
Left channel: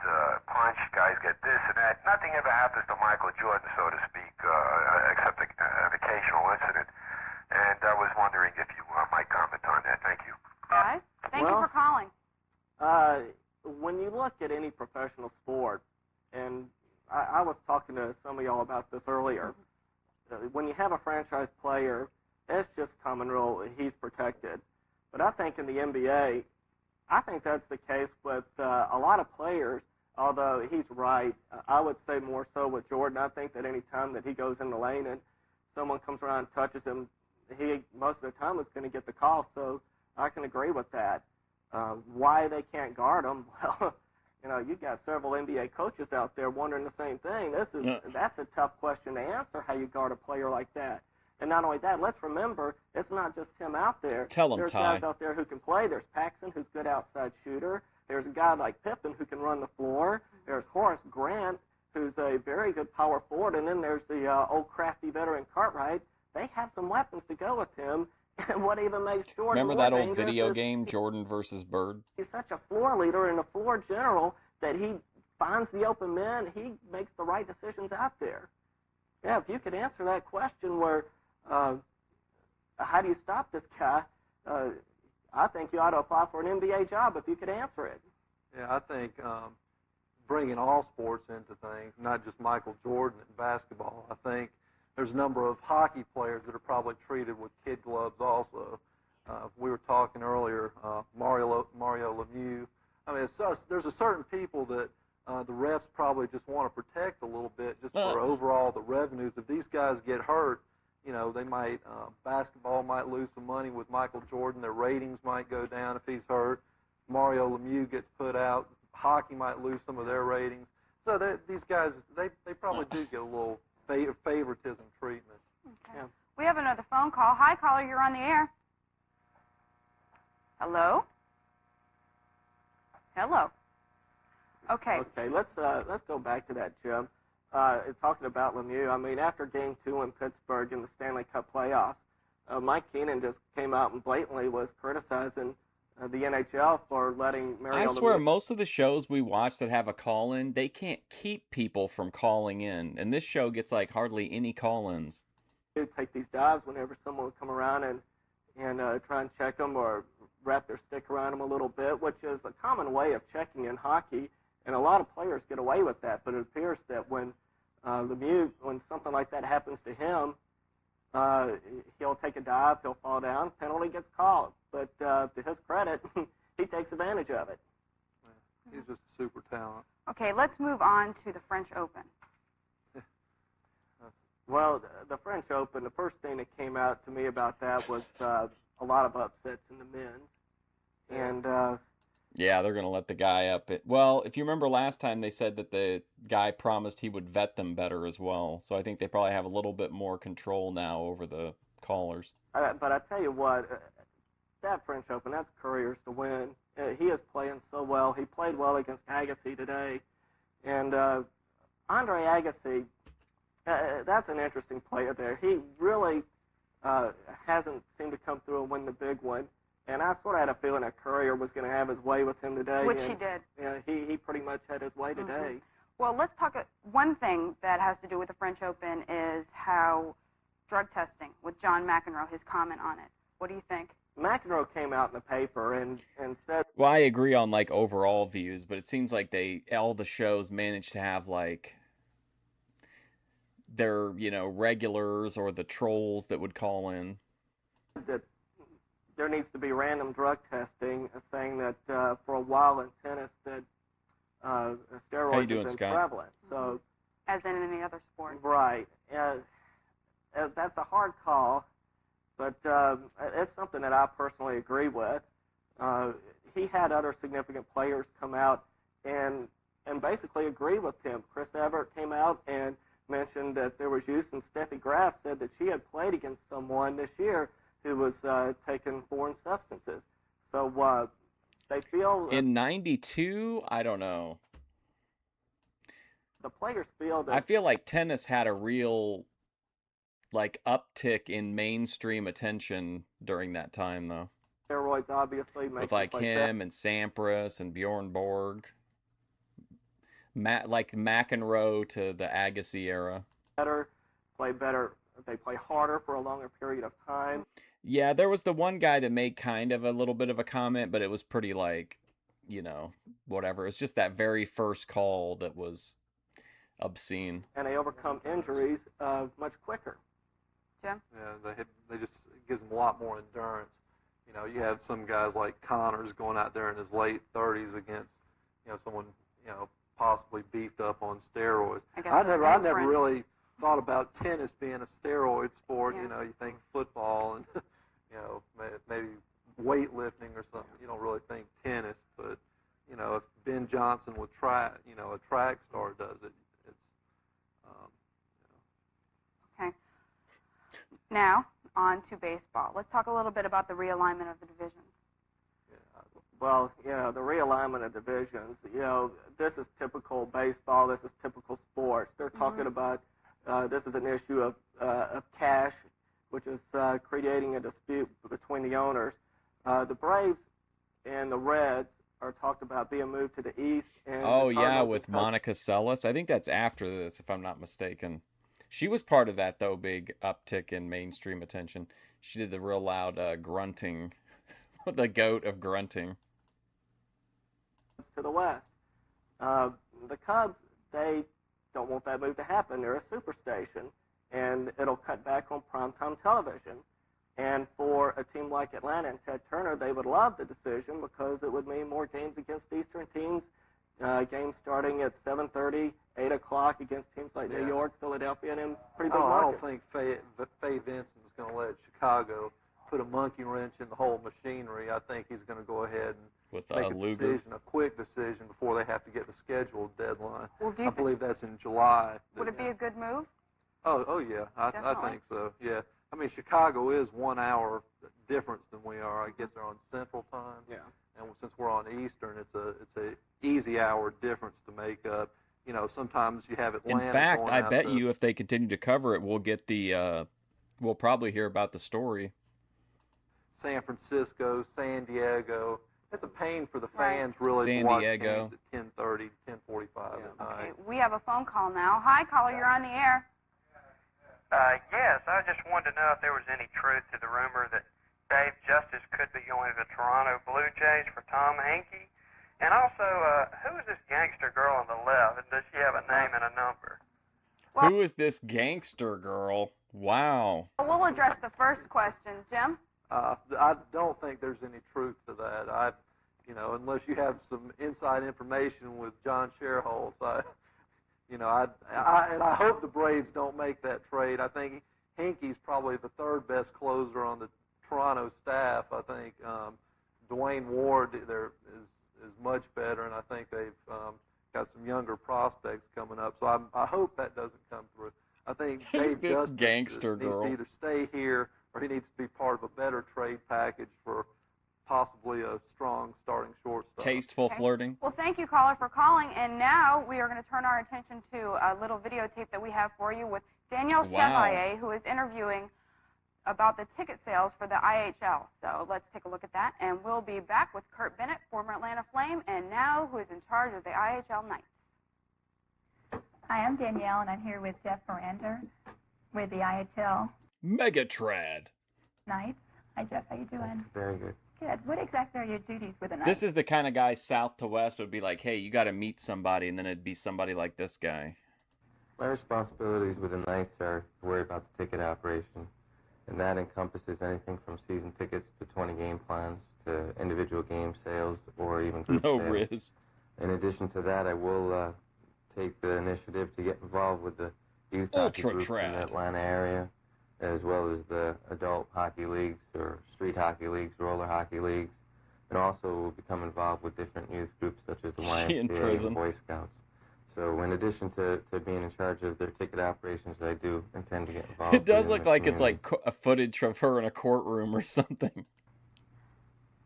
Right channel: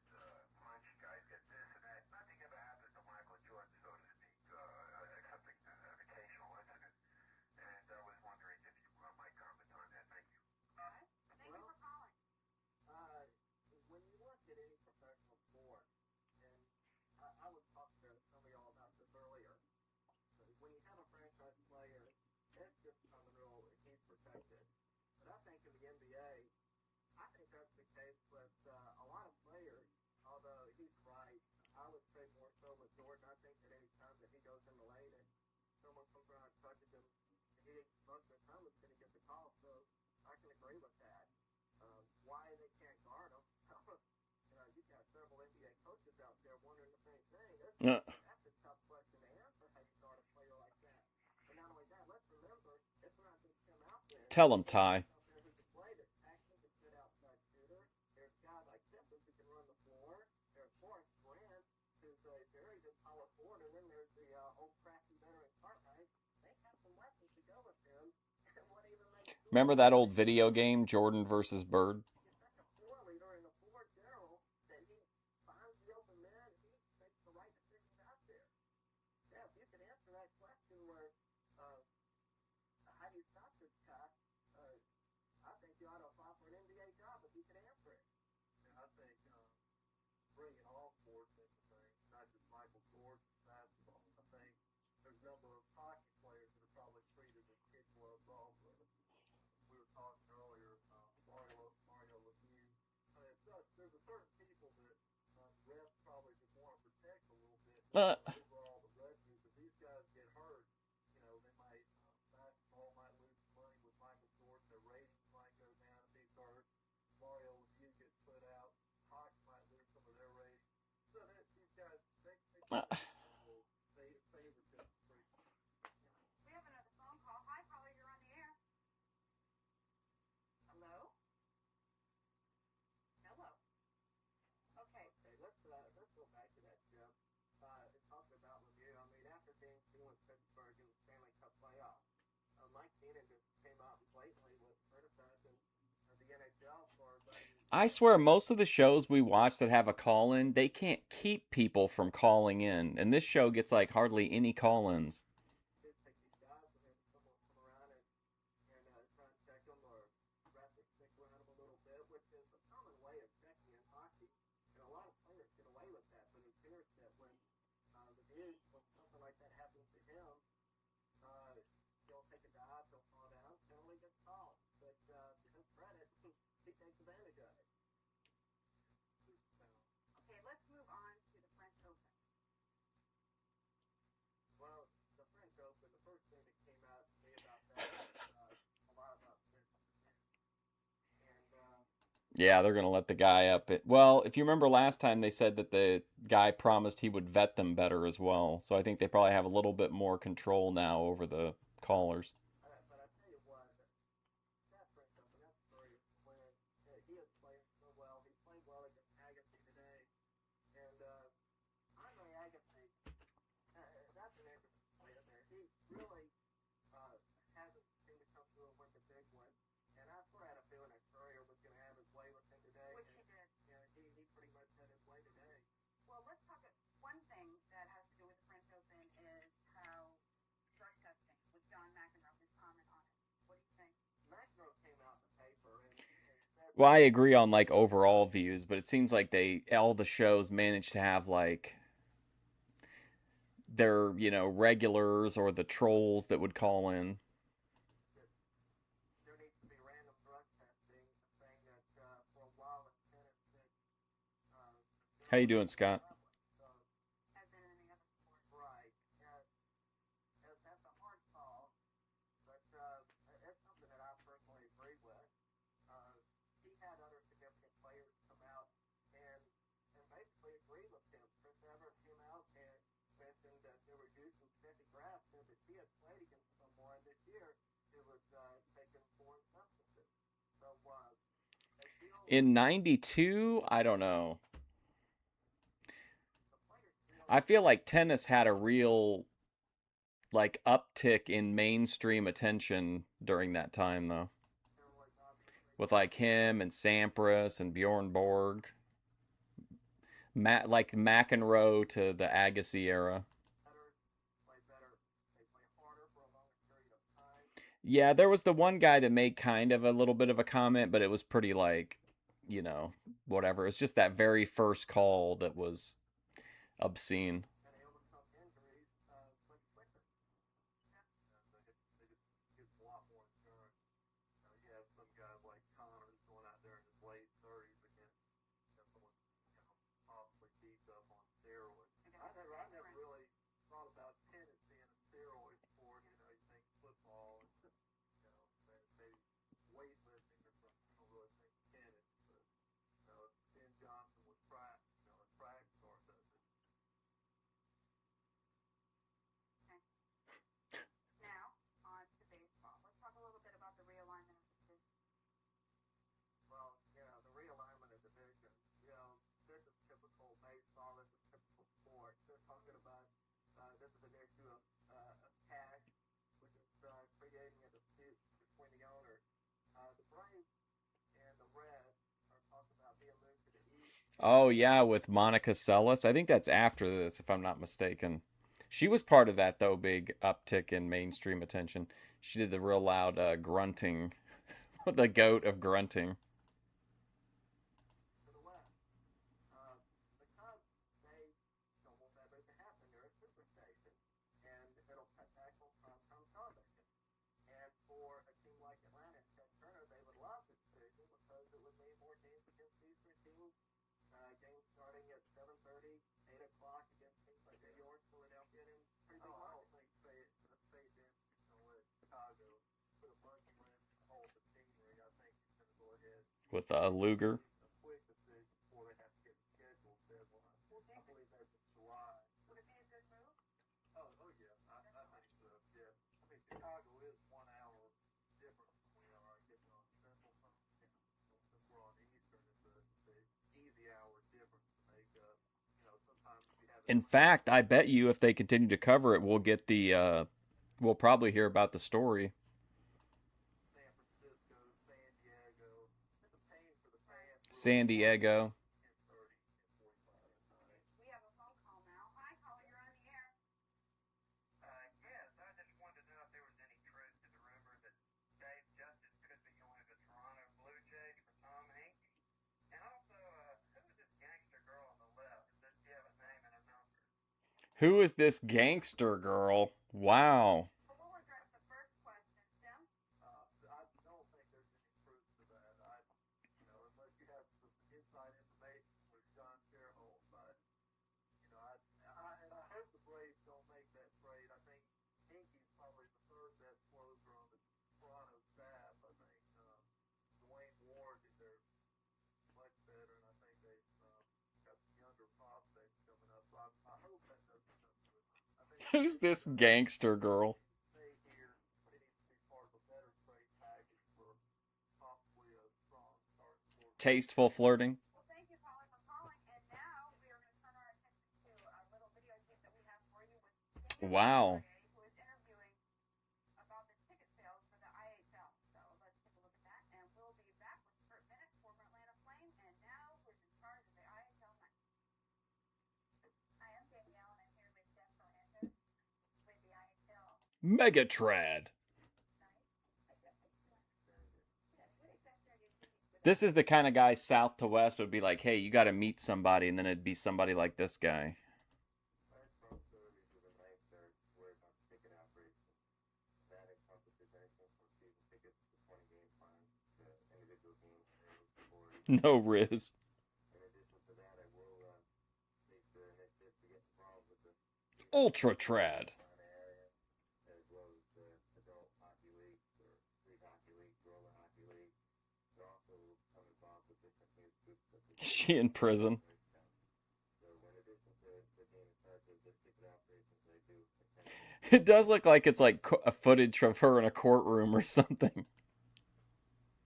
punched, guys get this and that. Nothing ever happens to Michael Jordan, so to speak, except an occasional incident. And I was wondering if you might comment on that. Thank you. Guys, thank you for calling. When you look at any professional sport, and I was talking to some of y'all about this earlier, when you have a franchise player, it's just common rule, he's protected. But I think in the NBA, I think that's the case with a lot of players, although he's right. I would say more so with Jordan. I think that any time that he goes in the lane and someone comes around and touches him, he most of the time is going to get the call. So I can agree with that. Why they can't guard him? Well, you've got several NBA coaches out there wondering the same thing. That's a tough question to answer, how you guard a player like that. And not only that, let's remember, it's not just him out there. Tell him, There's Ty. guys out there who can play. There's Paxson, who's a good outside shooter. There's a guy like Pippen who can run the floor. There's Horace Grant, who's a very good power forward. And then there's the old crafty veteran Cartwright. They have some weapons to go with him. And what even makes Jordan Remember more that old dangerous video is game, Jordan versus Bird? he's such a floor leader and a floor general that he finds the open men. He makes the right decisions out there. Yeah, if you could answer that question where how do you stop this guy, I think you ought to apply for an NBA job if you could answer it. Yeah, I think bringing all sports into things, not just Michael Jordan in basketball. I think there's a number of hockey players that are probably treated with kid gloves also. We were talking earlier, Mario Lemieux. I mean, there's a certain people that the refs probably just want to protect a little bit just for overall the revenues. If these guys get hurt, they might, basketball might lose some money with Michael Jordan. Their ratings might go down if he's hurt. Mario Lemieux gets put out. Hockey might lose some of their ratings. So these guys, they probably do get a little favoritism treatment. Okay. Yeah. We have another phone call. Hi, caller, you're on the air. Hello? Hello. Okay. Okay, let's go back to that, Jim. Talking about Lemieux, I mean, after Game 2 in Pittsburgh in the Stanley Cup playoffs, Mike Keenan just came out and blatantly was criticizing the NHL for letting Mario I swear, Lemieux most of the shows we watch that have a call-in, they can't keep people from calling in. And this show gets, like, hardly any call-ins. take these dives whenever someone would come around and try and check them or wrap their stick around them a little bit, which is a common way of checking in hockey. And a lot of players get away with that, but it appears that when Lemieux, when something like that happens to him, he'll take a dive, he'll fall down, penalty gets called. But to his credit, he takes advantage of it. He's just a super talent. Okay, let's move on to the French Open. Well, the French Open, the first thing that came out to me about that was a lot of upsets in the men's. And Yeah, they're going to let the guy up. Well, if you remember last time, they said that the guy promised he would vet them better as well. So I think they probably have a little bit more control now over the callers. but I tell you what, that French Open, that's Courier's to win. He is playing so well. He played well against Agassi today. And Andre Agassi, that's an interesting player there. He really hasn't seemed to come through and win the big one. And I sort of had a feeling that Courier was going to have his way with him today. Which and, he did. Yeah, he pretty much had his way today. Well, let's talk. One thing that has to do with the French Open is how drug testing with John McEnroe, his comment on it. What do you think? McEnroe came out in the paper and said... Well, I agree on like overall views, but it seems like all the shows managed to have like their, regulars or the trolls that would call in. That there needs to be random drug testing, saying that for a while in tennis that steroids How you doing, have been Scott? prevalent. So, as in any other sport. Right. That's a hard call, but it's something that I personally agree with. He had other significant players come out and basically agree with him. Chris Evert came out and mentioned that there was use, and Steffi Graf said that she had played against someone this year who was taking foreign substances. So they feel... In 92, I don't know. The players feel that... I feel like tennis had a real like uptick in mainstream attention during that time, though. Steroids obviously make With like him and Sampras and Bjorn Borg. Like McEnroe to the Agassi era. Play better. They play harder for a longer period of time. Yeah, there was the one guy that made kind of a little bit of a comment, but it was pretty like, whatever. It's just that very first call that was obscene. And they overcome injuries much quicker. Jim? Yeah, they just it gives them a lot more endurance. You have some guys like Connors going out there in his late 30s against, someone, possibly beefed up on steroids. I never really thought about tennis being a steroid sport. Yeah. You think football and, maybe weightlifting or something. You don't really think tennis, but, if Ben Johnson with track, a track star does it, it's, Okay. Now, on to baseball. Let's talk a little bit about the realignment of the divisions. Well, the realignment of divisions, this is typical baseball. This is typical sports. They're talking about this is an issue of cash, which is creating a dispute between the owners. The Braves and the Reds are talked about being moved to the East. And with Monica Seles. I think that's after this, if I'm not mistaken. She was part of that, though, big uptick in mainstream attention. She did the real loud grunting, the goat of grunting. To the West. The Cubs, they don't want that move to happen. They're a superstation, and it'll cut back on primetime television. And for a team like Atlanta and Ted Turner, they would love the decision because it would mean more games against Eastern teams, games starting at 7:30, 8 o'clock against teams like New York, Philadelphia, and in pretty big markets. I don't think Faye Vincent's going to let Chicago put a monkey wrench in the whole machinery. I think he's going to go ahead and with make Luger. a quick decision before they have to get the scheduled deadline. Well, I believe that's in July. Would it be a good move? Oh yeah, I think so. Yeah, I mean Chicago is 1 hour difference than we are. I guess they're on Central Time. Yeah. And since we're on Eastern, it's a easy hour difference to make up. Sometimes you have Atlanta. In fact, going I out bet to- you if they continue to cover it, we'll get we'll probably hear about the story. San Francisco, San Diego. It's a pain for the fans, really. San to watch Diego. games at 10:30, 10:45 at night. Okay, we have a phone call now. Hi, caller, you're on the air. Yes, I just wanted to know if there was any truth to the rumor that Dave Justice could be going to the Toronto Blue Jays for Tom Hankey. And also, who is this gangster girl on the left? And does she have a name and a number? Who is this gangster girl? Wow. We'll address the first question. Jim? I don't think there's any truth to that. Unless you have some inside information with John Sherholtz, You know, I hope the Braves don't make that trade. I think Hinky's probably the third best closer on the Toronto staff. I think Dwayne Ward there is much better, and I think they've got some younger prospects coming up. So I hope that doesn't come through. I think Who's Dave this Justice gangster needs girl? to either stay here or he needs to be part of a better trade package for possibly a strong starting shortstop. Tasteful flirting. Well, thank you, caller, for calling. And now we are going to turn our attention to a little videotape that we have for you with Danielle Wow. Chevalier, who is interviewing about the ticket sales for the IHL. So let's take a look at that. And we'll be back with Kurt Bennett, former Atlanta Flame, and now who is in charge of the IHL Knights. Hi, I'm Danielle, and I'm here with Jeff Mirander with the IHL Megatrad. Knights. Hi, Jeff. How you doing? Very good. Good. What exactly are your duties with the Knights? This is the kind of guy south to west would be like, hey, you got to meet somebody, and then it'd be somebody like this guy. My responsibilities with the Knights are to worry about the ticket operation, and that encompasses anything from season tickets to 20 game plans to individual game sales or even group No sales. Riz. In addition to that, I will take the initiative to get involved with the youth Ultra hockey groups in the trad. Atlanta area, as well as the adult hockey leagues or street hockey leagues, roller hockey leagues, and also will become involved with different youth groups such as the She in YMCA prison. and Boy Scouts. So in addition to being in charge of their ticket operations, I do intend to get involved. It does in look the like it's community. like a footage of her in a courtroom or something.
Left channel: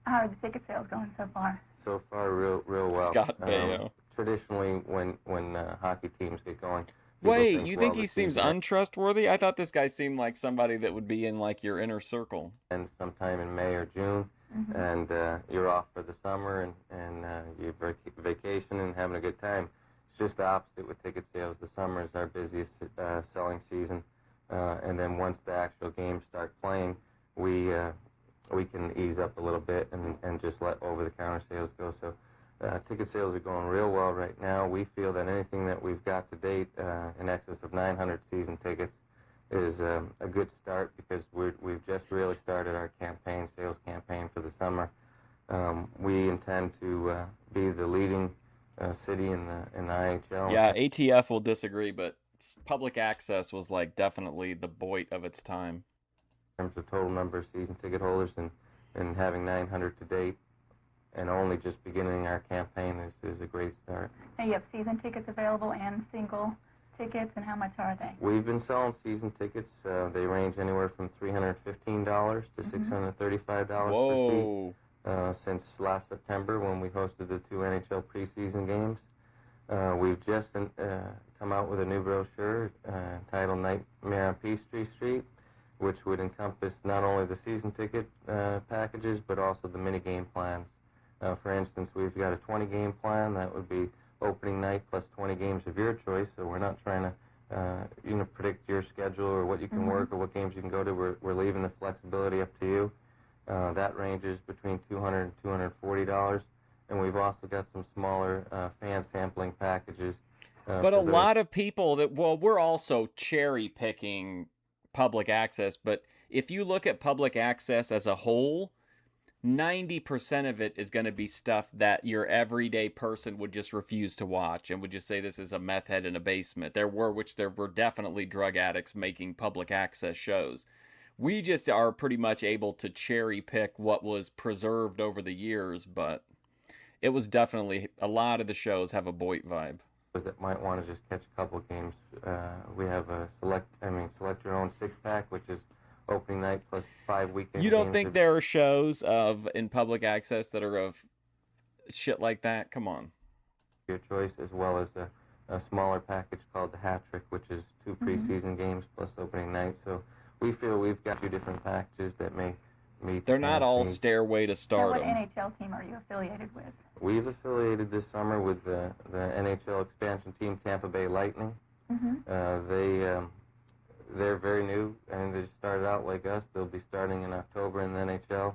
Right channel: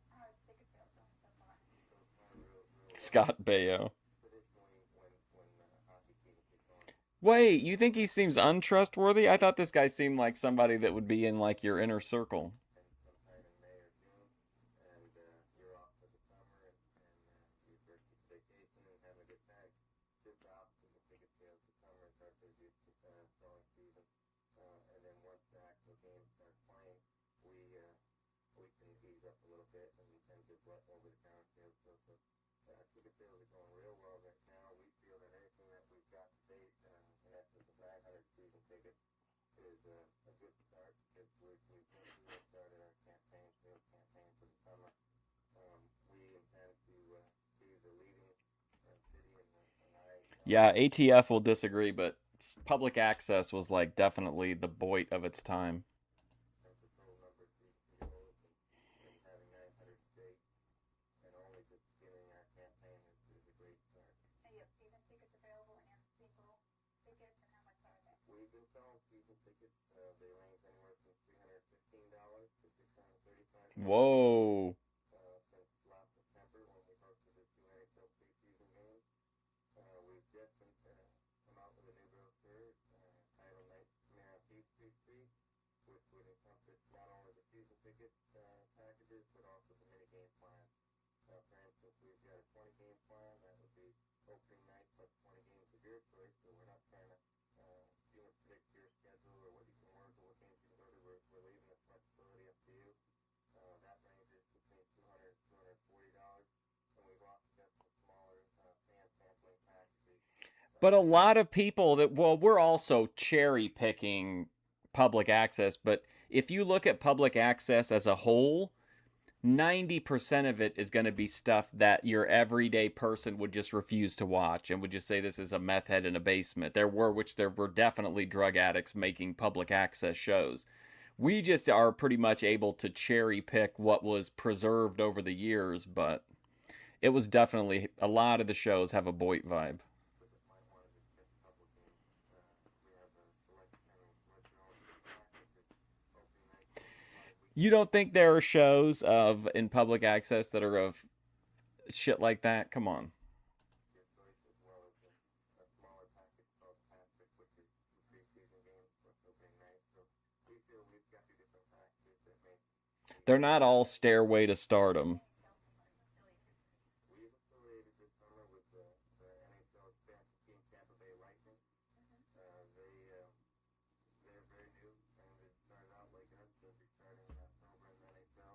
How are the ticket sales going so far? So far, real well. Scott Baio. Traditionally, when hockey teams get going. people Wait, think, you well, think the he seems season untrustworthy? I thought this guy seemed like somebody that would be in like your inner circle. ends sometime in May or June, and you're off for the summer and you're vacation and having a good time. It's just the opposite with ticket sales. The summer is our busiest selling season, and then once the actual games start playing, we can ease up a little bit and just let over-the-counter sales go. So ticket sales are going real well right now. We feel that anything that we've got to date in excess of 900 season tickets is a good start because we've just really started our sales campaign for the summer. We intend to be the leading city in the IHL. Yeah, ATF will disagree, but public access was like definitely the Boyd of its time. In terms of total number of season ticket holders and having 900 to date and only just beginning our campaign is a great start. Now you have season tickets available and single tickets, and how much are they? We've been selling season tickets. They range anywhere from $315 to $635 Whoa. per seat since last September when we hosted the 2 NHL preseason games. We've just come out with a new brochure titled Nightmare on Peachtree Street, which would encompass not only the season ticket packages, but also the mini game plans. For instance, we've got a 20-game plan. That would be opening night plus 20 games of your choice. So we're not trying to, predict your schedule or what you can work or what games you can go to. We're leaving the flexibility up to you. That ranges between $200 and $240. And we've also got some smaller fan sampling packages. But a for those- lot of people we're also cherry picking public access, but if you look at public access as a whole, 90% of it is going to be stuff that your everyday person would just refuse to watch and would just say this is a meth head in a basement. There were definitely drug addicts making public access shows. We just are pretty much able to cherry pick what was preserved over the years, but it was definitely, a lot of the shows have a Boyd vibe. That might want to just catch a couple of games. We have a select your own 6-pack, which is opening night plus 5 weekends. You don't think there are shows in public access that are of shit like that? Come on. Your choice, as well as a smaller package called the Hat Trick, which is 2 preseason games plus opening night. So we feel we've got 2 different packages that may meet. They're not all needs. Stairway to What Stardom. NHL team are you affiliated with? We've affiliated this summer with the NHL expansion team, Tampa Bay Lightning. They're very new, and they started out like us. They'll be starting in October in the NHL.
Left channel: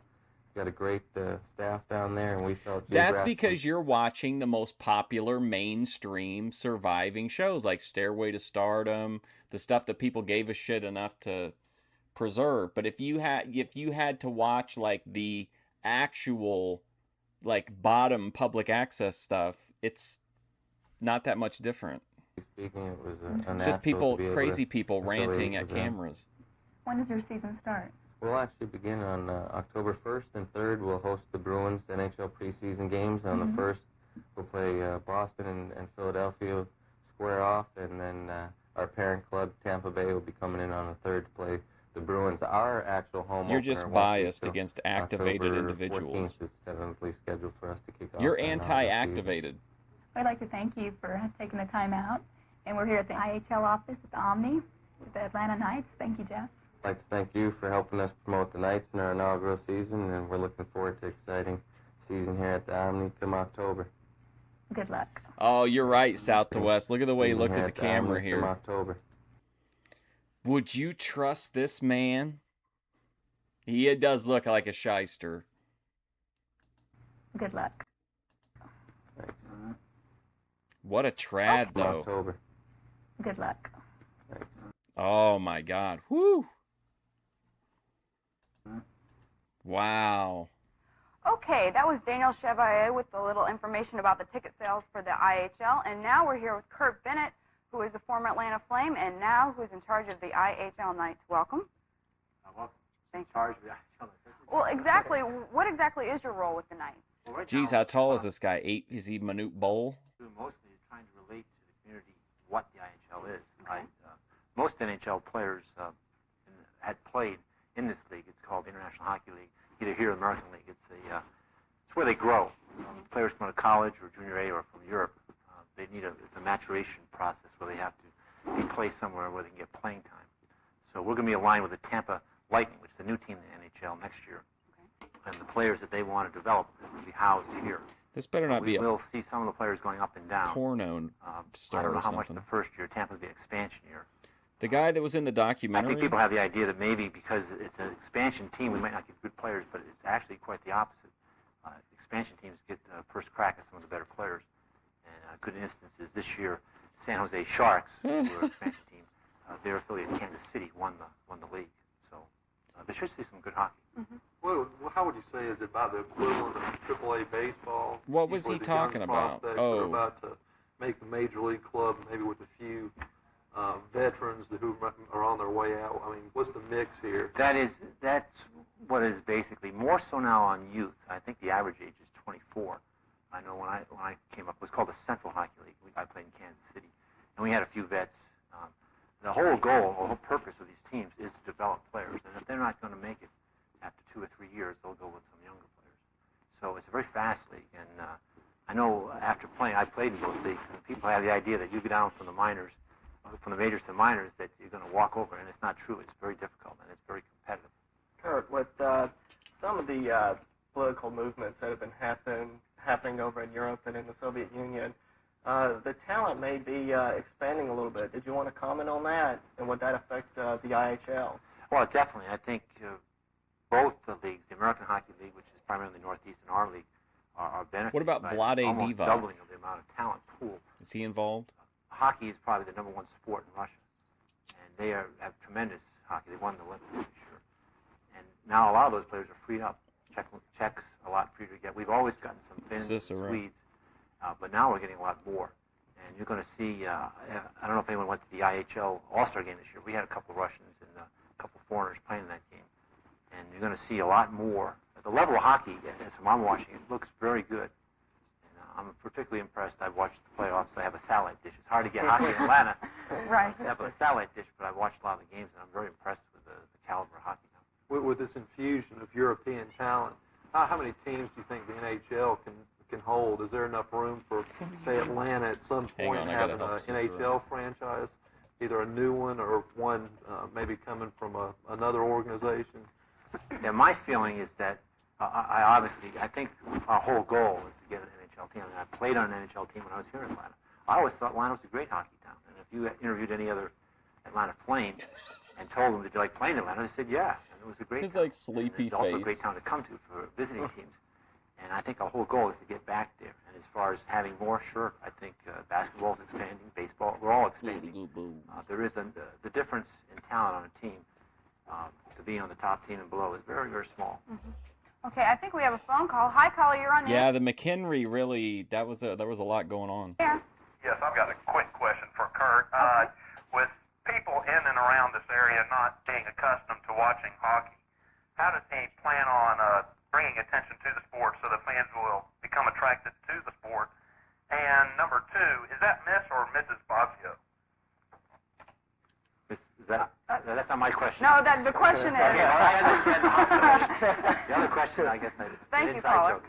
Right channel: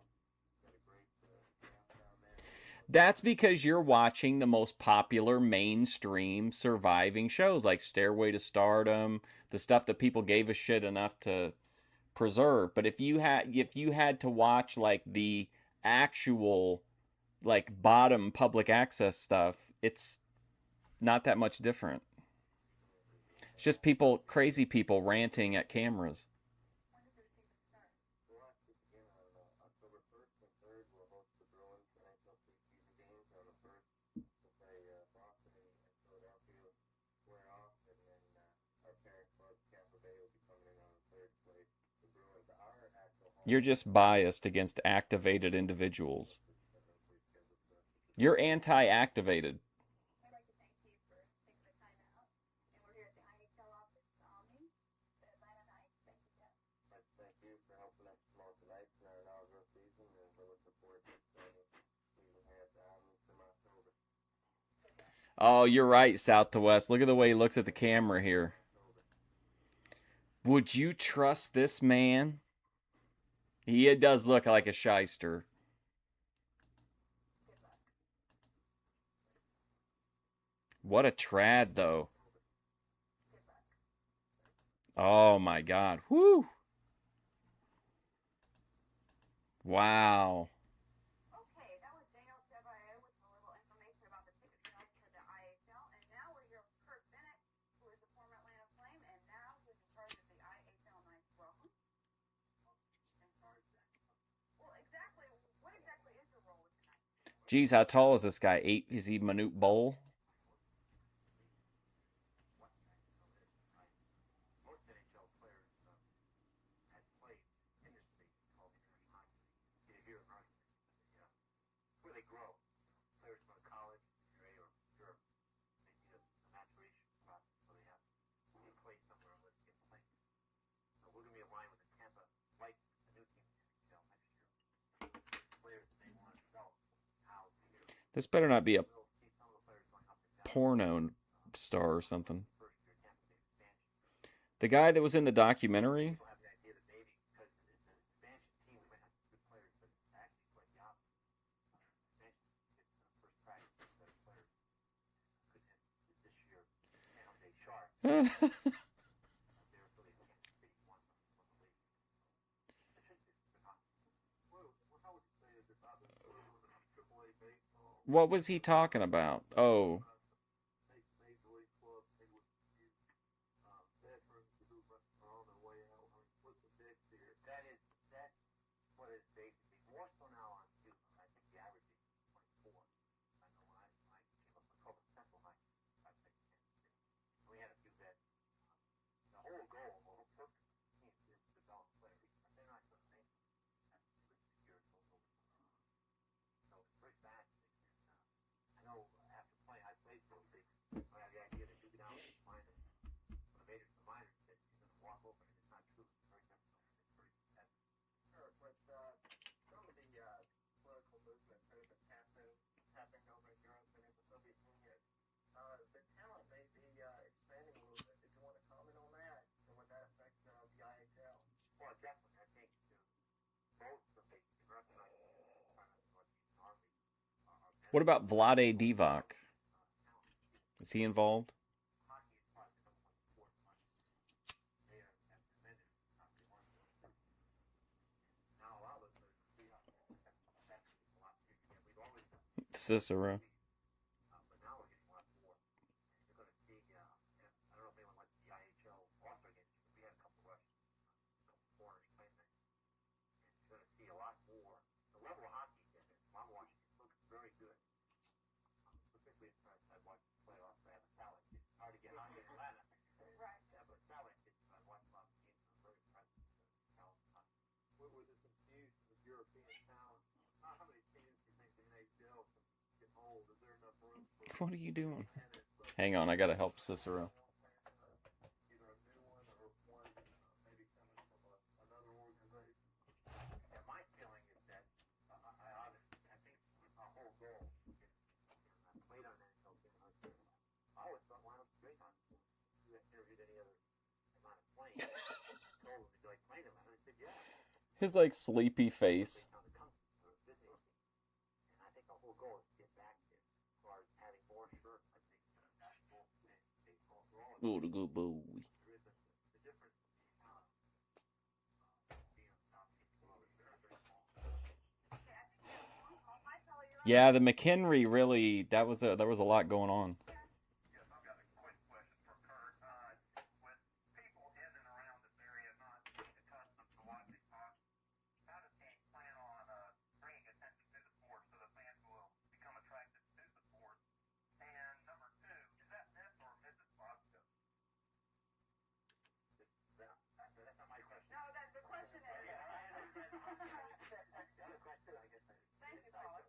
Got a great staff down there, and we felt That's geographically- because you're watching the most popular mainstream surviving shows like Stairway to Stardom, the stuff that people gave a shit enough to preserve. But if you had to watch like the actual like bottom public access stuff, it's not that much different. speaking, it was a It's just people, crazy people ranting at cameras. When does your season start? We'll actually begin on October 1st and 3rd. We'll host the Bruins NHL preseason games. On the 1st, we'll play Boston and Philadelphia square off, and then our parent club, Tampa Bay, will be coming in on the 3rd to play the Bruins. Our actual home You're opener just won't biased be till against activated October individuals. 14th is tentatively scheduled for us to kick off. You're our hockey anti-activated. I'd like to thank you for taking the time out. And we're here at the IHL office at the Omni with the Atlanta Knights. Thank you, Jeff. I'd like to thank you for helping us promote the Knights in our inaugural season, and we're looking forward to an exciting season here at the Omni come October. Good luck. Oh, you're right, South to West. Look at the way he Season looks here at the Omni camera come here. October. Would you trust this man? He does look like a shyster. Good luck. Thanks. What a trad, though. October. Good luck. Thanks. Oh, my God. Whew. Wow. Okay, that was Daniel Chevalier with a little information about the ticket sales for the IHL. And now we're here with Kurt Bennett, who is a former Atlanta Flame and now who's in charge of the IHL Knights. Welcome. Welcome. Thank you. Charge of the IHL Knights. Well, exactly. What exactly is your role with the Knights? Well, right Geez, now, how tall is this guy? Is he Manute Bowl? mostly trying to relate to the community what the IHL is. Most NHL players had played in this league. It's called the International Hockey League, either here or the American League. It's where they grow. Players come out of college or junior A or from Europe. They need it's a maturation process where they have to be placed somewhere where they can get playing time. So we're going to be aligned with the Tampa Lightning, which is the new team in the NHL next year. And the players that they want to develop will be housed here. This better not be a We'll see some of the players going up and down. porno I star don't or know how much something. the first year. Tampa will be an expansion year. The guy that was in the I documentary? think people have the idea that maybe because it's an expansion team, we might not get good players, but it's actually quite the opposite. Expansion teams get first crack at some of the better players. And a good instance is this year, San Jose Sharks, who are an expansion team, their affiliate Kansas City won the league. So they should see some good hockey. How would you say is it about the equivalent of AAA baseball? What was Where he the young talking about? prospects are Oh. about to make the major league club, maybe with a few veterans who are on their way out. I mean, what's the mix here? That's what is basically more so now on youth. I think the average age is 24. I know when I came up, it was called the Central Hockey League. I played in Kansas City, and we had a few vets. The whole goal, the whole purpose of these teams is to develop players, and if they're not going to make it after 2 or 3 years, they'll go with some younger players. So it's a very fast league, and I know after playing, I played in both leagues, and people have the idea that you go down from the minors, from the majors to the minors, that you're going to walk over, and it's not true. It's very difficult, and it's very competitive. Kurt, with some of the political movements that have been happening over in Europe and in the Soviet Union, the talent may be expanding a little bit. Did you want to comment on that, and would that affect the IHL? Well, definitely. I think both the leagues, the American Hockey League, which is primarily the Northeast, and our league, are benefiting. What about by Vlade almost Divac? doubling of the amount of talent pool. Is he involved? Hockey is probably the #1 sport in Russia, and they have tremendous hockey. They won the Olympics this year, and now a lot of those players are freed up. Czechs a lot freer to get. We've always gotten some Finns, Cicero. Swedes, but now we're getting a lot more. And you're going to see. I don't know if anyone went to the IHL All-Star game this year. We had a couple of Russians and a couple of foreigners playing in that game, and you're going to see a lot more. The level of hockey, as I'm watching, it looks very good. I'm particularly impressed. I've watched the playoffs. I have a satellite dish. It's hard to get hockey in Atlanta. Right. I have a satellite dish, but I've watched a lot of the games, and I'm very impressed with the caliber of hockey now. With this infusion of European talent, how many teams do you think the NHL can hold? Is there enough room for, say, Atlanta at some point? Hang on, I gotta having help an Cicero. NHL franchise, either a new one or one maybe coming from another organization? Yeah, my feeling is that I think our whole goal is to get an NHL team. I mean, I played on an NHL team when I was here in Atlanta. I always thought Atlanta was a great hockey town. And if you interviewed any other Atlanta Flame and told them, did you like playing in Atlanta? They said, yeah. And it was a great His town. like sleepy It's also a face. great town to come to for visiting teams. And I think our whole goal is to get back there. And as far as having more, sure, I think basketball is expanding, baseball, we're all expanding. There is the difference in talent on a team to be on the top team and below is very, very small. Okay, I think we have a phone call. Hi, caller, you're on the Yeah, the McHenry really, there was a lot going on. air. Yes, I've got a quick question for Kurt. With people in and around this area not being accustomed to watching hockey, how does he plan on bringing attention to the sport so the fans will become attracted to the sport? And number two, is that Miss or Mrs. Bosio? That's not my question. No, the question is. Okay, well, I understand the hockey question. The other question, I guess, Thank an you, inside caller. joke.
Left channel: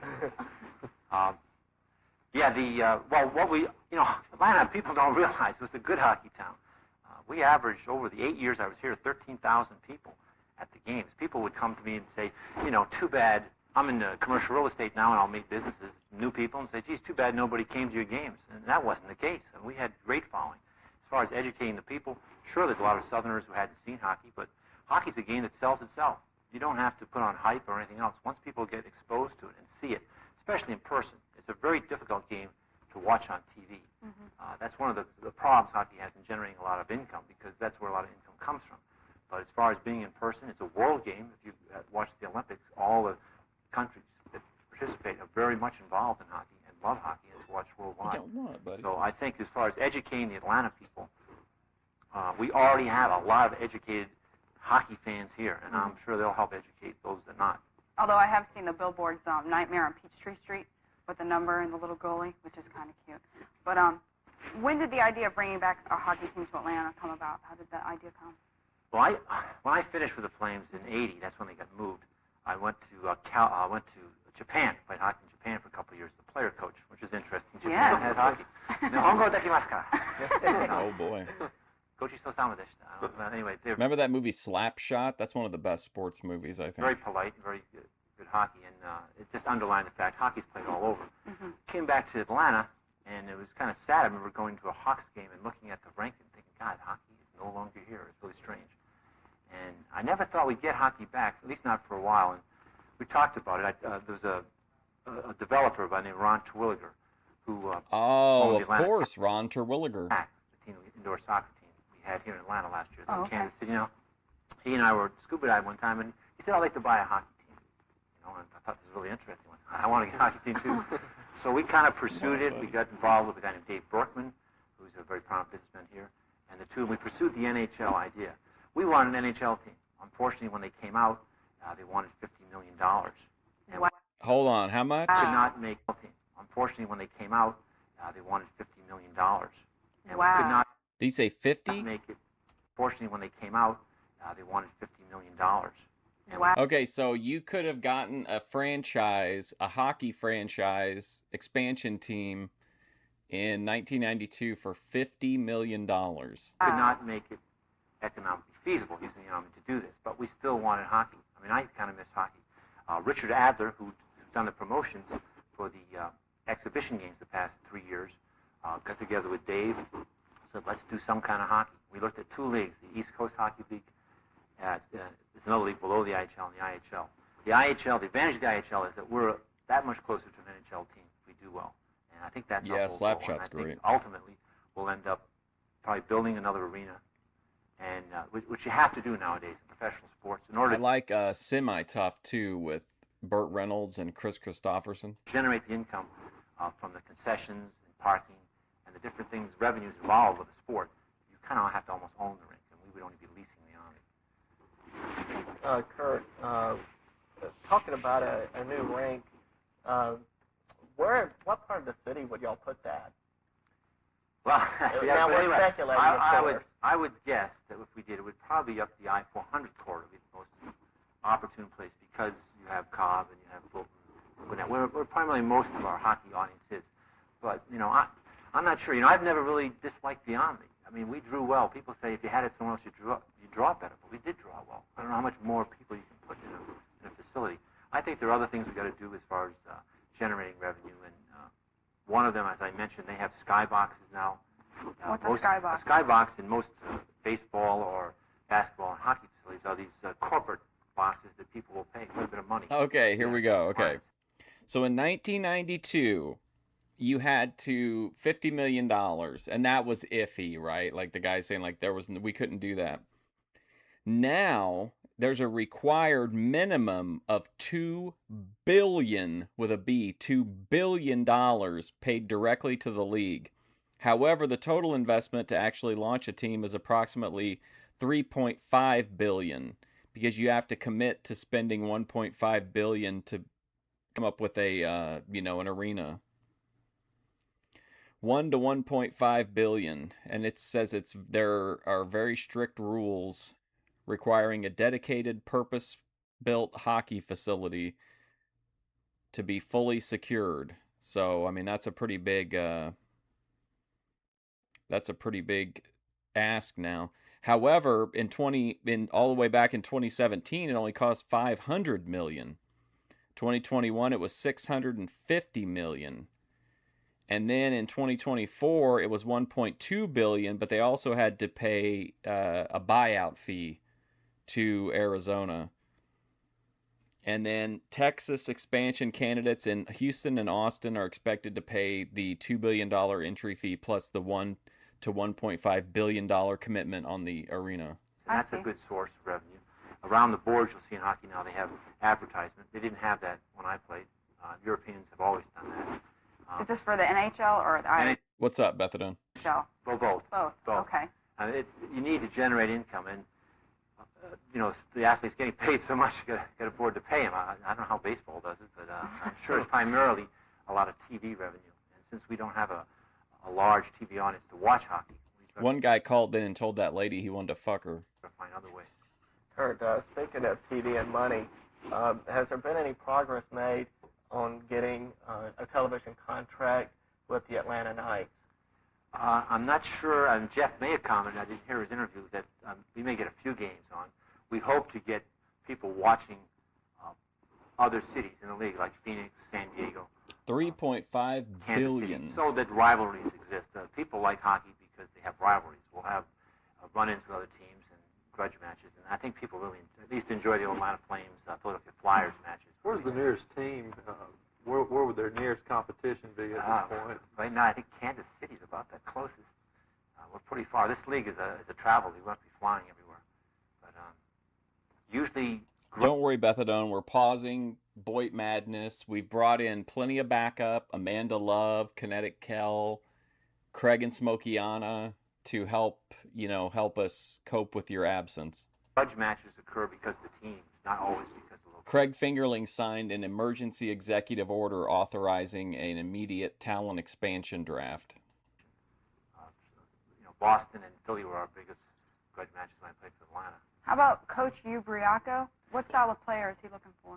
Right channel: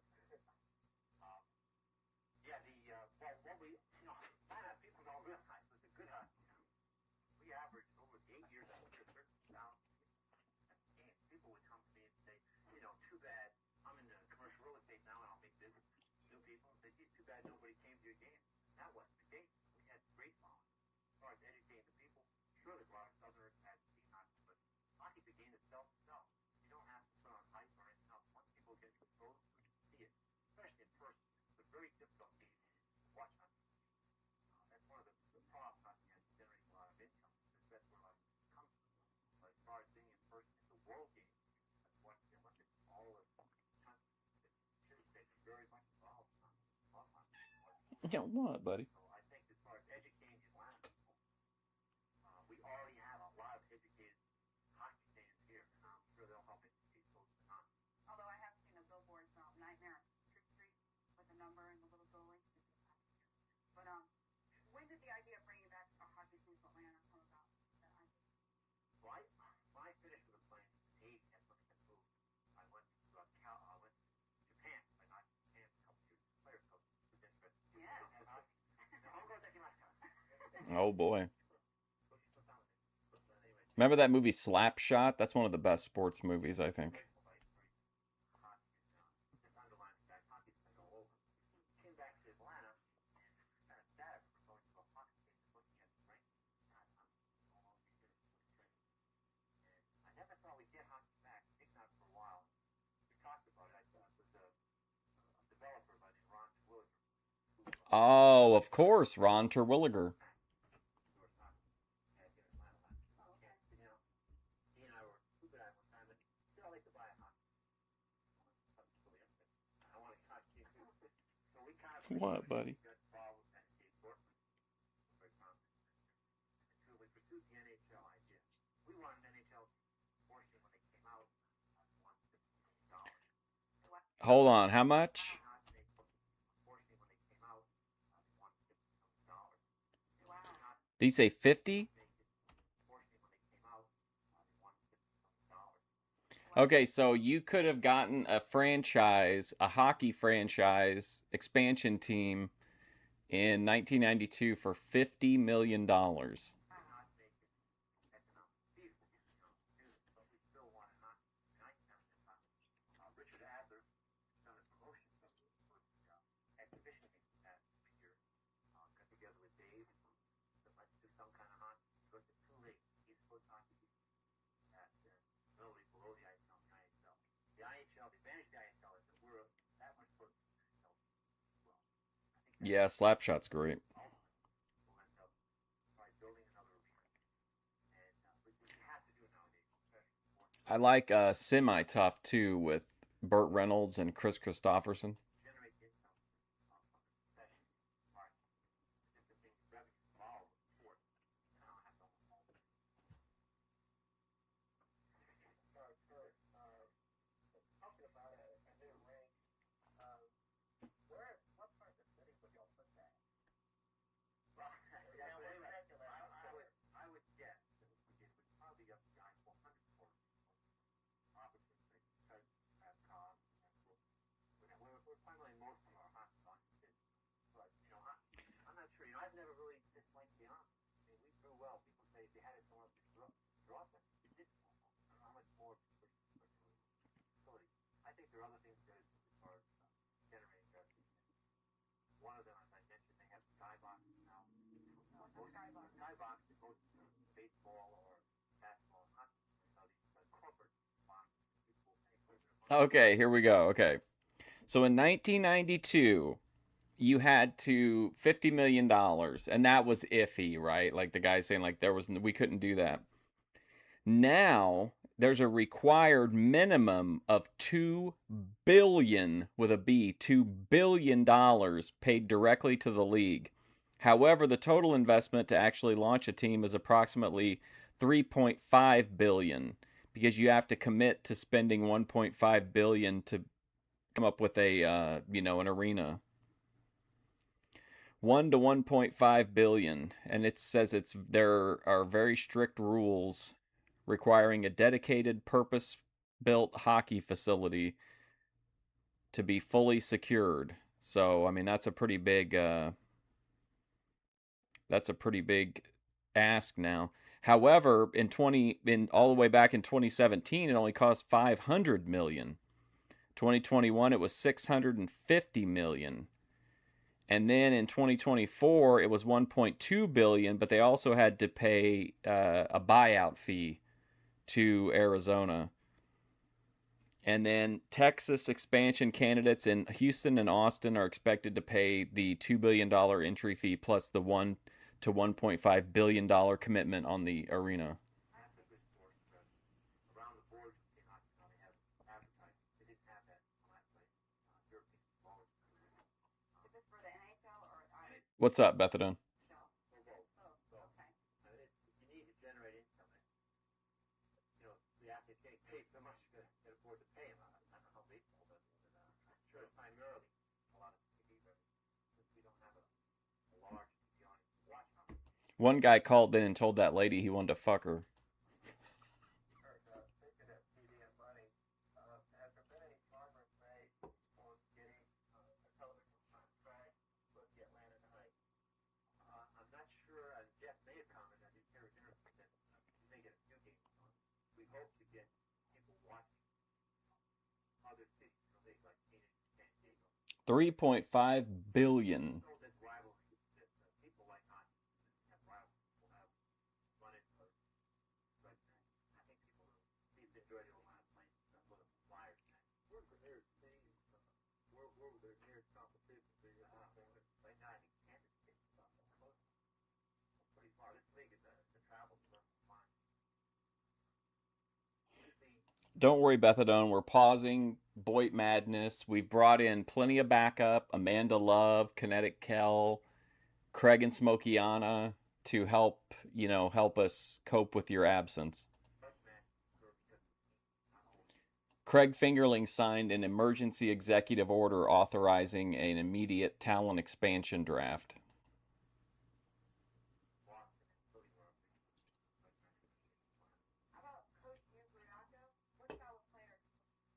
What we, Atlanta, people don't realize it was a good hockey town. We averaged, over the 8 years I was here, 13,000 people at the games. People would come to me and say, too bad, I'm in commercial real estate now and I'll meet businesses, new people, and say, geez, too bad nobody came to your games. And that wasn't the case. And we had great following. As far as educating the people, sure, there's a lot of Southerners who hadn't seen hockey, but hockey's a game that sells itself. You don't have to put on hype or anything else. Once people get exposed to it and see it, especially in person, it's a very difficult game to watch on TV. That's one of the problems hockey has in generating a lot of income, because that's where a lot of income comes from. But as far as being in person, it's a world game. If you watch the Olympics, all the countries that participate are very much involved in hockey and love hockey and it's watched worldwide. You don't want it, buddy. So I think as far as educating the Atlanta people, we already have a lot of educated hockey fans here, and I'm sure they'll help educate those that not. Although I have seen the billboards, Nightmare on Peachtree Street with the number and the little goalie, which is kind of cute. But when did the idea of bringing back a hockey team to Atlanta come about? How did that idea come? Well, when I finished with the Flames in '80, that's when they got moved. I went to Japan, played hockey in Japan for a couple of years, the player coach, which is interesting. Japan has hockey. Nihongo dekimasu ka? Oh, boy. Gochi-so-sama deshita. Anyway, Remember that movie Slapshot? That's one of the best sports movies, I think. very polite, very good hockey, and it just underlined the fact hockey's played all over. Came back to Atlanta, and it was kind of sad. I remember going to a Hawks game and looking at the rink and thinking, God, hockey is no longer here. It's really strange. And I never thought we'd get hockey back, at least not for a while. And we talked about it. There was a developer by the name of Ron Terwilliger who Oh, owned the of Atlanta course, Ron Terwilliger. the indoor soccer team we had here in Atlanta last year, Oh, in okay. Kansas City. He and I were scuba diving one time, and he said, I'd like to buy a hockey team. And I thought this was really interesting. I want to get a hockey team too. So we kind of pursued it. We got involved with a guy named Dave Berkman, who's a very prominent businessman here, and we pursued the NHL idea. We wanted an NHL team. Unfortunately, when they came out, they wanted $50 million. And Hold on, how much? we could not make a team. Unfortunately, when they came out, they wanted $50 million. And we could not Did he say 50? make it. Fortunately, when they came out, they wanted $50 million. Okay, so you could have gotten a franchise, a hockey franchise expansion team in 1992 for $50 million. Could not make it economically feasible using the Army to do this, but we still wanted hockey. I mean, I kind of miss hockey. Richard Adler, who's done the promotions for the exhibition games the past 3 years, got together with Dave, said, let's do some kind of hockey. We looked at two leagues, the East Coast Hockey League. It's another league below the IHL and the IHL. The advantage of the IHL is that we're that much closer to an NHL team if we do well. And I think that's our Yeah, whole goal. And Slapshot's I think great. ultimately, we'll end up probably building another arena, and which you have to do nowadays in professional sports in order I like Semi-Tough, too, with Burt Reynolds and Chris Christopherson. to generate the income from the concessions and parking and the different things, revenues involved with the sport. You kind of have to almost own the rink, and we would only be leasing the Army. Kurt, talking about a new rink, what part of the city would y'all put that? Well, Now, but we're anyway, speculating, of course. I would guess that if we did, it would probably be up the I-400 corridor, would be the most opportune place, because you have Cobb and you have Fulton. We're primarily most of our hockey audience is. But, I'm not sure. I've never really disliked the Army. I mean, we drew well. People say if you had it somewhere else, you draw better. But we did draw well. I don't know how much more people you can put in a facility. I think there are other things we've got to do as far as generating revenue. And one of them, as I mentioned, they have skyboxes now. What's a skybox? A skybox in most baseball or basketball and hockey facilities are these corporate boxes that people will pay quite a bit of money. Okay, here we go. Okay. So in 1992, you had to $50 million, and that was iffy, right? Like the guy saying, like, we couldn't do that. Now there's a required minimum of $2 billion with a B, $2 billion paid directly to the league. However, the total investment to actually launch a team is approximately $3.5 billion, because you have to commit to spending $1.5 billion to come up with a an arena. $1 to $1.5 billion, and it says there are very strict rules requiring a dedicated, purpose-built hockey facility to be fully secured. So, I mean, that's a pretty big ask now. However, all the way back in 2017, it only cost $500 million. 2021, it was $650 million. And then in 2024, it was $1.2 billion, but they also had to pay a buyout fee to Arizona. And then Texas expansion candidates in Houston and Austin are expected to pay the $2 billion entry fee plus the $1 to $1.5 billion commitment on the arena. And that's a good source of revenue. Around the boards, you'll see in hockey now they have advertisement. They didn't have that when I played. Europeans have always done that. Is this for the NHL or the IHL? What's up, Bethadone? Well, both. Both. Okay. You need to generate income, and the athletes getting paid so much, you got to afford to pay them. I don't know how baseball does it, but I'm sure it's primarily a lot of TV revenue. And since we don't have a large TV audience to watch hockey, one guy called in and told that lady he wanted to fuck her. Find other ways. Kurt, speaking of TV and money, has there been any progress made on getting a television contract with the Atlanta Knights? I'm not sure. Jeff may have commented, I didn't hear his interview, that we may get a few games on. We hope to get people watching other cities in the league, like Phoenix, San Diego. $3.5 billion. So that rivalries exist. People like hockey because they have rivalries. We'll have run-ins with other teams and grudge matches, and I think people really at least enjoy the Atlanta Flames, Philadelphia Flyers matches. Where's the nearest team? Where would their nearest competition be at this point? Right now, I think Kansas City is about the closest. We're pretty far. This league is a travel league. We won't be flying everywhere. But usually... Don't worry, Bethadone. We're pausing Boit Madness. We've brought in plenty of backup. Amanda Love, Kinetic Kell, Craig and Smokiana to help us cope with your absence. Grudge matches occur because of the teams, not always because of the... Craig Fingerling signed an emergency executive order authorizing an immediate talent expansion draft. Boston and Philly were our biggest grudge matches when I played for Atlanta. How about Coach Hugh Briaco? What style of player is he looking for?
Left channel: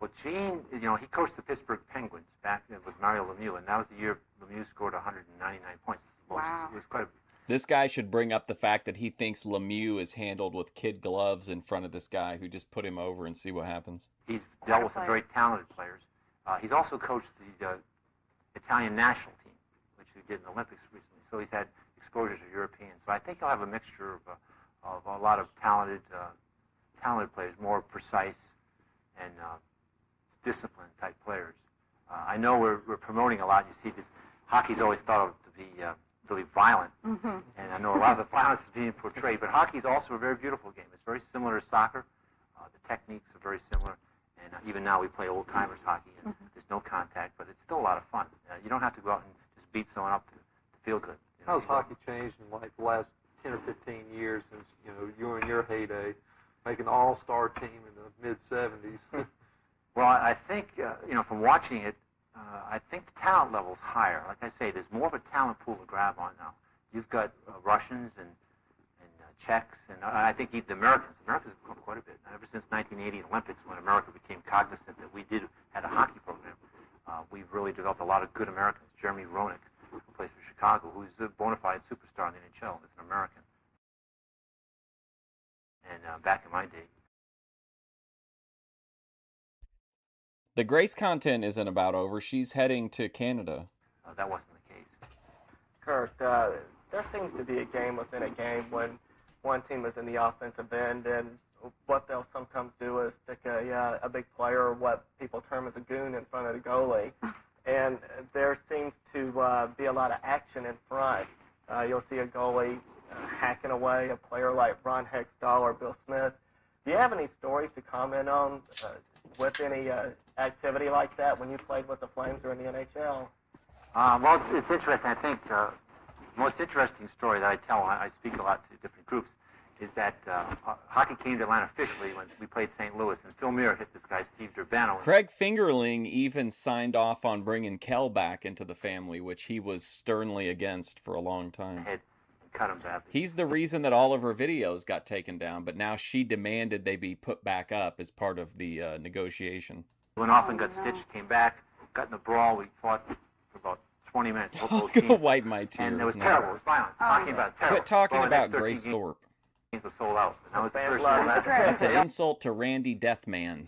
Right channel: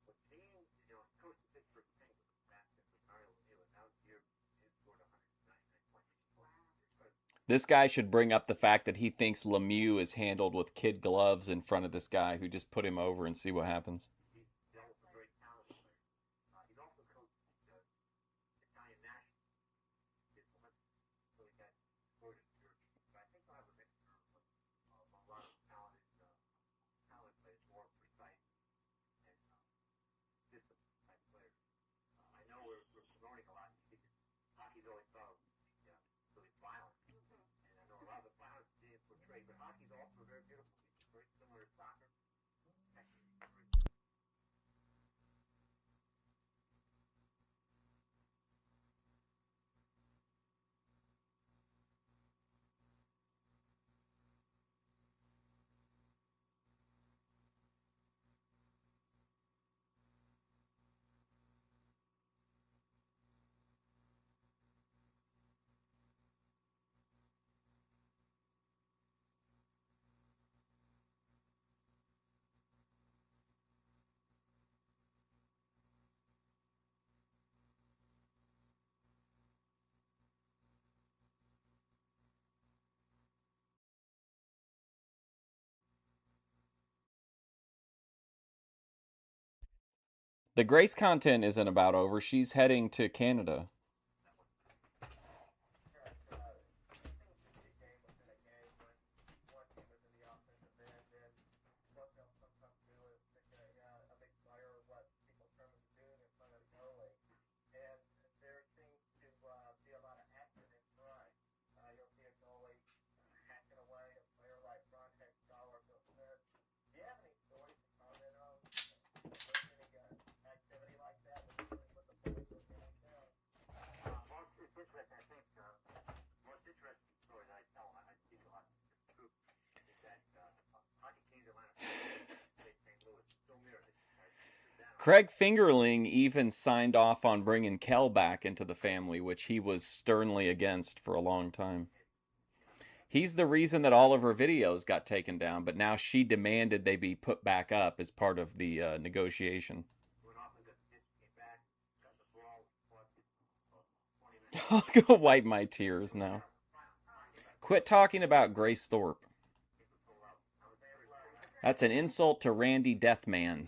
Well, Gene, he coached the Pittsburgh Penguins back then with Mario Lemieux, and that was the year Lemieux scored 199 points. Wow. It was quite a... This guy should bring up the fact that he thinks Lemieux is handled with kid gloves in front of this guy who just put him over and see what happens. He's dealt with some very talented players. He's also coached the Italian national team, which he did in the Olympics recently. So he's had exposure to Europeans. So I think he'll have a mixture of a lot of talented players, more precise and disciplined type players. I know we're promoting a lot. You see, this hockey's always thought of to be really violent, and I know a lot of the violence is being portrayed. But hockey is also a very beautiful game. It's very similar to soccer. The techniques are very similar, and even now we play old timers hockey, and there's no contact, but it's still a lot of fun. You don't have to go out and just beat someone up to feel good. How's hockey changed in like the last 10 or 15 years since you were in your heyday, making an all-star team in the mid-'70s? Well, I think from watching it, I think the talent level's higher. Like I say, there's more of a talent pool to grab on now. You've got Russians and Czechs, and I think even the Americans. Americans have grown quite a bit. Ever since 1980 Olympics, when America became cognizant that we had a hockey program, we've really developed a lot of good Americans. Jeremy Roenick, who plays for Chicago, who's a bona fide superstar in the NHL, is an American. And back in my day, the Grace content isn't about over. She's heading to Canada. That wasn't the case. Kurt, there seems to be a game within a game when one team is in the offensive end, and what they'll sometimes do is stick a big player, or what people term as a goon, in front of the goalie. And there seems to be a lot of action in front. You'll see a goalie hacking away a player like Ron Hextall or Bill Smith. Do you have any stories to comment on with any activity like that when you played with the Flames or in the NHL? Well, it's interesting. I think the most interesting story that I tell when I speak a lot to different groups is that hockey came to Atlanta officially when we played St. Louis, and Phil Muir hit this guy, Steve Durbano. Craig Fingerling even signed off on bringing Kel back into the family, which he was sternly against for a long time. Had cut him badly. He's the reason that all of her videos got taken down, but now she demanded they be put back up as part of the negotiation. Went off and got stitched, came back, got in a brawl. We fought for about 20 minutes. I'll go wipe my tears And it was now. terrible. It was violent. Talking about terrible. Quit talking Well, about 13 Grace games Thorpe. was sold out. That was the first That's year. That's an insult to Randy Deathman.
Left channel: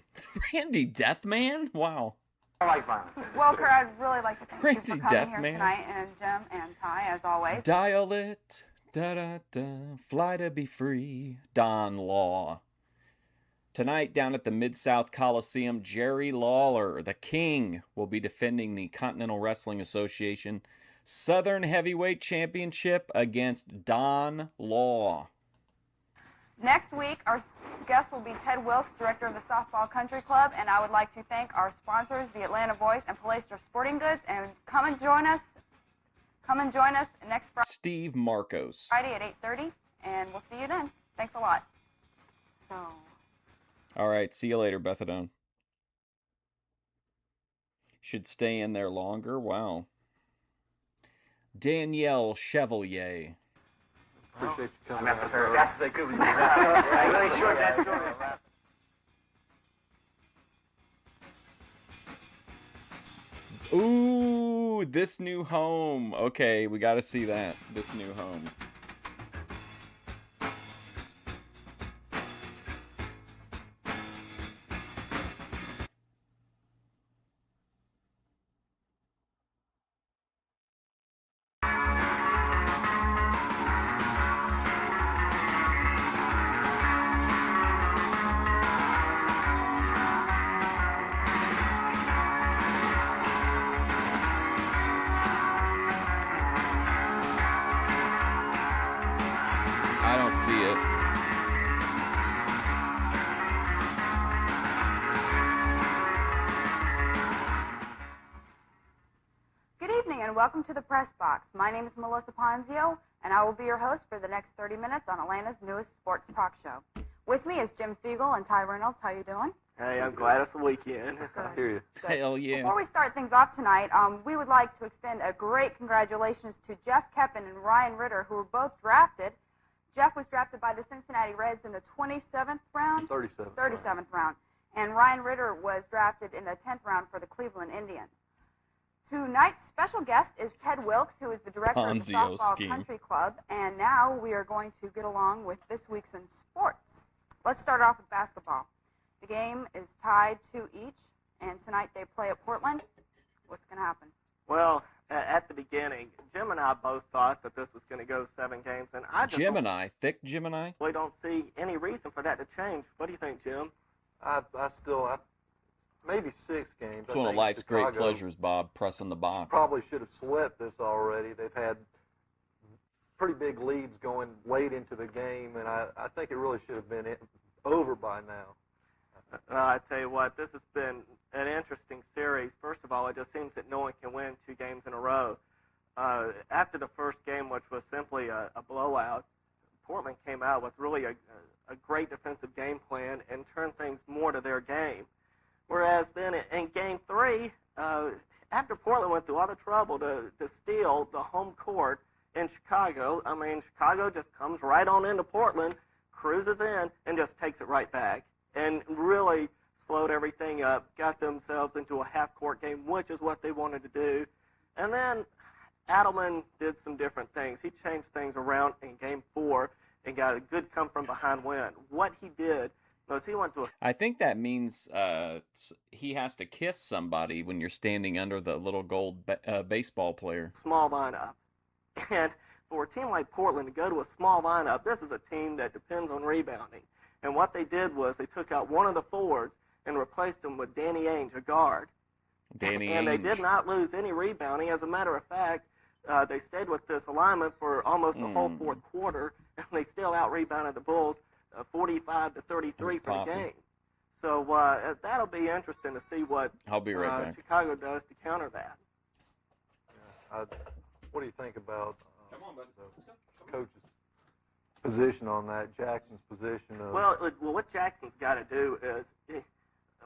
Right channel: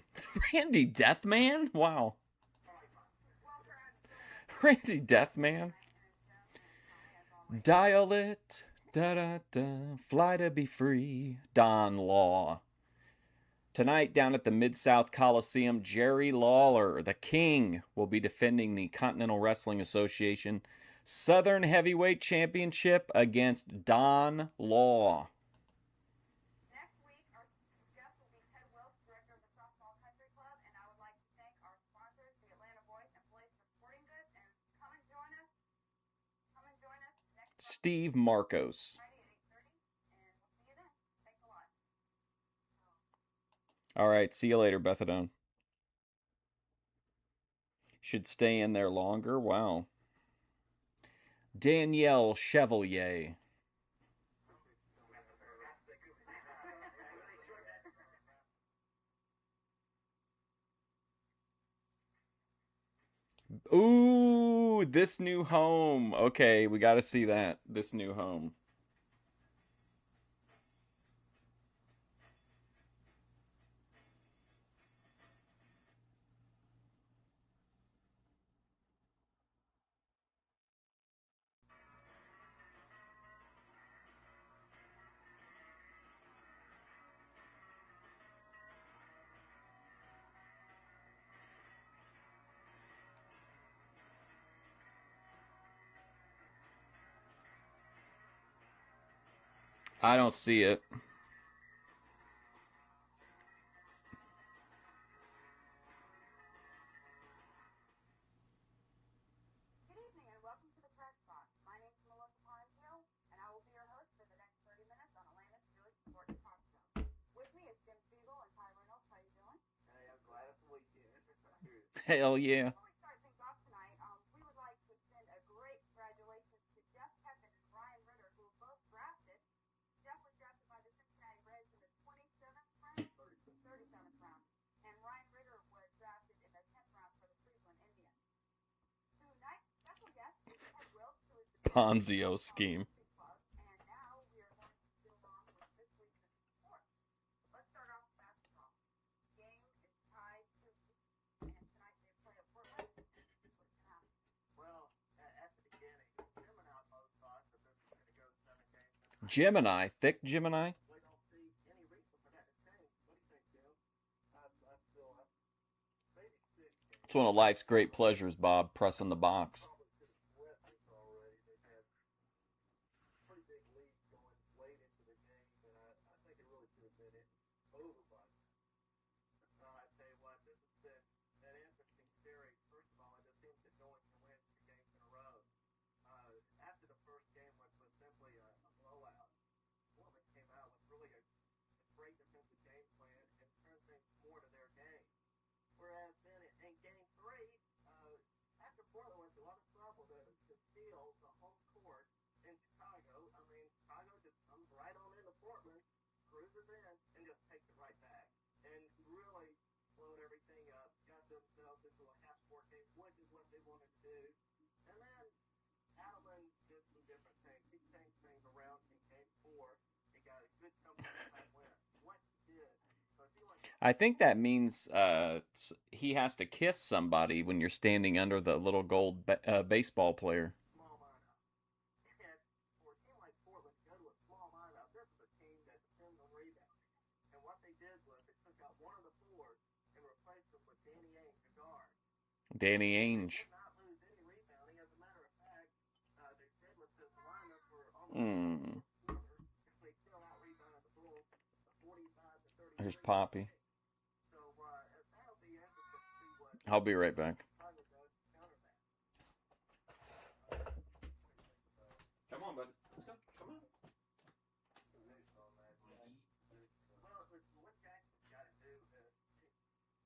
Randy Deathman? Wow. I like violence. Well, Kurt, I'd really like to thank Randy you for coming Deathman. here tonight, and Jim and Ty, as always. Dial it, da-da-da, fly to be free, Don Law. Tonight, down at the Mid-South Coliseum, Jerry Lawler, the King, will be defending the Continental Wrestling Association Southern Heavyweight Championship against Don Law. Next week, our guest will be Ted Wilkes, director of the Softball Country Club, and I would like to thank our sponsors, the Atlanta Voice and Palestra Sporting Goods, and come and join us next Steve Marcos. Friday at 8:30, and we'll see you then. Thanks a lot. So, All right, see you later, Bethadone. Should stay in there longer? Wow. Danielle Chevalier. Appreciate you coming. I'm as fast as I could with you. I really short that story. Ooh, This New Home. Okay, we got to see that. This New Home. I don't see it. good evening, and welcome to the Press Box. My name is Melissa Ponzio, and I will be your host for the next 30 minutes on Atlanta's newest sports talk show. With me is Jim Fiegel and Ty Reynolds. How you doing? Hey, I'm glad it's the weekend. I hear you. Hell yeah. Before we start things off tonight, we would like to extend a great congratulations to Jeff Keppen and Ryan Ritter, who were both drafted. Jeff was drafted by the Cincinnati Reds in the 27th round? 37th round. And Ryan Ritter was drafted in the 10th round for the Cleveland Indians. Tonight's special guest is Ted Wilkes, who is the director of the Ponzio Softball scheme. Country Club. And now we are going to get along with this week's in sports. Let's start off with basketball. The game is tied 2 each, and tonight they play at Portland. What's going to happen? Well, at the beginning, Jim and I both thought that this was going to go 7 games, and I just Gemini. Thick Gemini? we don't see any reason for that to change. What do you think, Jim? I maybe 6 games. It's one of life's great pleasures, Bob, pressing the box. Probably should have swept this already. They've had pretty big leads going late into the game, and I think it really should have been over by now. I tell you what, this has been an interesting series. First of all, it just seems that no one can win 2 games in a row. After the first game, which was simply a blowout, Portland came out with really a great defensive game plan and turned things more to their game. Whereas then in Game 3, after Portland went through all the trouble to steal the home court in Chicago, I mean, Chicago just comes right on into Portland, cruises in, and just takes it right back. And really slowed everything up, got themselves into a half-court game, which is what they wanted to do. And then Adelman did some different things. He changed things around in Game 4 and got a good come-from-behind win. What he did was he went to a I think that means he has to kiss somebody when you're standing under the little gold baseball player. small lineup. And for a team like Portland to go to a small lineup, this is a team that depends on rebounding. And what they did was they took out one of the forwards and replaced him with Danny Ainge, a guard. Danny And they Ainge. did not lose any rebounding. As a matter of fact, they stayed with this alignment for almost the whole fourth quarter, and they still out-rebounded the Bulls 45 to 33 There's for the Poppy. game. So that'll be interesting to see what I'll be right back. Chicago does to counter that. What do you think about Come on, buddy. the coach's position on that, Jackson's position of... Well, what Jackson's got to do is,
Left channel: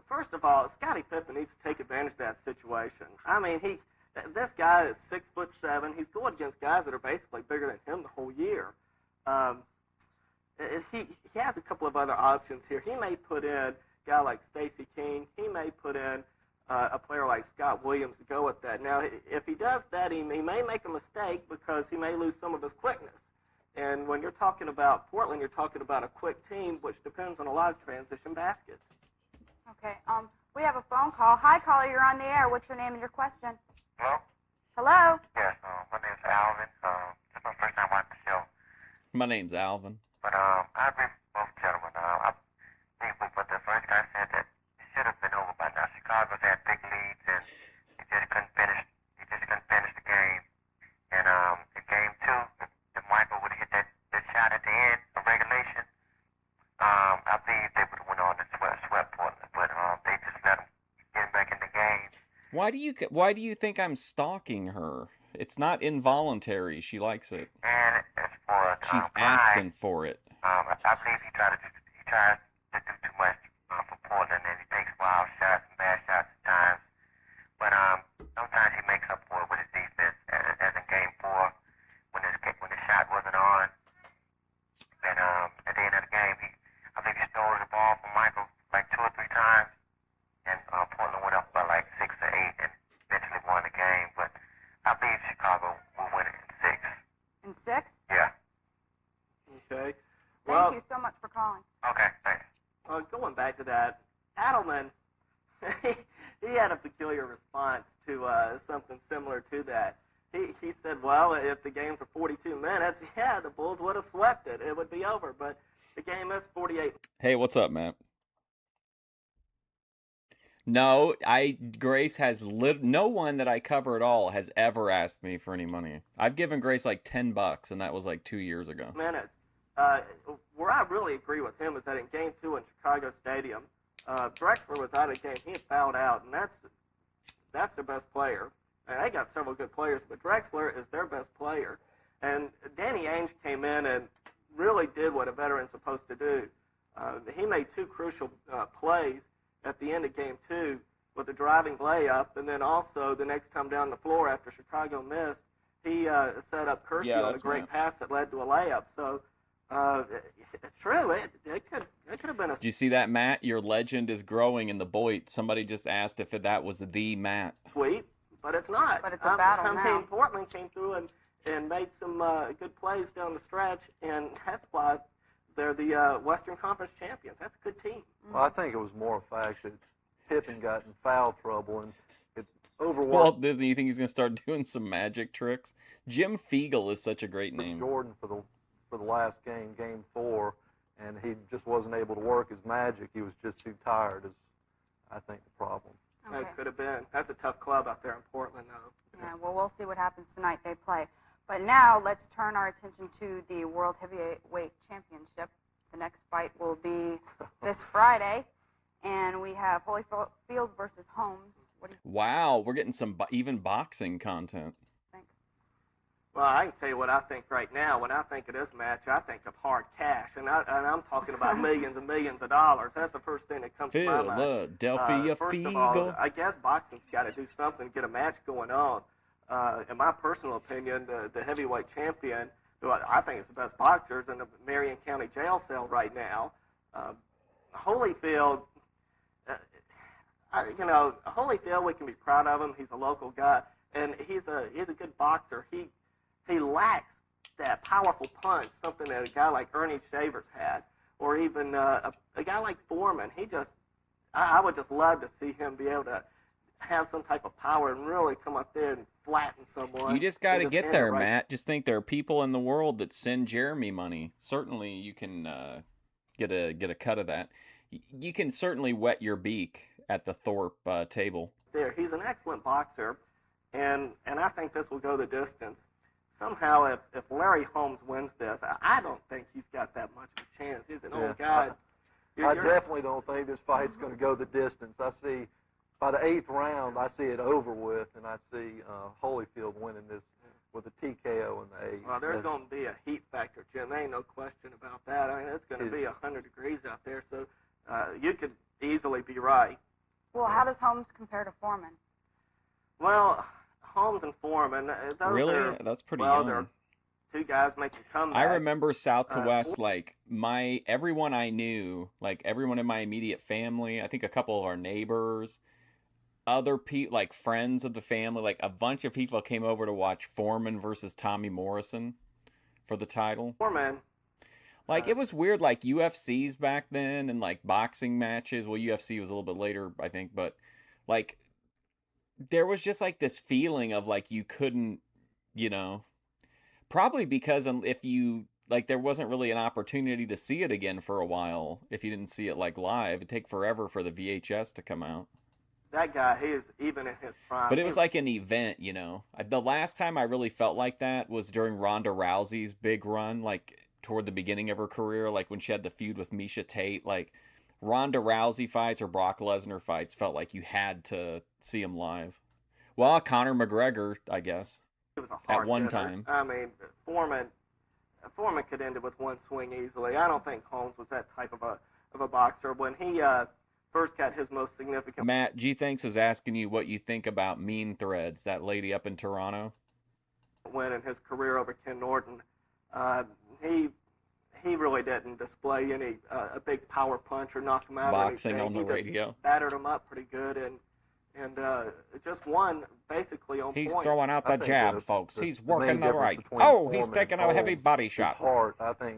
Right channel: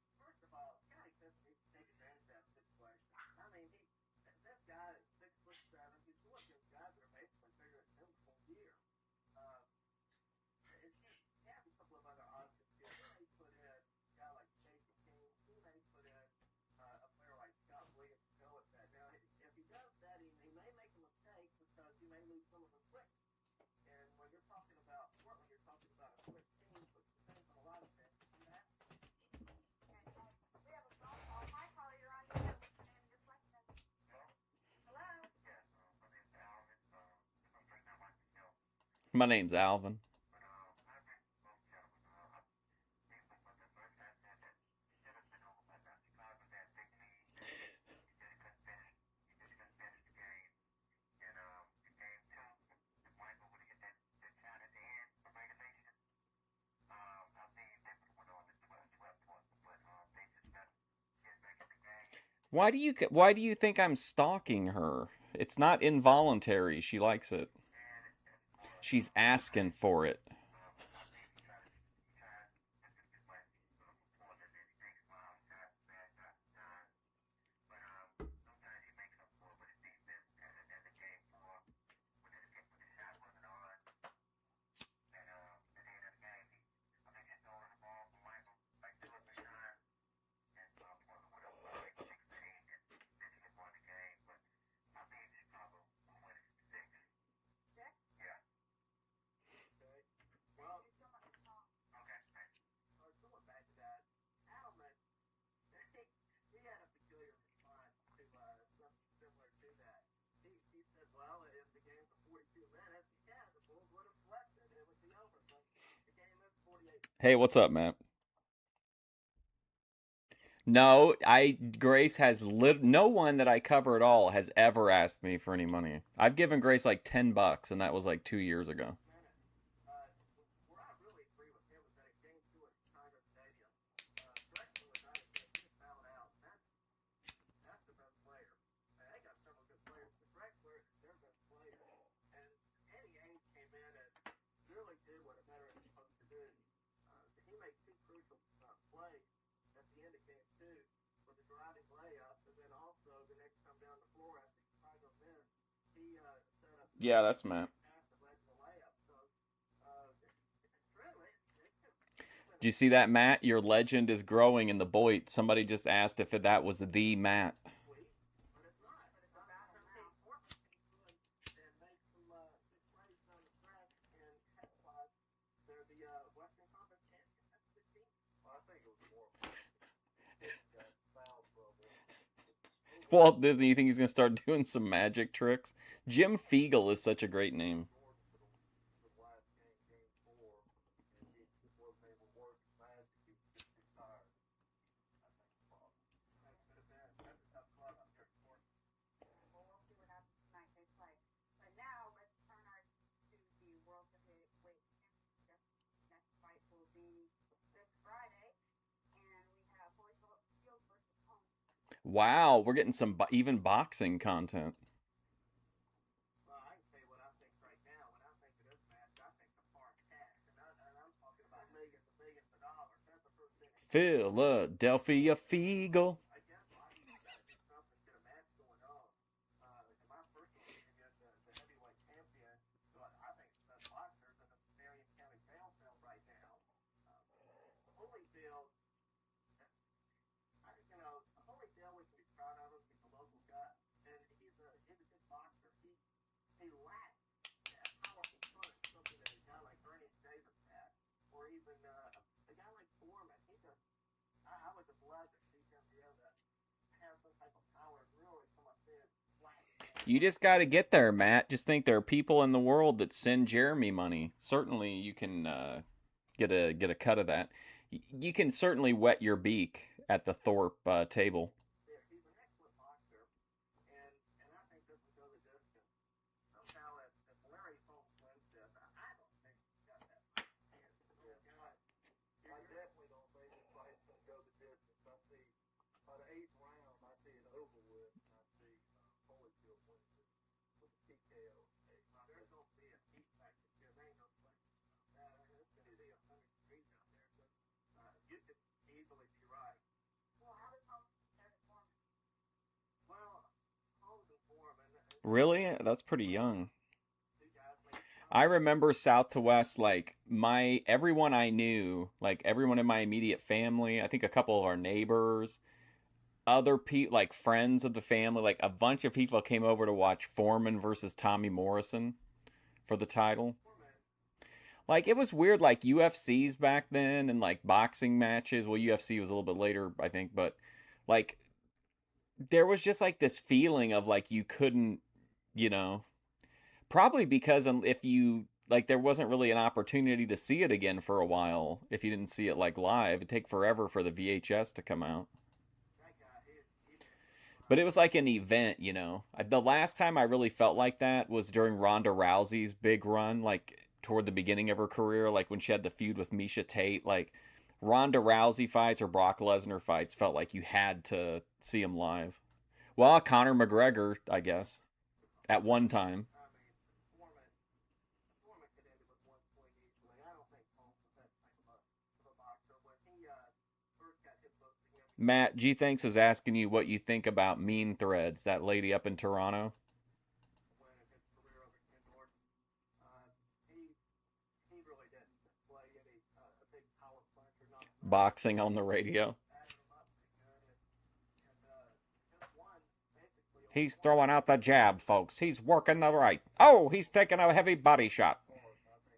first of all, Scottie Pippen needs to take advantage of that situation. I mean, this guy is 6'7". He's going against guys that are basically bigger than him the whole year. He has a couple of other options here. He may put in a guy like Stacey King. He may put in a player like Scott Williams to go with that. Now, if he does that, he may make a mistake because he may lose some of his quickness. And when you're talking about Portland, you're talking about a quick team, which depends on a lot of transition baskets. Okay. We have a phone call. Hi, caller. You're on the air. What's your name and your question? Hello? Hello? Yes, my name's Alvin. It's my first time watching the show. My name's Alvin. But I agree with both gentlemen. I think what the first guy said that it should have been over by now. Chicago's had big leads and he just couldn't finish. He just couldn't finish the game. And in game 2, if Michael would have hit that shot at the end of regulation, I believe they would have went on and swept Portland. But they just let him get back in the game. Why do you think I'm stalking her? It's not involuntary. She likes it. And as for She's asking for it. I believe he tries to do too much for Portland, and he takes wild shots and bad shots at times. But sometimes he makes up for it with his defense, as in Game 4 when the shot wasn't on. And at the end of the game, I believe he stole the ball from Michael like 2 or 3 times, and Portland went up by like 6 or 8 and eventually won the game. But I believe Chicago will win it in 6. In 6? Yeah. Okay. Thank you so much for calling. Okay, thanks. Going back to that, Adelman, he had a peculiar response to something similar to that. He said, well, if the games are 42 minutes, yeah, the Bulls would have swept it. It would be over. But the game is 48. Hey, what's up, Matt? No, Grace has no one that I cover at all has ever asked me for any money. I've given Grace like $10, and that was like 2 years ago. Minutes. Where I really agree with him is that in Game 2 in Chicago Stadium, Drexler was out of the game. He had fouled out, and that's their best player. And they got several good players, but Drexler is their best player. And Danny Ainge came in and really did what a veteran's supposed to do. He made 2 crucial plays at the end of Game 2 with a driving layup, and then also the next time down the floor after Chicago missed, he set up Kershaw with a great pass that led to a layup. So, true, it could have been a... Did you see that, Matt? Your legend is growing in the Boyd. Somebody just asked if that was the Matt. Sweet, but it's not. But it's a battle now. I mean, Portland came through and made some good plays down the stretch, and that's why they're the Western Conference champions. That's a good team. Well, I think it was more a fact that Pippen got in foul trouble and it overworked. Walt Disney, you think he's going to start doing some magic tricks? Jim Fiegel is such a great name. Jordan for the last game, Game 4, and he just wasn't able to work his magic. He was just too tired, is I think the problem. Okay. That could have been. That's a tough club out there in Portland, though. Yeah, well, we'll see what happens tonight. They play. But now let's turn our attention to the World Heavyweight Championship. The next fight will be this Friday, and we have Holyfield versus Holmes. Wow, we're getting some even boxing content. Well, I can tell you what I think right now. When I think of this match, I think of hard cash, and I'm talking about millions and millions of dollars. That's the first thing that comes to my mind. Philadelphia First Fiegel. of all, I guess boxing's got to do something to get a match going on. In my personal opinion, the heavyweight champion, who I think is the best boxer, is in the Marion County jail cell right now. Holyfield, Holyfield, we can be proud of him. He's a local guy, and he's a good boxer. He lacks that powerful punch, something that a guy like Ernie Shavers had, or even a guy like Foreman. I would just love to see him be able to have some type of power and really come up there and flatten someone. You just got to get there, Matt. Just think there are people in the world that send Jeremy money. Certainly, you can get a cut of that. You can certainly wet your beak at the Thorpe table. There, he's an excellent boxer, and I think this will go the distance. Somehow, if Larry Holmes wins this, I don't think he's got that much of a chance. He's an old guy. I definitely don't think this fight's going to go the distance. I see by the 8th round, I see it over with, and I see Holyfield winning this with a TKO in the 8th. Well, there's going to be a heat factor, Jim. There ain't no question about that. I mean, it's going to be 100 degrees out there, so you could easily be right. Well, how does Holmes compare to Foreman? Well, Holmes and Foreman. Really? That's pretty young. they're two guys making comebacks. I remember South to West, like everyone I knew, like everyone in my immediate family, I think a couple of our neighbors, other people, like friends of the family, like a bunch of people came over to watch Foreman versus Tommy Morrison for the title. Foreman. Like, it was weird, like UFCs back then and like boxing matches. Well, UFC was a little bit later, I think, but like there was just like this feeling of like you couldn't, probably because if you like there wasn't really an opportunity to see it again for a while if you didn't see it like live. It'd take forever for the VHS to come out. That guy, he is even in his prime. But it was like an event, The last time I really felt like that was during Ronda Rousey's big run, like toward the beginning of her career, like when she had the feud with Misha Tate. Like Ronda Rousey fights or Brock Lesnar fights felt like you had to see them live. Well, Conor McGregor, I guess, at one time. I mean, Foreman could end it with one swing easily. I don't think Holmes was that type of a boxer. When he first got his most significant... Matt, G-Thanks is asking you what you think about Mean Threads, that lady up in Toronto. Win in his career over Ken Norton. He really didn't display any a big power punch or knock him out. Boxing on the radio. Battered him up pretty good and just won basically on He's point. throwing out the jab, folks. He's working the right. Oh, he's taking a heavy body shot. Heart. I think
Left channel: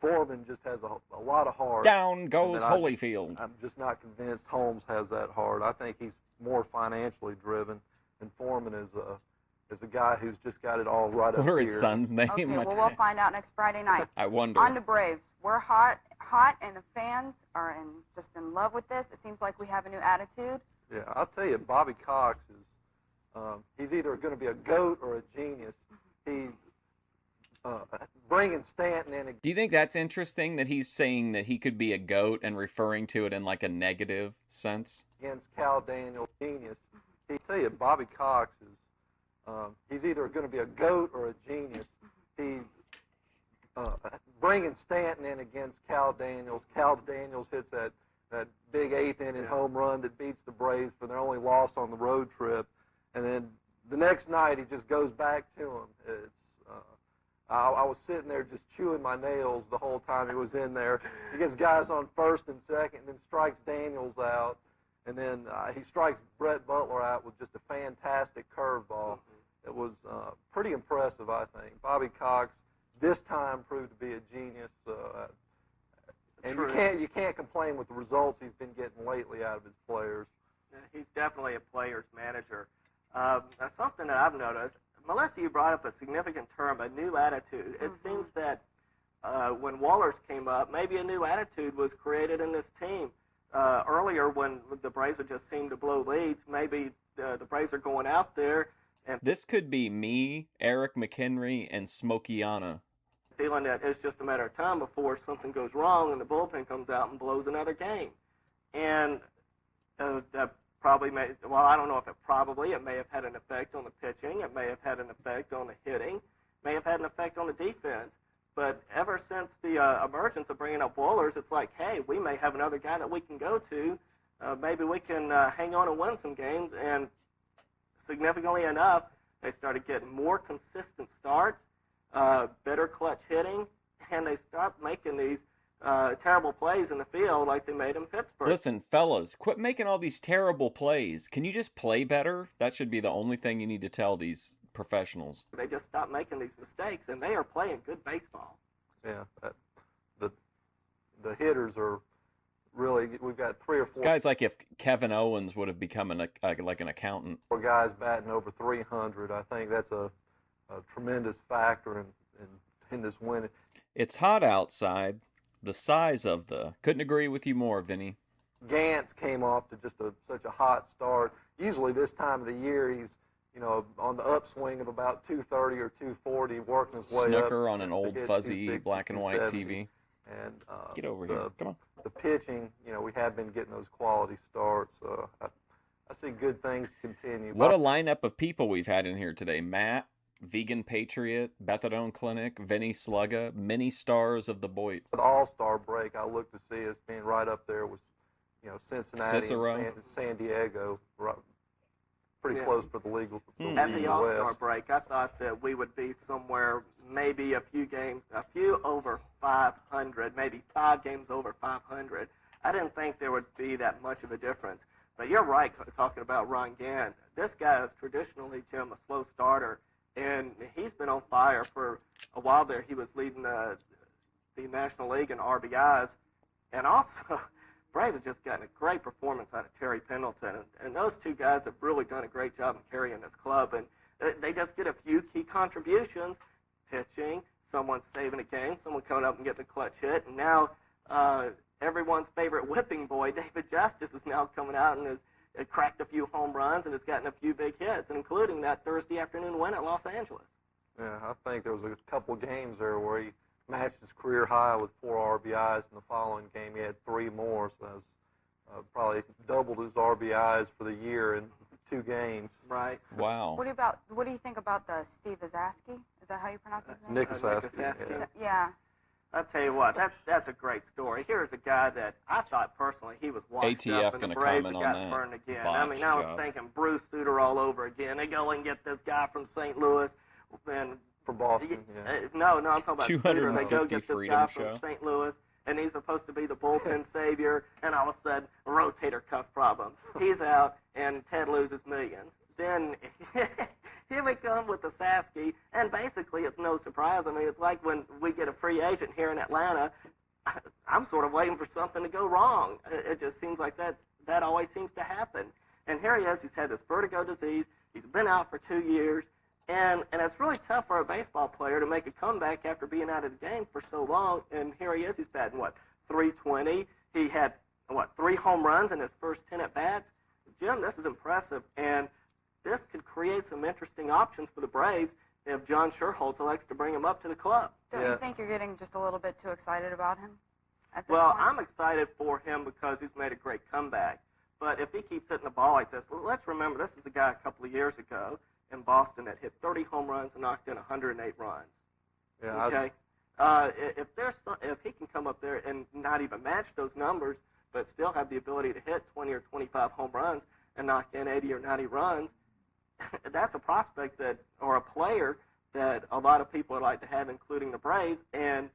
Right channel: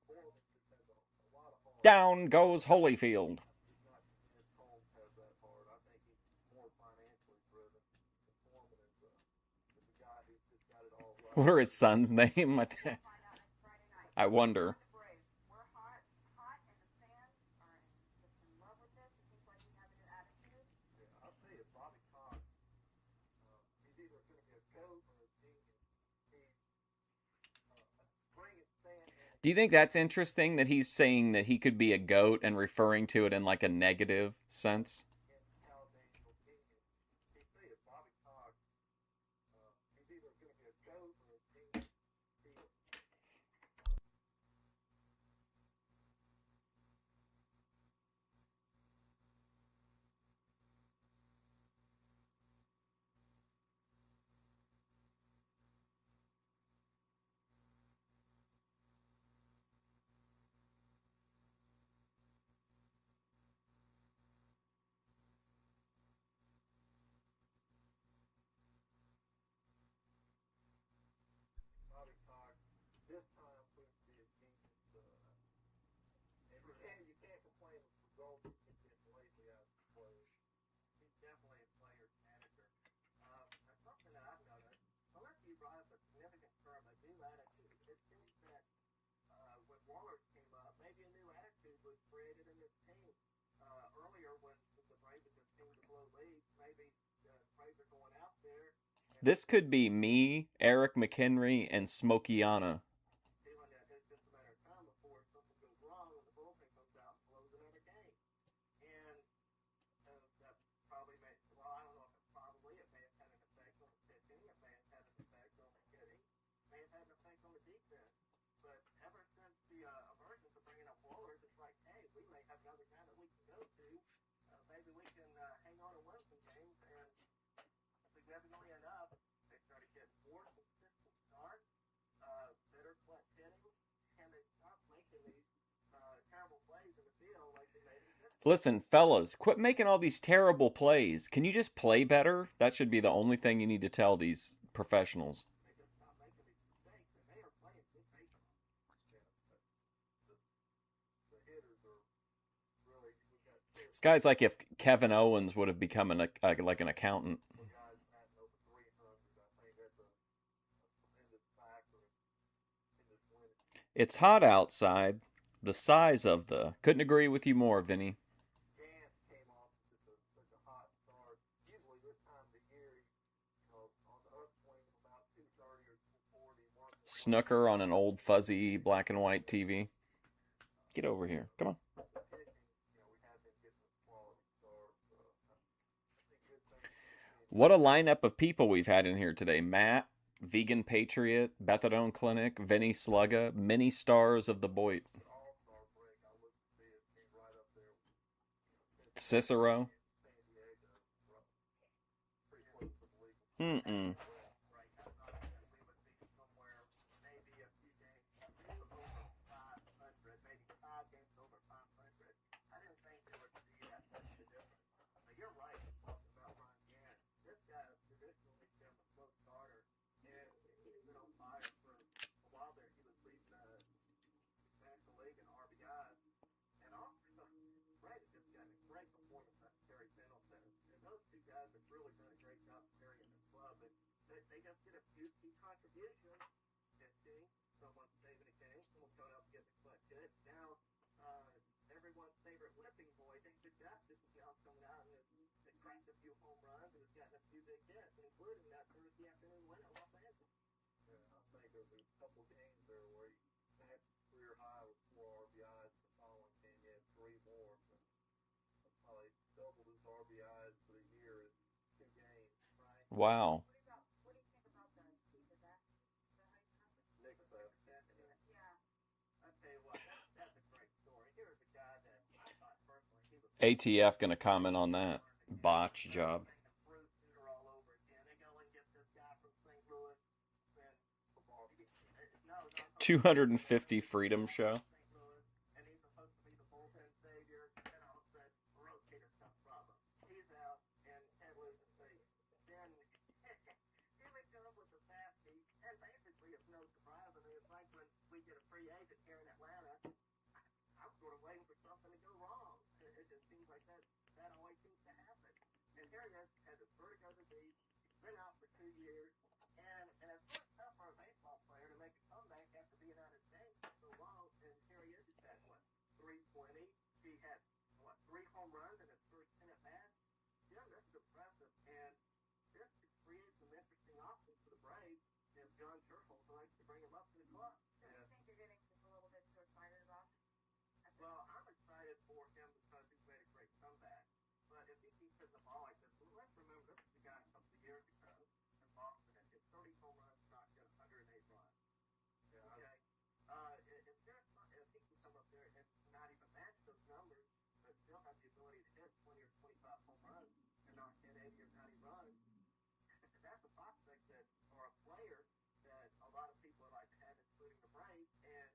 Foreman just has a lot of heart. Down goes Holyfield. I'm just not convinced Holmes has that heart. I think he's more financially driven, and Foreman is a guy who's just got it all right up What are his here. son's name? Okay, well, we'll find out next Friday night. I wonder. On to Braves. We're hot, and the fans are just in love with this. It seems like we have a new attitude. Yeah, I'll tell you, Bobby Cox is, he's either going to be a GOAT or a genius. He, bringing Stanton in. Do you think that's interesting that he's saying that he could be a GOAT and referring to it in like a negative sense? Against Cal Daniels, genius. I'll tell you, Bobby Cox is, he's either going to be a GOAT or a genius. He, bringing Stanton in against Cal Daniels. Cal Daniels hits that big 8th inning home run that beats the Braves for their only loss on the road trip. And then the next night he just goes back to him. It's, I was sitting there just chewing my nails the whole time he was in there. He gets guys on first and second and then strikes Daniels out. And then he strikes Brett Butler out with just a fantastic curveball. It was pretty impressive, I think. Bobby Cox this time proved to be a genius. And you can't complain with the results he's been getting lately out of his players. He's definitely a player's manager. Something that I've noticed, Melissa, you brought up a significant term, a new attitude. It seems that when Wallers came up, maybe a new attitude was created in this team. Earlier, when the Braves had just seemed to blow leads, maybe the Braves are going out there and This could be me, Eric McHenry, and Smokeyana. feeling that it's just a matter of time before something goes wrong and the bullpen comes out and blows another game. And that probably I don't know if it may have had an effect on the pitching, it may have had an effect on the hitting, may have had an effect on the defense. But ever since the emergence of bringing up Wallers, it's like, hey, we may have another guy that we can go to. Maybe we can hang on and win some games. And significantly enough, they started getting more consistent starts, better clutch hitting, and they stopped making these terrible plays in the field like they made in Pittsburgh. Listen, fellas, quit making all these terrible plays. Can you just play better? That should be the only thing you need to tell these professionals. They just stopped making these mistakes, and they are playing good baseball. Yeah, the hitters are really, we've got 3 or 4. This guy's like if Kevin Owens would have become like an accountant. 4 guys batting over 300. I think that's a tremendous factor in this win. It's hot outside. The size of couldn't agree with you more, Vinny. Gantz came off to just such a hot start. Usually this time of the year he's on the upswing of about 230 or 240, working his way up. Snooker on an old fuzzy black and white TV. And get over here. Come on. The pitching, we have been getting those quality starts. I see good things continue. What a lineup of people we've had in here today. Matt, Vegan Patriot, Bethadone Clinic, Vinny Slugga, many stars of the Boyd. The All-Star break, I look to see as being right up there with, Cincinnati, Cicero. and San Diego, right, pretty Yeah. close for the legal. At the All-Star West. break, I thought that we would be somewhere, maybe a few over 500, maybe 5 games over 500. I didn't think there would be that much of a difference. But you're right, talking about Ron Gann. This guy is traditionally, Jim, a slow starter, and he's been on fire for a while there. He was leading the National League in RBIs, and also Braves have just gotten a great performance out of Terry Pendleton, and those two guys have really done a great job in carrying this club, and they just get a few key contributions, pitching, someone saving a game, someone coming up and getting a clutch hit, and now everyone's favorite whipping boy, David Justice, is now coming out and has cracked a few home runs and has gotten a few big hits, including that Thursday afternoon win at Los Angeles. Yeah, I think there was a couple games there where he matched his career high with 4 RBIs. In the following game, he had 3 more, so that's probably doubled his RBIs for the year in 2 games. Right. Wow. What do you think about the Steve Zaski? Is that how you pronounce his name? Nick Zaski. Yeah. I'll tell you what, that's a great story. Here's a guy that I thought personally he was washed ATF up, and the gonna Braves comment on got that. burned again. Botch I was job. thinking Bruce Sutter all over again. They go and get this guy from St. Louis, and For Boston, no, I'm talking about 250 Sutter. They go get this Freedom guy Show. from St. Louis, and he's supposed to be the bullpen savior, and all of a sudden, rotator cuff problem. He's out, and Ted loses millions. Then here we come with the Sasky, and basically it's no surprise. I mean, it's like when we get a free agent here in Atlanta, I'm sort of waiting for something to go wrong. It just seems like that always seems to happen. And here he is. He's had this vertigo disease. He's been out for 2 years. And it's really tough for a baseball player to make a comeback after being out of the game for so long. And here he is. He's batting, 320. He had, 3 home runs in his first 10 at-bats. Jim, this is impressive. And this could create some interesting options for the Braves if John Sherholtz elects to bring him up to the club. Don't you think you're getting just a little bit too excited about him at this Well, point? I'm excited for him because he's made a great comeback. But if he keeps hitting the ball like this, let's remember this is a guy a couple of years ago in Boston that hit 30 home runs and knocked in 108 runs. Yeah, Okay? If he can come up there and not even match those numbers, but still have the ability to hit 20 or 25 home runs and knock in 80 or 90 runs, that's a prospect or a player that a lot of people would like to have, including the Braves. And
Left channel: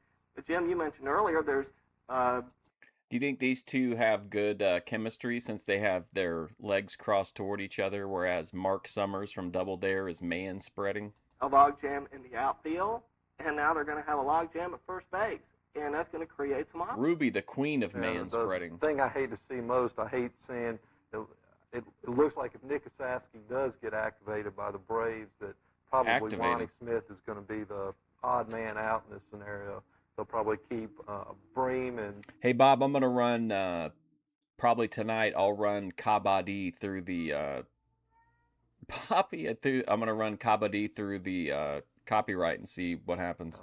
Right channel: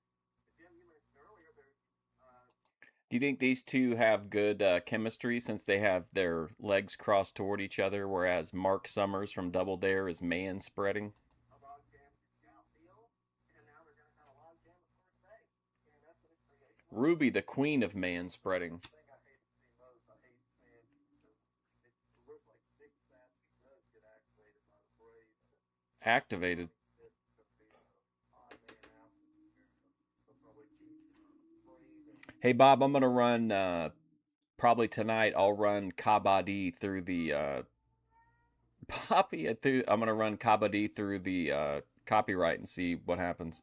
Jim, you mentioned earlier, there's Do you think these two have good chemistry since they have their legs crossed toward each other, whereas Mark Summers from Double Dare is man-spreading? a logjam in the outfield, and now they're going to have a logjam at first base, and that's going to create some options. Ruby, the queen of Yeah, man-spreading. The thing I hate to see most, I hate seeing, it looks like if Nick Saski does get activated by the Braves, that probably Activated. Lonnie Smith is going to be the odd man out in this scenario. They'll probably keep Bream and Hey, Bob, I'm going to run, probably tonight, I'll run Kabaddi through the, I'm going to run Kabaddi through the copyright and see what happens.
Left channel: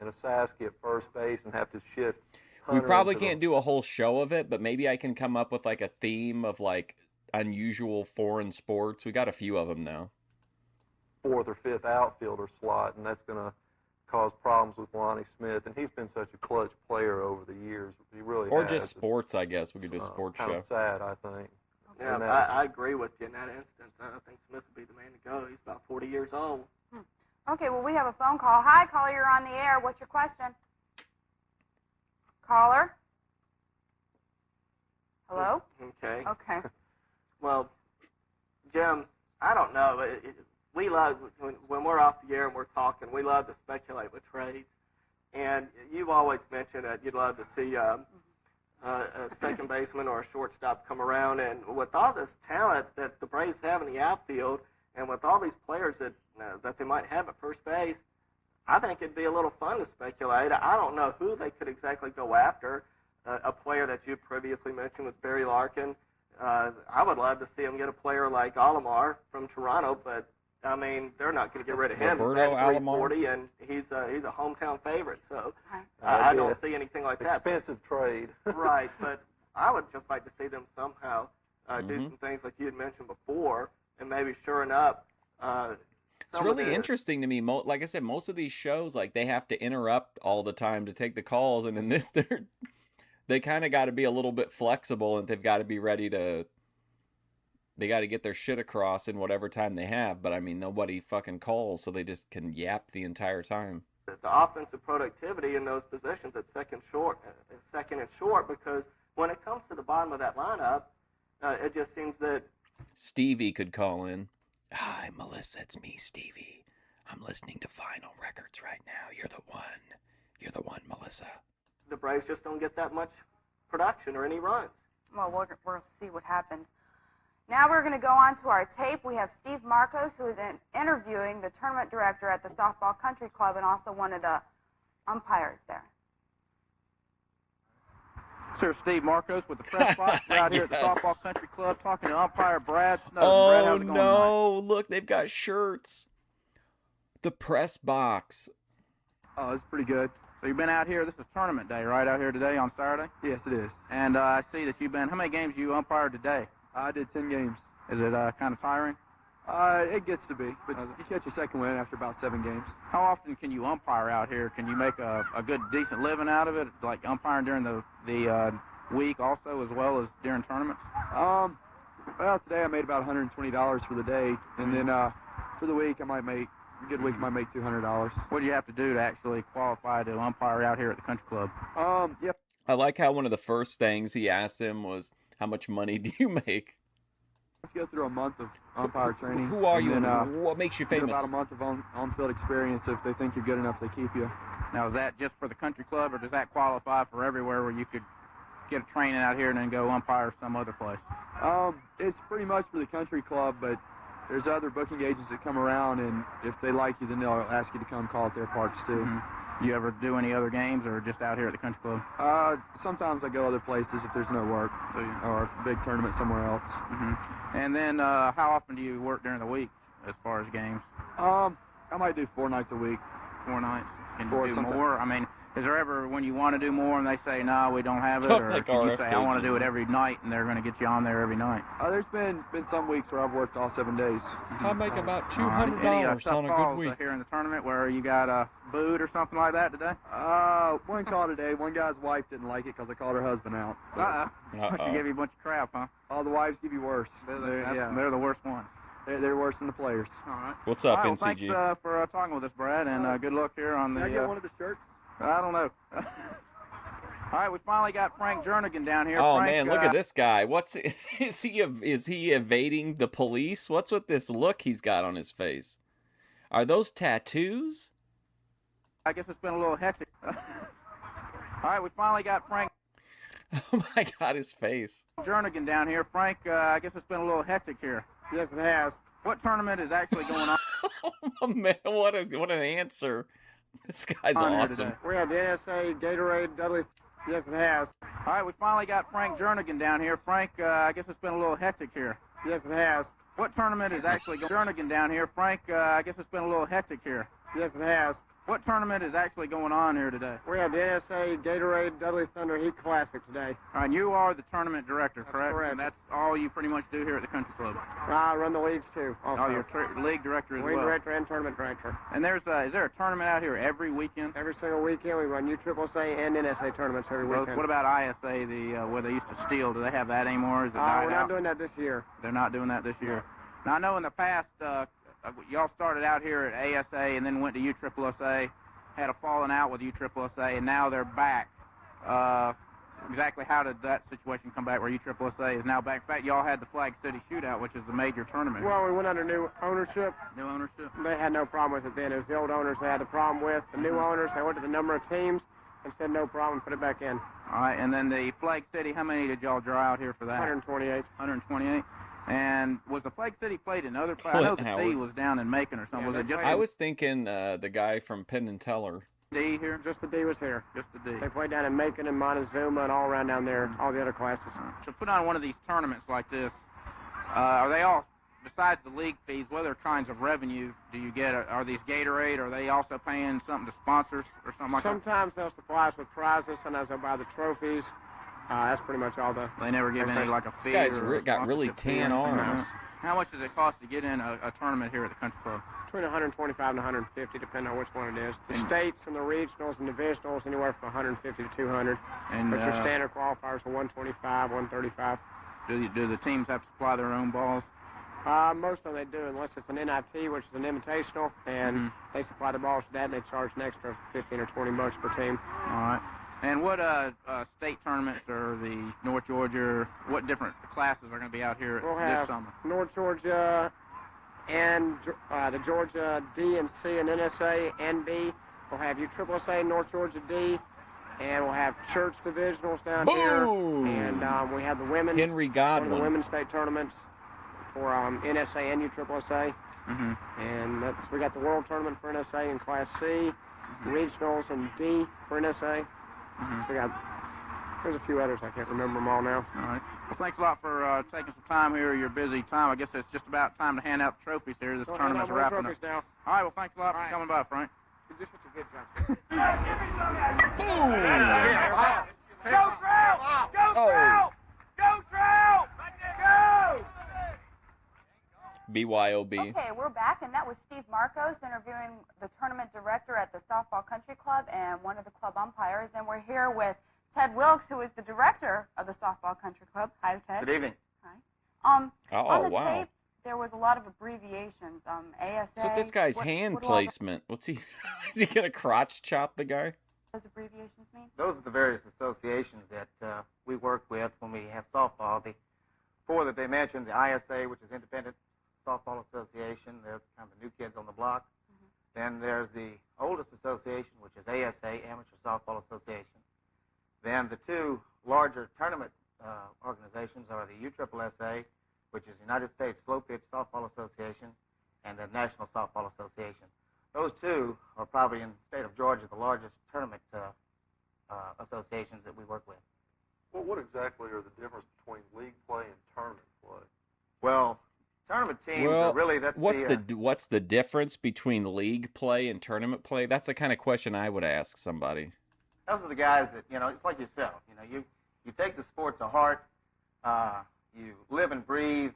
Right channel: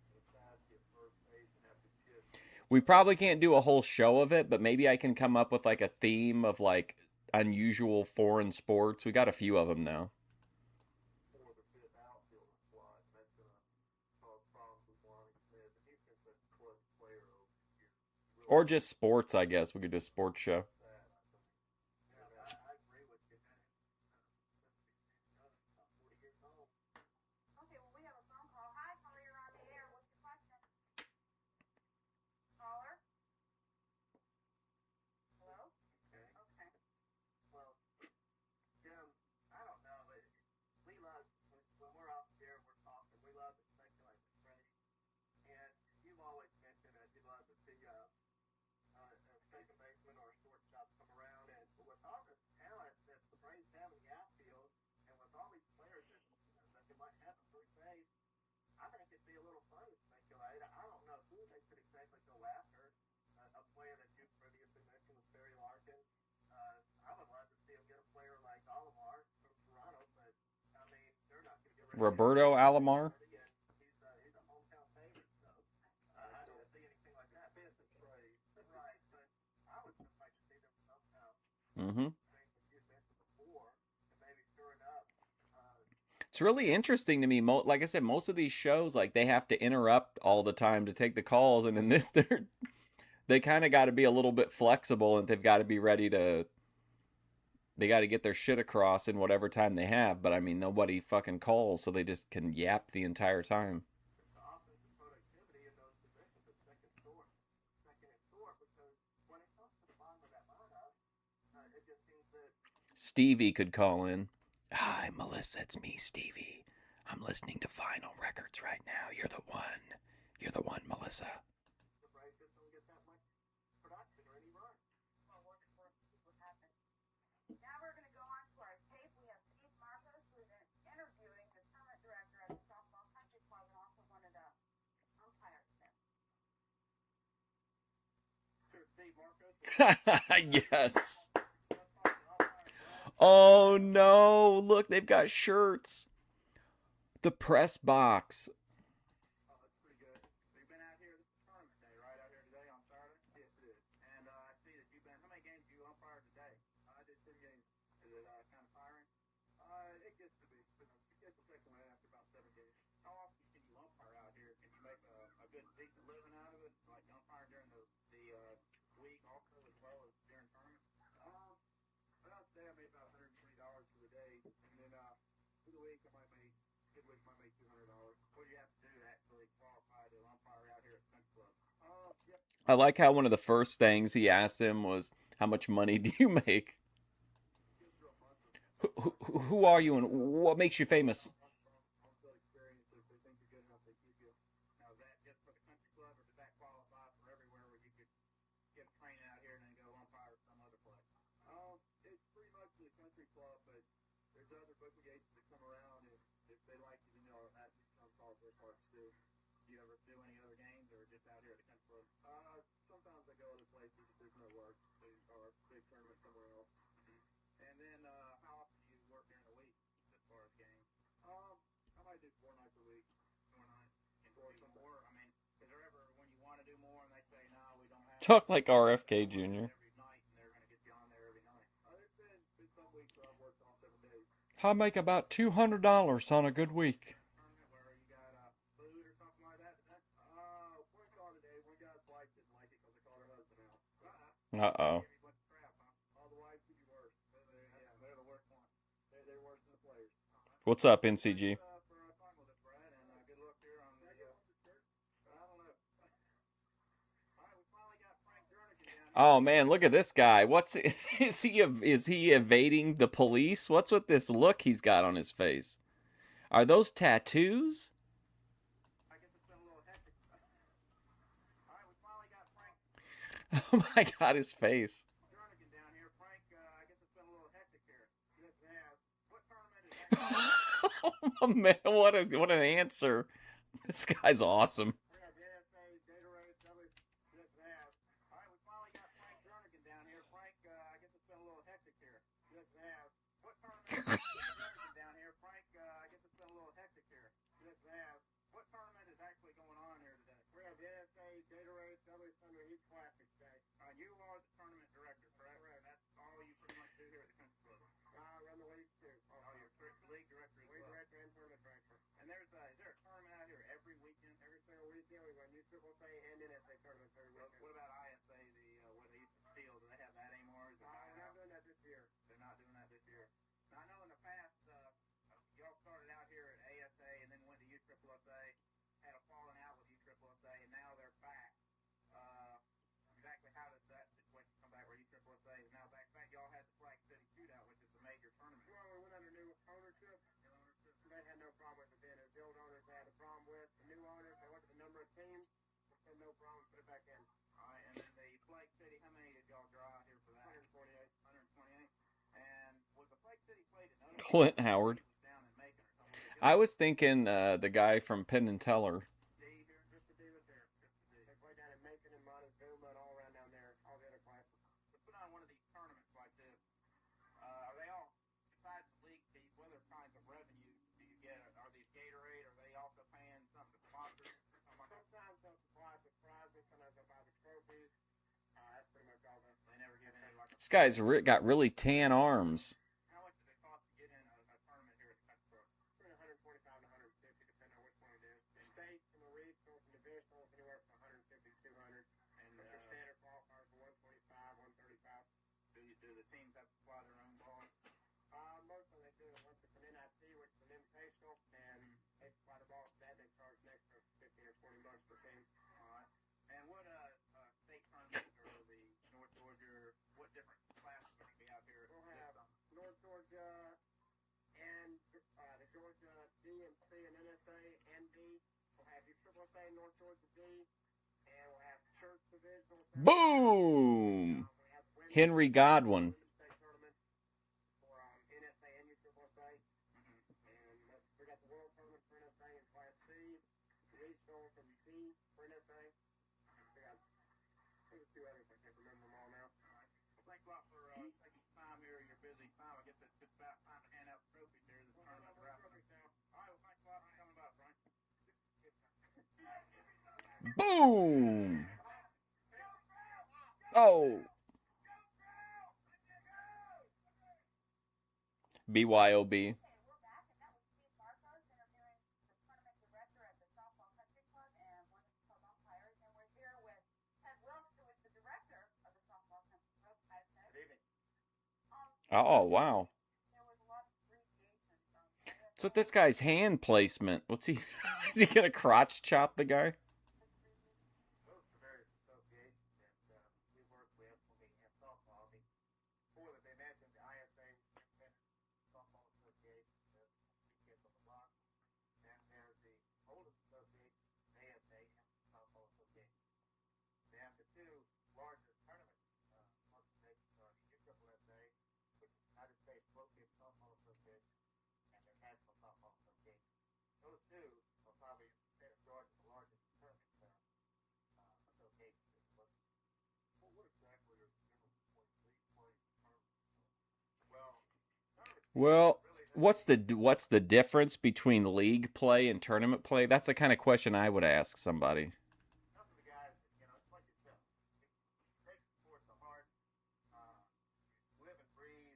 and a Saski at first base and have to shift. We probably can't do a whole show of it, but maybe I can come up with like a theme of like unusual foreign sports. We got a few of them now. 4th or 5th outfielder slot, and that's going to cause problems with Lonnie Smith. And he's been such a clutch player over the years. He really Or has. just sports, I guess. We could do a sports Kind show. of sad, I think. Yeah, And that's- I agree with you in that instance. I think Smith would be the man to go. He's about 40 years old. Okay, well, we have a phone call. Hi, caller, you're on the air. What's your question? Caller? Hello? Okay. Okay. Well, Jim, I don't know. We love, when we're off the air and we're talking, we love to speculate with trades. And you've always mentioned that you'd love to see a second baseman or a shortstop come around. And with all this talent that the Braves have in the outfield, and with all these players that they might have at first base, I think it'd be a little fun to speculate. I don't know who they could exactly go after. A player that you previously mentioned was Barry Larkin. I would love to see him get a player like Alomar from Toronto, but I mean they're not going to get rid of him. Roberto He's Alomar? 340, and he's a hometown favorite, so That'd I be don't an see anything like that. expensive trade. Right, but I would just like to see them somehow do some things like you had mentioned before, and maybe shoring up. It's really interesting to me. Like I said, most of these shows, like, they have to interrupt all the time to take the calls, and in this, they kind of got to be a little bit flexible, and they've got to be ready to. They got to get their shit across in whatever time they have. But I mean, nobody fucking calls, so they just can yap the entire time. The offensive productivity in those positions at second and short, because when it comes to the bottom of that lineup, it just seems that Stevie could call in. Hi, Melissa, it's me, Stevie. I'm listening to vinyl records right now. You're the one, Melissa. The Braves just don't get that much production or any runs. Well, we'll see what happens. Now we're going to go on to our tape. We have Steve Marcos, who is interviewing the tournament director at the Softball Country Club and also one of the umpires there. Sir Steve Marcos with the press box out here at the Softball Country Club talking to umpire Brad Snowden. Oh, no. Look, they've got shirts. The press box. Oh, it's pretty good. So you've been out here. This is tournament day, right, out here today on Saturday? Yes, it is. And I see that you've been, how many games you umpired today? I did 10 games. Is it kind of tiring? It gets to be, but you catch your second win after about 7 games. How often can you umpire out here? Can you make a good, decent living out of it, like umpiring during the week also, as well as during tournaments? Well, today I made about $120 for the day, and then for the week I might make, a good week I might make $200. What do you have to do to actually qualify to umpire out here at the country club? Yep. I like how one of the first things he asked him was, how much money do you make? Go through a month of umpire training. Who are you and what makes you famous? About a month of on-field experience. If they think you're good enough, they keep you. Now, is that just for the country club, or does that qualify for everywhere where you could get a training out here and then go umpire some other place? It's pretty much for the country club, but there's other booking agents that come around, and if they like you, then they'll ask you to come call at their parks too. Mm-hmm. You ever do any other games, or just out here at the country club? Sometimes I go other places if there's no work, or a big tournament somewhere else. Mm-hmm. And then, how often do you work during the week as far as games? I might do 4 nights a week. 4 nights. Can you do more? I mean, is there ever when you want to do more and they say, no, we don't have it? Talk or like you RFK say, I want to do it Jr. every night, and they're going to get you on there every night? There's been some weeks where I've worked all 7 days. I make about $200 on a good week. Here in the tournament where you got a boot or something like that today? One call today. One guy's wife didn't like it because I called her husband out. She gave you a bunch of crap, huh? All the wives give you worse. They're the worst ones. They're worse than the players. All right. What's up, Well, NCG? Thanks for talking with us, Brad, and good luck here on the... Can I get one of the shirts? I don't know. All right, we finally got Frank Jernigan down here. Oh Frank, man, look at this guy. Is he evading the police? What's with this look he's got on his face? Are those tattoos? I guess it's been a little hectic. All right, we finally got Frank Oh my God, his face. Jernigan down here. Frank, I guess it's been a little hectic here. Yes, it has. What tournament is actually going on? Oh man, what an answer. This guy's awesome. We have the NSA, Gatorade, Dudley. Yes, it has. All right, we finally got Frank Jernigan down here. Frank, I guess it's been a little hectic here. Yes, it has. What tournament is actually going Jernigan down here? Frank, I guess it's been a little hectic here. Yes, it has. What tournament is actually going on here today? We have the NSA, Gatorade, Dudley Thunder Heat Classic today. All right, and you are the tournament director, correct? Correct. And that's all you pretty much do here at the country club. I run the leagues too. Also. Oh, you're league director as league well. director and tournament director. And is there a tournament out here every weekend? Every single weekend we run USSSA and NSA tournaments every weekend. What about ISA, where they used to steal? Do they have that anymore? Is it died we're not out? doing that this year. They're not doing that this year. Now I know in the past y'all started out here at ASA and then went to USSSA. Had a falling out with USSSA, and now they're back. Exactly how did that situation come back where USSSA is now back? In fact, y'all had the Flag City Shootout, which is the major tournament. Well, we went under new ownership. New ownership? They had no problem with it then. It was the old owners they had the problem with. The new owners, they went to the number of teams and said no problem, put it back in. All right, and then the Flag City, how many did y'all draw out here for that? 128. 128. And was the Flag City played in other places? I know the Howard. C was down in Macon or something. Was it just I was thinking the guy from Penn and Teller. D here? Just the D was here. Just the D. They played down in Macon and Montezuma and all around down there, all the other classes. To put on one of these tournaments like this, are they all, besides the league fees, what other kinds of revenue do you get? Are these Gatorade? Are they also paying something to sponsors or something like Sometimes they'll supply us with prizes. Sometimes they'll buy the trophies. That's pretty much all the. They never give any like a This fee. guy's or got really tan fee? arms. How much does it cost to get in a tournament here at the country club? Between 125 and 150, depending on which one it is. The states and the regionals and divisionals, anywhere from 150 to 200. And but your standard qualifiers are 125, 135. Do the teams have to supply their own balls? Most of them they do, unless it's an NIT, which is an invitational, and they supply the balls for that, and they charge an extra 15 or 20 bucks per team. All right. And what state tournaments or the North Georgia, what different classes are going to be out here We'll this have summer? North Georgia and the Georgia D and C and NSA and B. We'll have USSSA, North Georgia D, and we'll have church divisionals down Boom! here. And we have the women's. Henry Godwin. The women's state tournaments for NSA and USSSA. Mm-hmm. And we got the World Tournament for NSA in Class C, regionals and D for NSA. So there's a few others. I can't remember them all now. All right. Well, thanks a lot for taking some time here. Your busy time. I guess it's just about time to hand out the trophies here. This tournament's wrapping up. Now. All right. Well, thanks a lot for coming by, Frank. You're just such a good job. Boom! Go, Trout! Go, Oh. Trout! Go, Trout! Go! BYOB. Okay, we're back, and that was Steve Marcos interviewing the tournament director at the Softball Country Club and one of the club umpires. And we're here with Ted Wilkes, who is the director of the Softball Country Club. Hi, Ted. Good evening. Hi. Oh, on the wow. tape, there was a lot of abbreviations. ASA. So this guy's hand placement. What's he? Is he gonna crotch chop the guy? Those abbreviations mean? Those are the various associations that we work with when we have softball. The four that they mentioned, the ISA, which is Independent Softball Association, they're kind of the new kids on the block. Then there's the oldest association, which is ASA, Amateur Softball Association. Then the two larger tournament organizations are the USSSA, which is United States Slow Pitch Softball Association, and the National Softball Association. Those two are probably in the state of Georgia the largest tournament associations that we work with. Well, what exactly are the difference between league play and tournament play? Well, tournament teams Well, are really that's what's the difference between league play and tournament play? That's the kind of question I would ask somebody. those are the guys that, it's like yourself. You take the sport to heart. You live and breathe,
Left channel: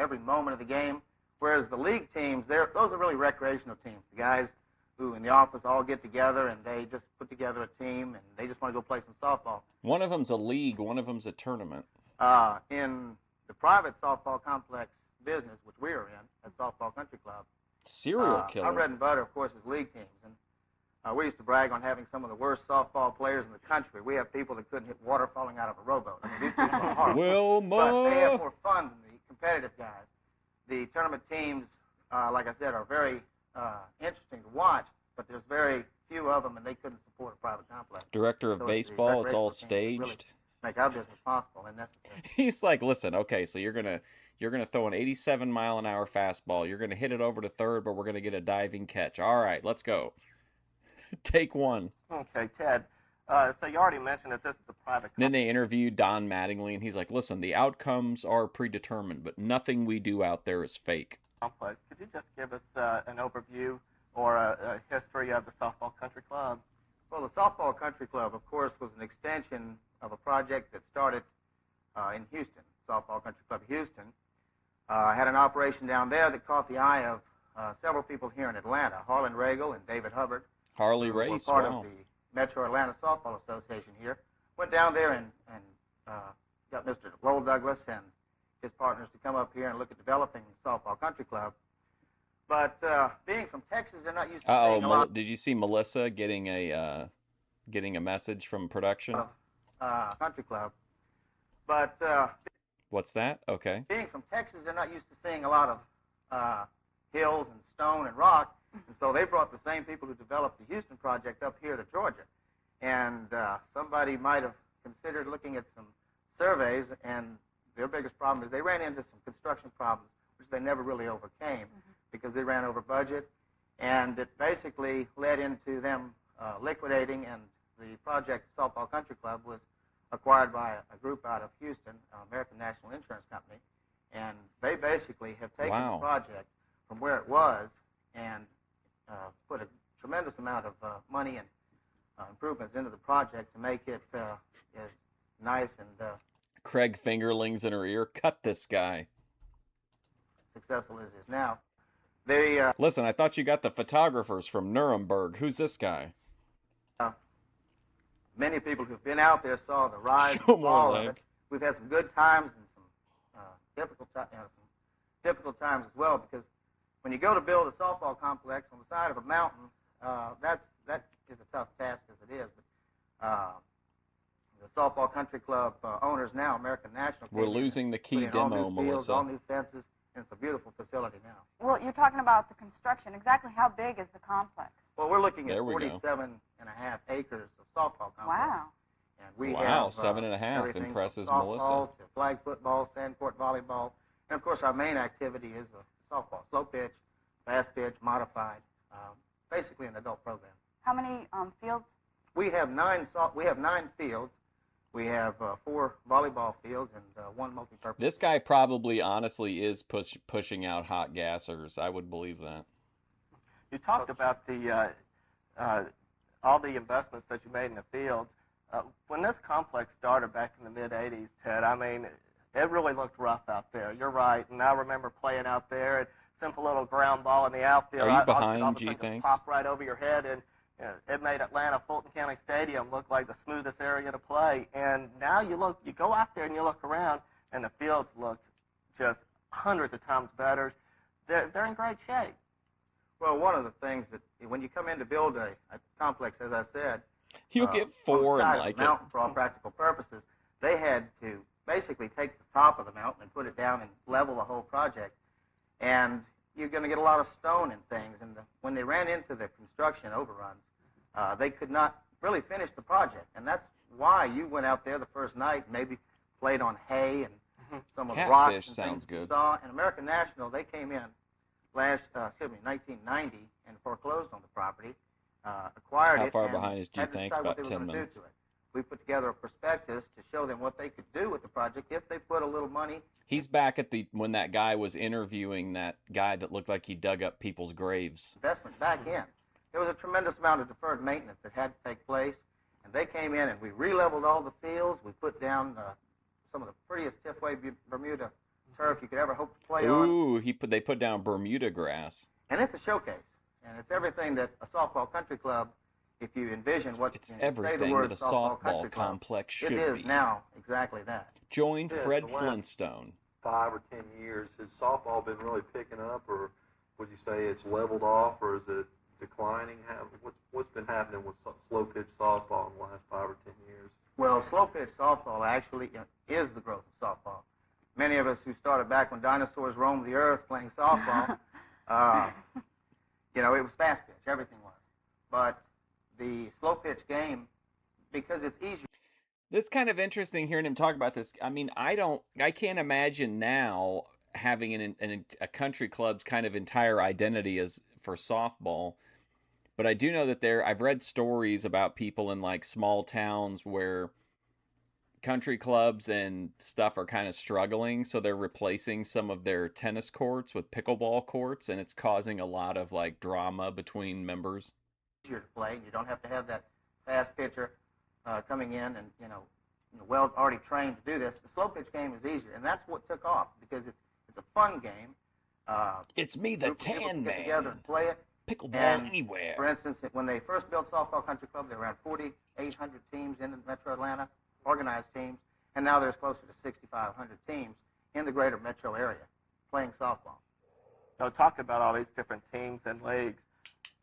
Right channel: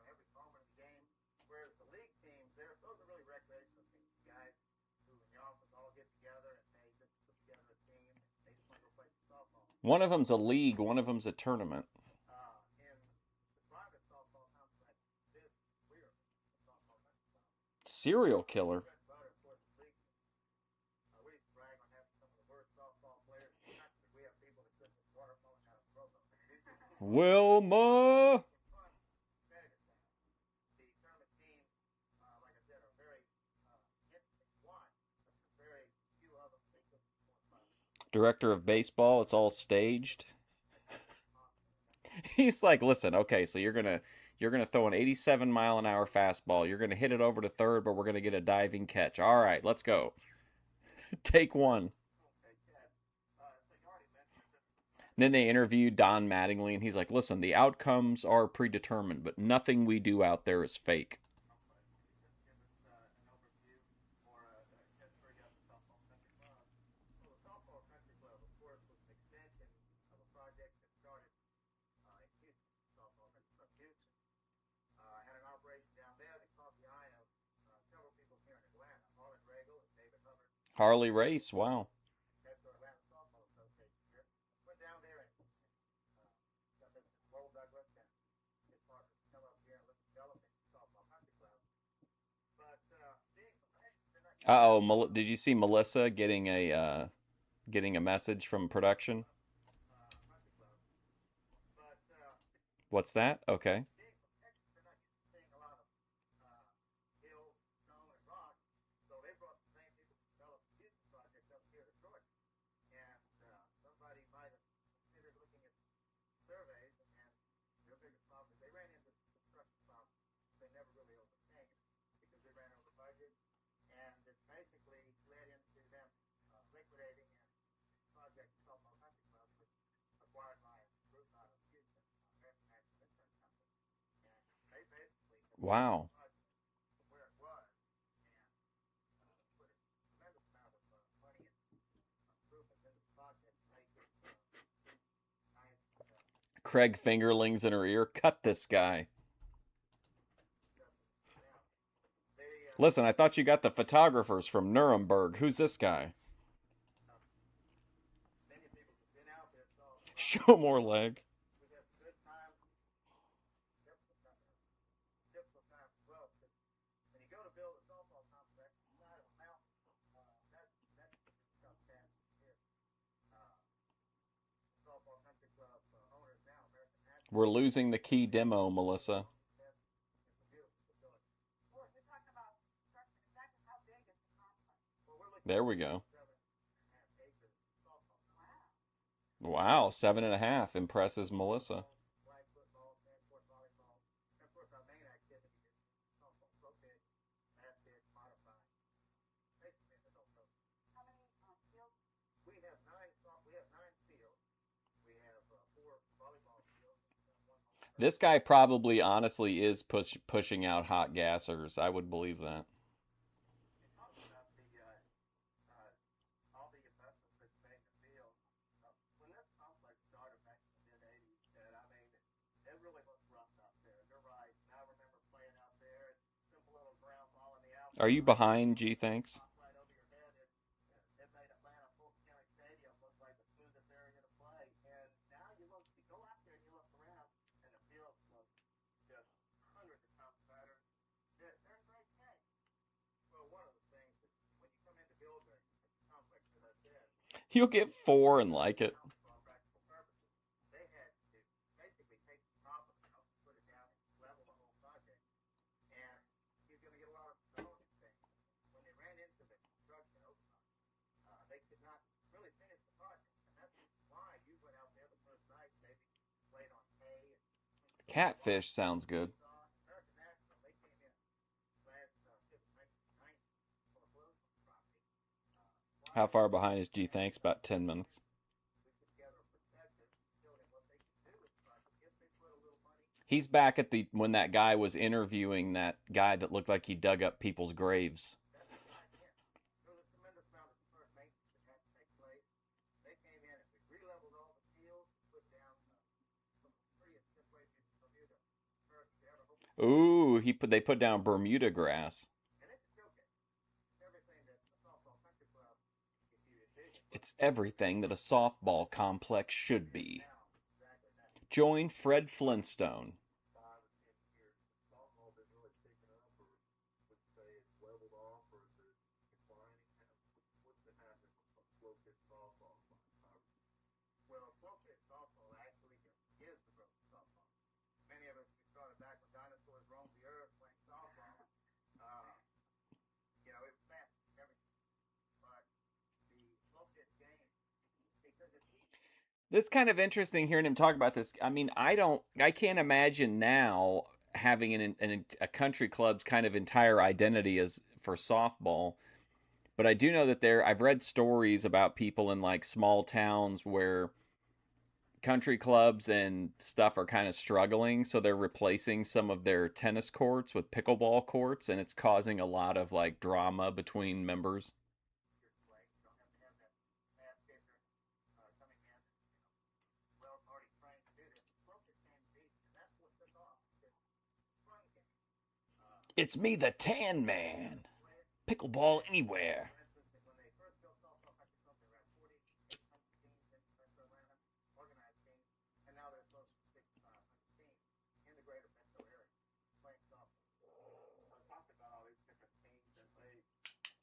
every moment of the game. Whereas the league teams, those are really recreational teams. The guys who in the office all get together and they just put together a team and they just want to go play some softball. One of them's a league, one of them's a tournament. In the private softball complex business, which we are in at Softball Country Club, Serial killer. Our bread and butter, of course, is league teams. And we used to brag on having some of the worst softball players in the country. We have people that couldn't hit water falling out of a rowboat. I mean, these people are horrible. Wilma! But they have more fun than the competitive guys. The tournament teams, like I said, are very interesting to watch, but there's very few of them, and they couldn't support a private complex. Director of So baseball, it's all recreational teams really staged. make our business possible, and that's He's like, listen, okay, so you're gonna throw an 87-mile-an-hour fastball. You're gonna hit it over to third, but we're gonna get a diving catch. All right, let's go. Take one. Okay, Ted. So you already mentioned that this is a private. Then they interviewed Don Mattingly, and he's like, listen, the outcomes are predetermined, but nothing we do out there is fake. Complex. Could you just give us an overview or a history of the Softball Country Club? Well, the Softball Country Club, of course, was an extension of a project that started in Houston, Softball Country Club Houston. Had an operation down there that caught the eye of several people here in Atlanta, Harlan Regal and David Hubbard. Harley who were Race, part wow. of the Metro Atlanta Softball Association here. Went down there and got Mr. Lowell Douglas and his partners to come up here and look at developing the Softball Country Club. But being from Texas, they're not used to seeing a lot Did you see Melissa getting a message from production? of country club. But What's that? Okay. being from Texas, they're not used to seeing a lot of hills and stone and rock. And so they brought the same people who developed the Houston project up here to Georgia. And somebody might have considered looking at some surveys, and their biggest problem is they ran into some construction problems, which they never really overcame because they ran over budget. And it basically led into them liquidating, and the project Softball Country Club was acquired by a group out of Houston, American National Insurance Company. And they basically have taken Wow. the project from where it was and put a tremendous amount of money and improvements into the project to make it as nice and Craig fingerlings in her ear. Cut this guy. successful as it is now. They Listen, I thought you got the photographers from Nuremberg. Who's this guy? many people who've been out there saw the rise. Show and more fall of leg. it. We've had some good times and some difficult times as well, because when you go to build a softball complex on the side of a mountain, that is a tough task as it is. But, the softball country club owners now, American National. We're losing the key put in all demo, new fields, Melissa. all new fences, and it's a beautiful facility now. Well, you're talking about the construction. Exactly how big is the complex? Well, we're looking There at we go. 47.5 acres of softball complex. Wow. And we Wow, have, 7.5 everything from impresses softball Melissa. to flag football, sand court volleyball, and of course our main activity is the softball, slow pitch, fast pitch, modified, basically an adult program. How many fields? We have 9 fields. We have 4 volleyball fields and 1 multi-purpose. This guy probably honestly is pushing out hot gassers. I would believe that. You talked about the all the investments that you made in the fields. When this complex started back in the mid-'80s, Ted, I mean, it really looked rough out there. You're right, and I remember playing out there, and simple little ground ball in the outfield. Are you I behind, was G, thinking thanks? Pop right over your head, and it made Atlanta Fulton County Stadium look like the smoothest area to play. And now you go out there and you look around, and the fields look just hundreds of times better. They're in great shape. Well, one of the things that when you come in to build a complex, as I said, You'll get 4 and on the side of like the it. mountain, for all practical purposes, they had to basically take the top of the mountain and put it down and level the whole project. And you're going to get a lot of stone and things. And when they ran into the construction overruns, they could not really finish the project. And that's why you went out there the first night, maybe played on hay and some of the rocks. Catfish and sounds things you good. saw. And American National, they came in 1990, and foreclosed on the property, acquired it. How far and behind is G had to Thanks? decide what About they were 10 gonna do minutes. to it. We put together a prospectus to show them what they could do with the project if they put a little money. He's back at when that guy was interviewing that guy that looked like he dug up people's graves. Investment back in. There was a tremendous amount of deferred maintenance that had to take place, and they came in and we re-leveled all the fields. We put down some of the prettiest stiff-way Bermuda turf you could ever hope to play on. Ooh, they put down Bermuda grass. And it's a showcase, and it's everything that a softball country club, if you envision what It's you say the everything word that a softball softball country club, complex it should is be. now exactly that. Join Yeah, Fred the last Flintstone. 5 or 10 years, has softball been really picking up, or would you say it's leveled off, or is it declining? What's been happening with slow pitch softball in the last 5 or 10 years? Well, slow pitch softball actually is the growth of softball. Many of us who started back when dinosaurs roamed the earth playing softball, it was fast pitch, everything was. But the slow pitch game, because it's easier. This kind of interesting hearing him talk about this. I mean, I can't imagine now having a country club's kind of entire identity as for softball. But I do know that I've read stories about people in like small towns where country clubs and stuff are kind of struggling, so they're replacing some of their tennis courts with pickleball courts, and it's causing a lot of like drama between members. Easier to play. You don't have to have that fast pitcher coming in and well already trained to do this. The slow pitch game is easier, and that's what took off because it's a fun game. It's me, the Groups of people Tan get together Man. and play it. Pickleball And, anywhere. For instance, when they first built Softball Country Club, there were around 4,800 teams in Metro Atlanta, organized teams, and now there's closer to 6,500 teams in the greater metro area playing softball. So talk about all these different teams and leagues.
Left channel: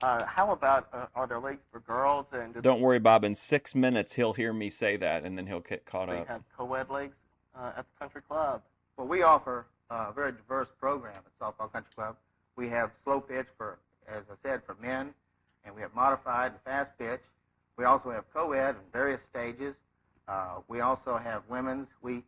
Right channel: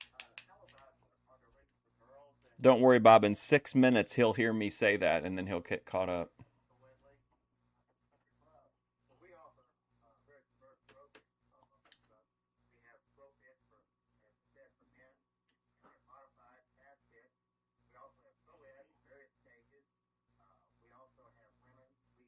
How about, are there leagues for girls? And Don't worry, Bob. In 6 minutes, he'll hear me say that, and then he'll get caught they up. have co-ed leagues at the country club? Well, we offer a very diverse program at Softball Country Club. We have slow pitch for, as I said, for men, and we have modified and fast pitch. We also have co-ed in various stages. We also have women's. We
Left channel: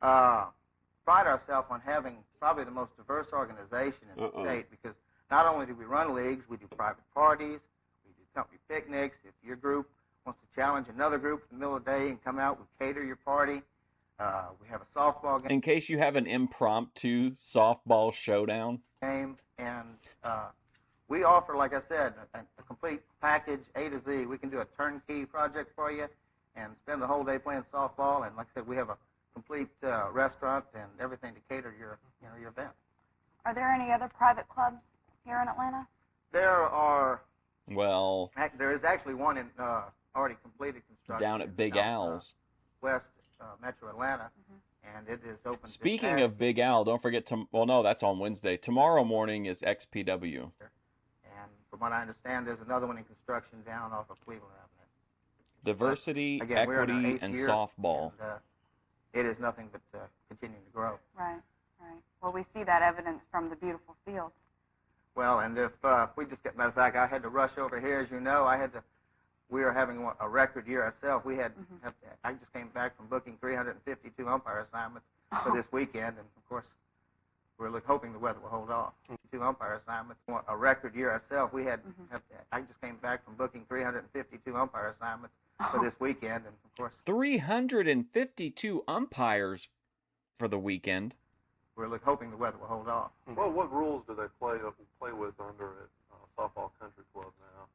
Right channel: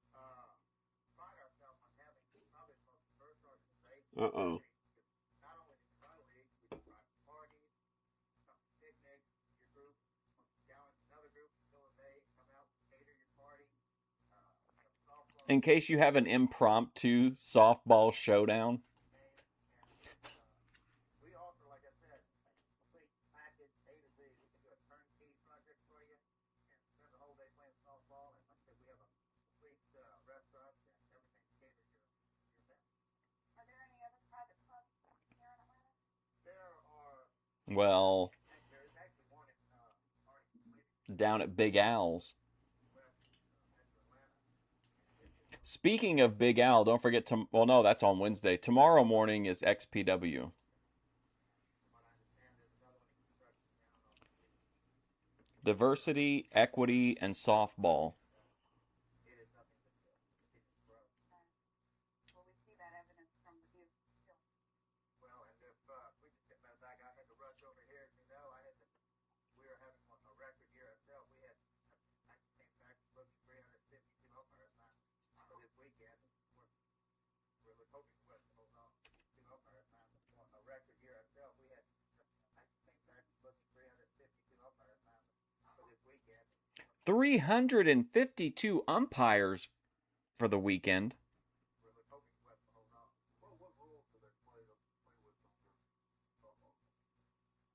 pride ourselves on having probably the most diverse organization in the state because not only do we run leagues, we do private parties, we do company picnics. If your group wants to challenge another group in the middle of the day and come out, we cater your party. We have a softball game. In case you have an impromptu softball showdown. And we offer, like I said, a complete package A to Z. We can do a turnkey project for you. and spend the whole day playing softball. And like I said, we have a complete restaurant and everything to cater your event. Are there any other private clubs here in Atlanta? There is actually one in already completed construction down at Big Al's. West Metro Atlanta, and it is open. Speaking of Big Al, don't forget no, that's on Wednesday. Tomorrow morning is XPW. And from what I understand, there's another one in construction down off of Cleveland Avenue. Diversity, Again, we're in our equity, 8th and year, softball. And, it is nothing but continuing to grow. Right. Well, we see that evidence from the beautiful fields. Well, and if we just get, matter of fact, I had to rush over here, as you know. We are having a record year ourselves. We had, I just came back from booking 352 umpire assignments for this weekend, and of course, we're hoping the weather will hold off. 2 umpire assignments, a record year ourselves. We had, I just came back from booking 352 umpire assignments for this weekend, and of course, 352 umpires for the weekend. we're hoping the weather will hold off. Well, what rules do they play with under at Softball Country Club now?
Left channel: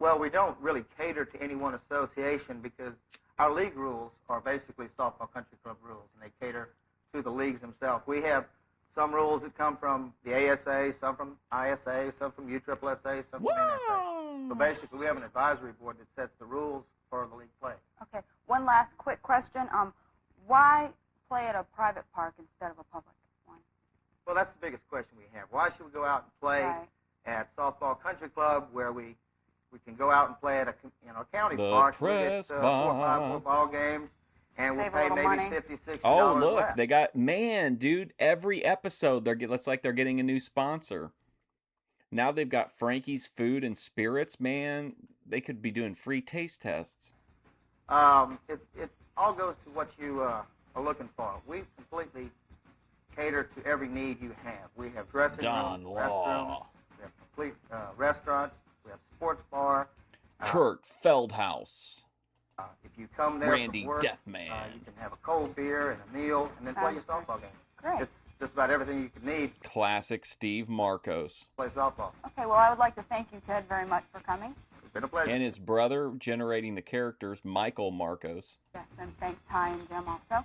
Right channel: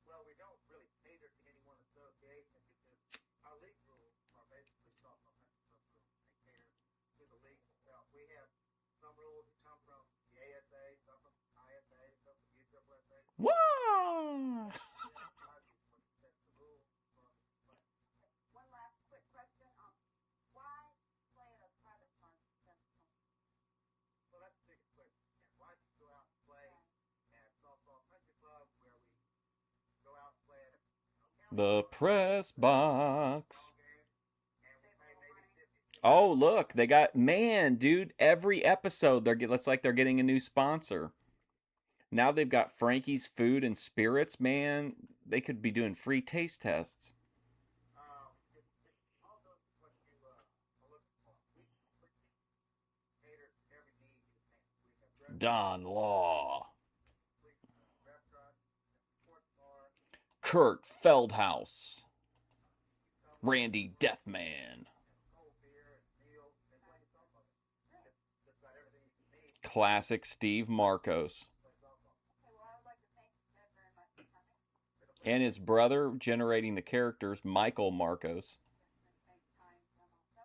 Well, we don't really cater to any one association because our league rules are basically Softball Country Club rules, and they cater to the leagues themselves. We have some rules that come from the ASA, some from ISA, some from USSSA, some from NSA. So basically, we have an advisory board that sets the rules for the league play. Okay. One last quick question. Why play at a private park instead of a public one? Well, that's the biggest question we have. Why should we go out and play at Softball Country Club where we can go out and play at a county The park? press we get, 4 or 5 box. football games, and we'll Save a pay little maybe money. $50, $60 Oh, look, less. they got, dude, every episode, it's like they're getting a new sponsor. Now they've got Frankie's Food and Spirits, man. They could be doing free taste tests. It all goes to what you are looking for. We completely cater to every need you have. We have dressing Don rooms, Law. restrooms, we have complete restaurant, we have sports bar. Kurt Feldhaus. If you come there Randy for work, Deathman. you can have a cold beer and a meal, and then play your softball game. Great. It's just about everything you can need to Classic Steve Marcos. play softball. Okay, well, I would like to thank you, Ted, very much for coming. It's been a pleasure. And his brother generating the characters, Michael Marcos. Yes, and thank Ty and Jim also.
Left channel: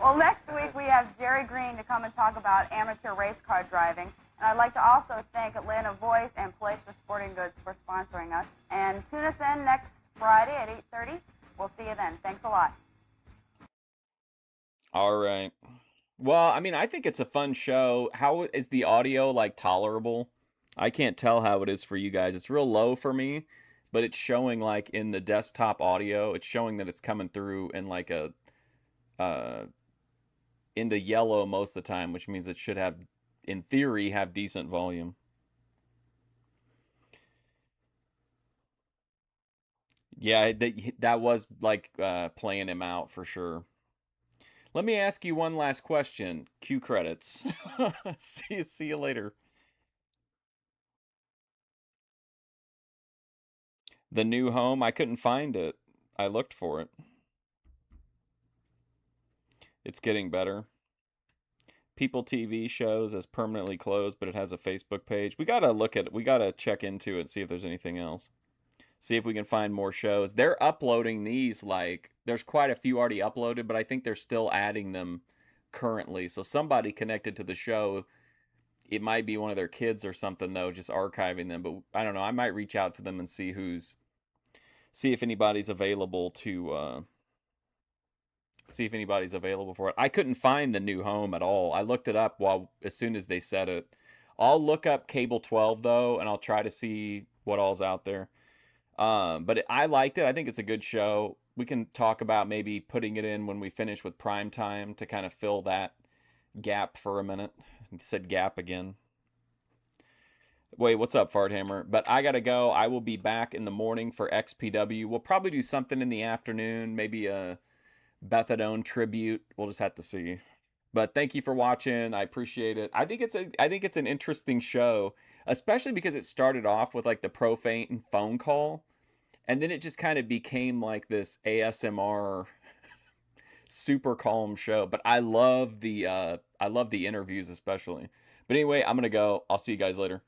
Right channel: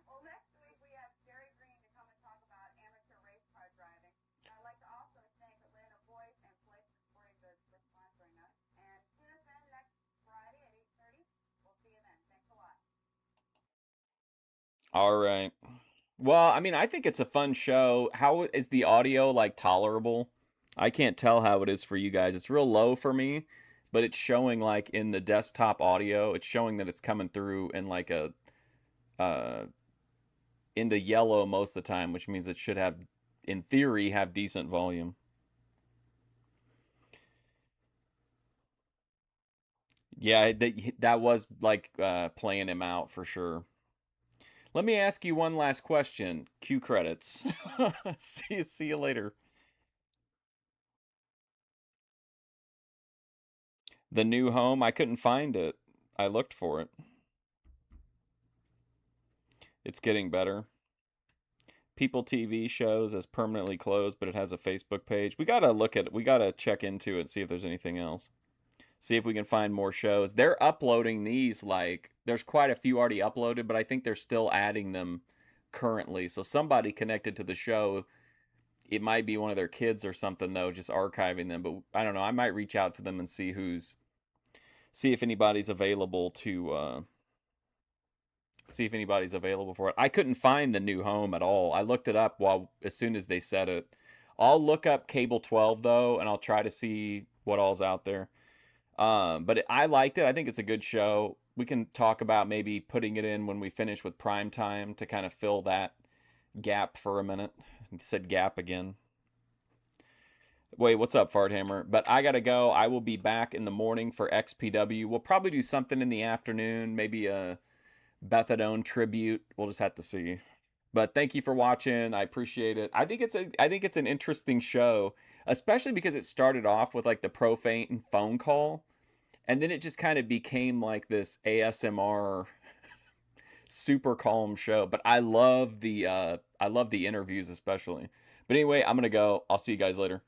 Well, next week we have Jerry Green to come and talk about amateur race car driving. And I'd like to also thank Atlanta Voice and Palatial Sporting Goods for sponsoring us. And tune us in next Friday at 8:30. We'll see you then. Thanks a lot. All right. Well, I mean, I think it's a fun show. How is the audio, tolerable? I can't tell how it is for you guys. It's real low for me, but it's showing, in the desktop audio, it's showing that it's coming through in, into yellow most of the time, which means it should have, in theory, have decent volume. Yeah, that was, playing him out for sure. Let me ask you one last question. Cue credits. See you later. The new home, I couldn't find it. I looked for it. It's getting better. People TV shows as permanently closed, but it has a Facebook page. We gotta check into it, see if there's anything else. See if we can find more shows. They're uploading these, there's quite a few already uploaded, but I think they're still adding them currently. So somebody connected to the show, it might be one of their kids or something, though, just archiving them. But I don't know. I might reach out to them and see if anybody's available to, see if anybody's available for it. I couldn't find the new home at all. I looked it up as soon as they said it. I'll look up Cable 12, though, and I'll try to see what all's out there. But I liked it. I think it's a good show. We can talk about maybe putting it in when we finish with Prime Time to kind of fill that gap for a minute. I said gap again. Wait, what's up, Farthammer? But I gotta go. I will be back in the morning for XPW. We'll probably do something in the afternoon, maybe a Bethadone tribute. We'll just have to see. But thank you for watching. I appreciate it. I think it's an interesting show, especially because it started off with the profane phone call, and then it just kind of became this ASMR super calm show. But I love the interviews especially. But anyway, I'm gonna go. I'll see you guys later.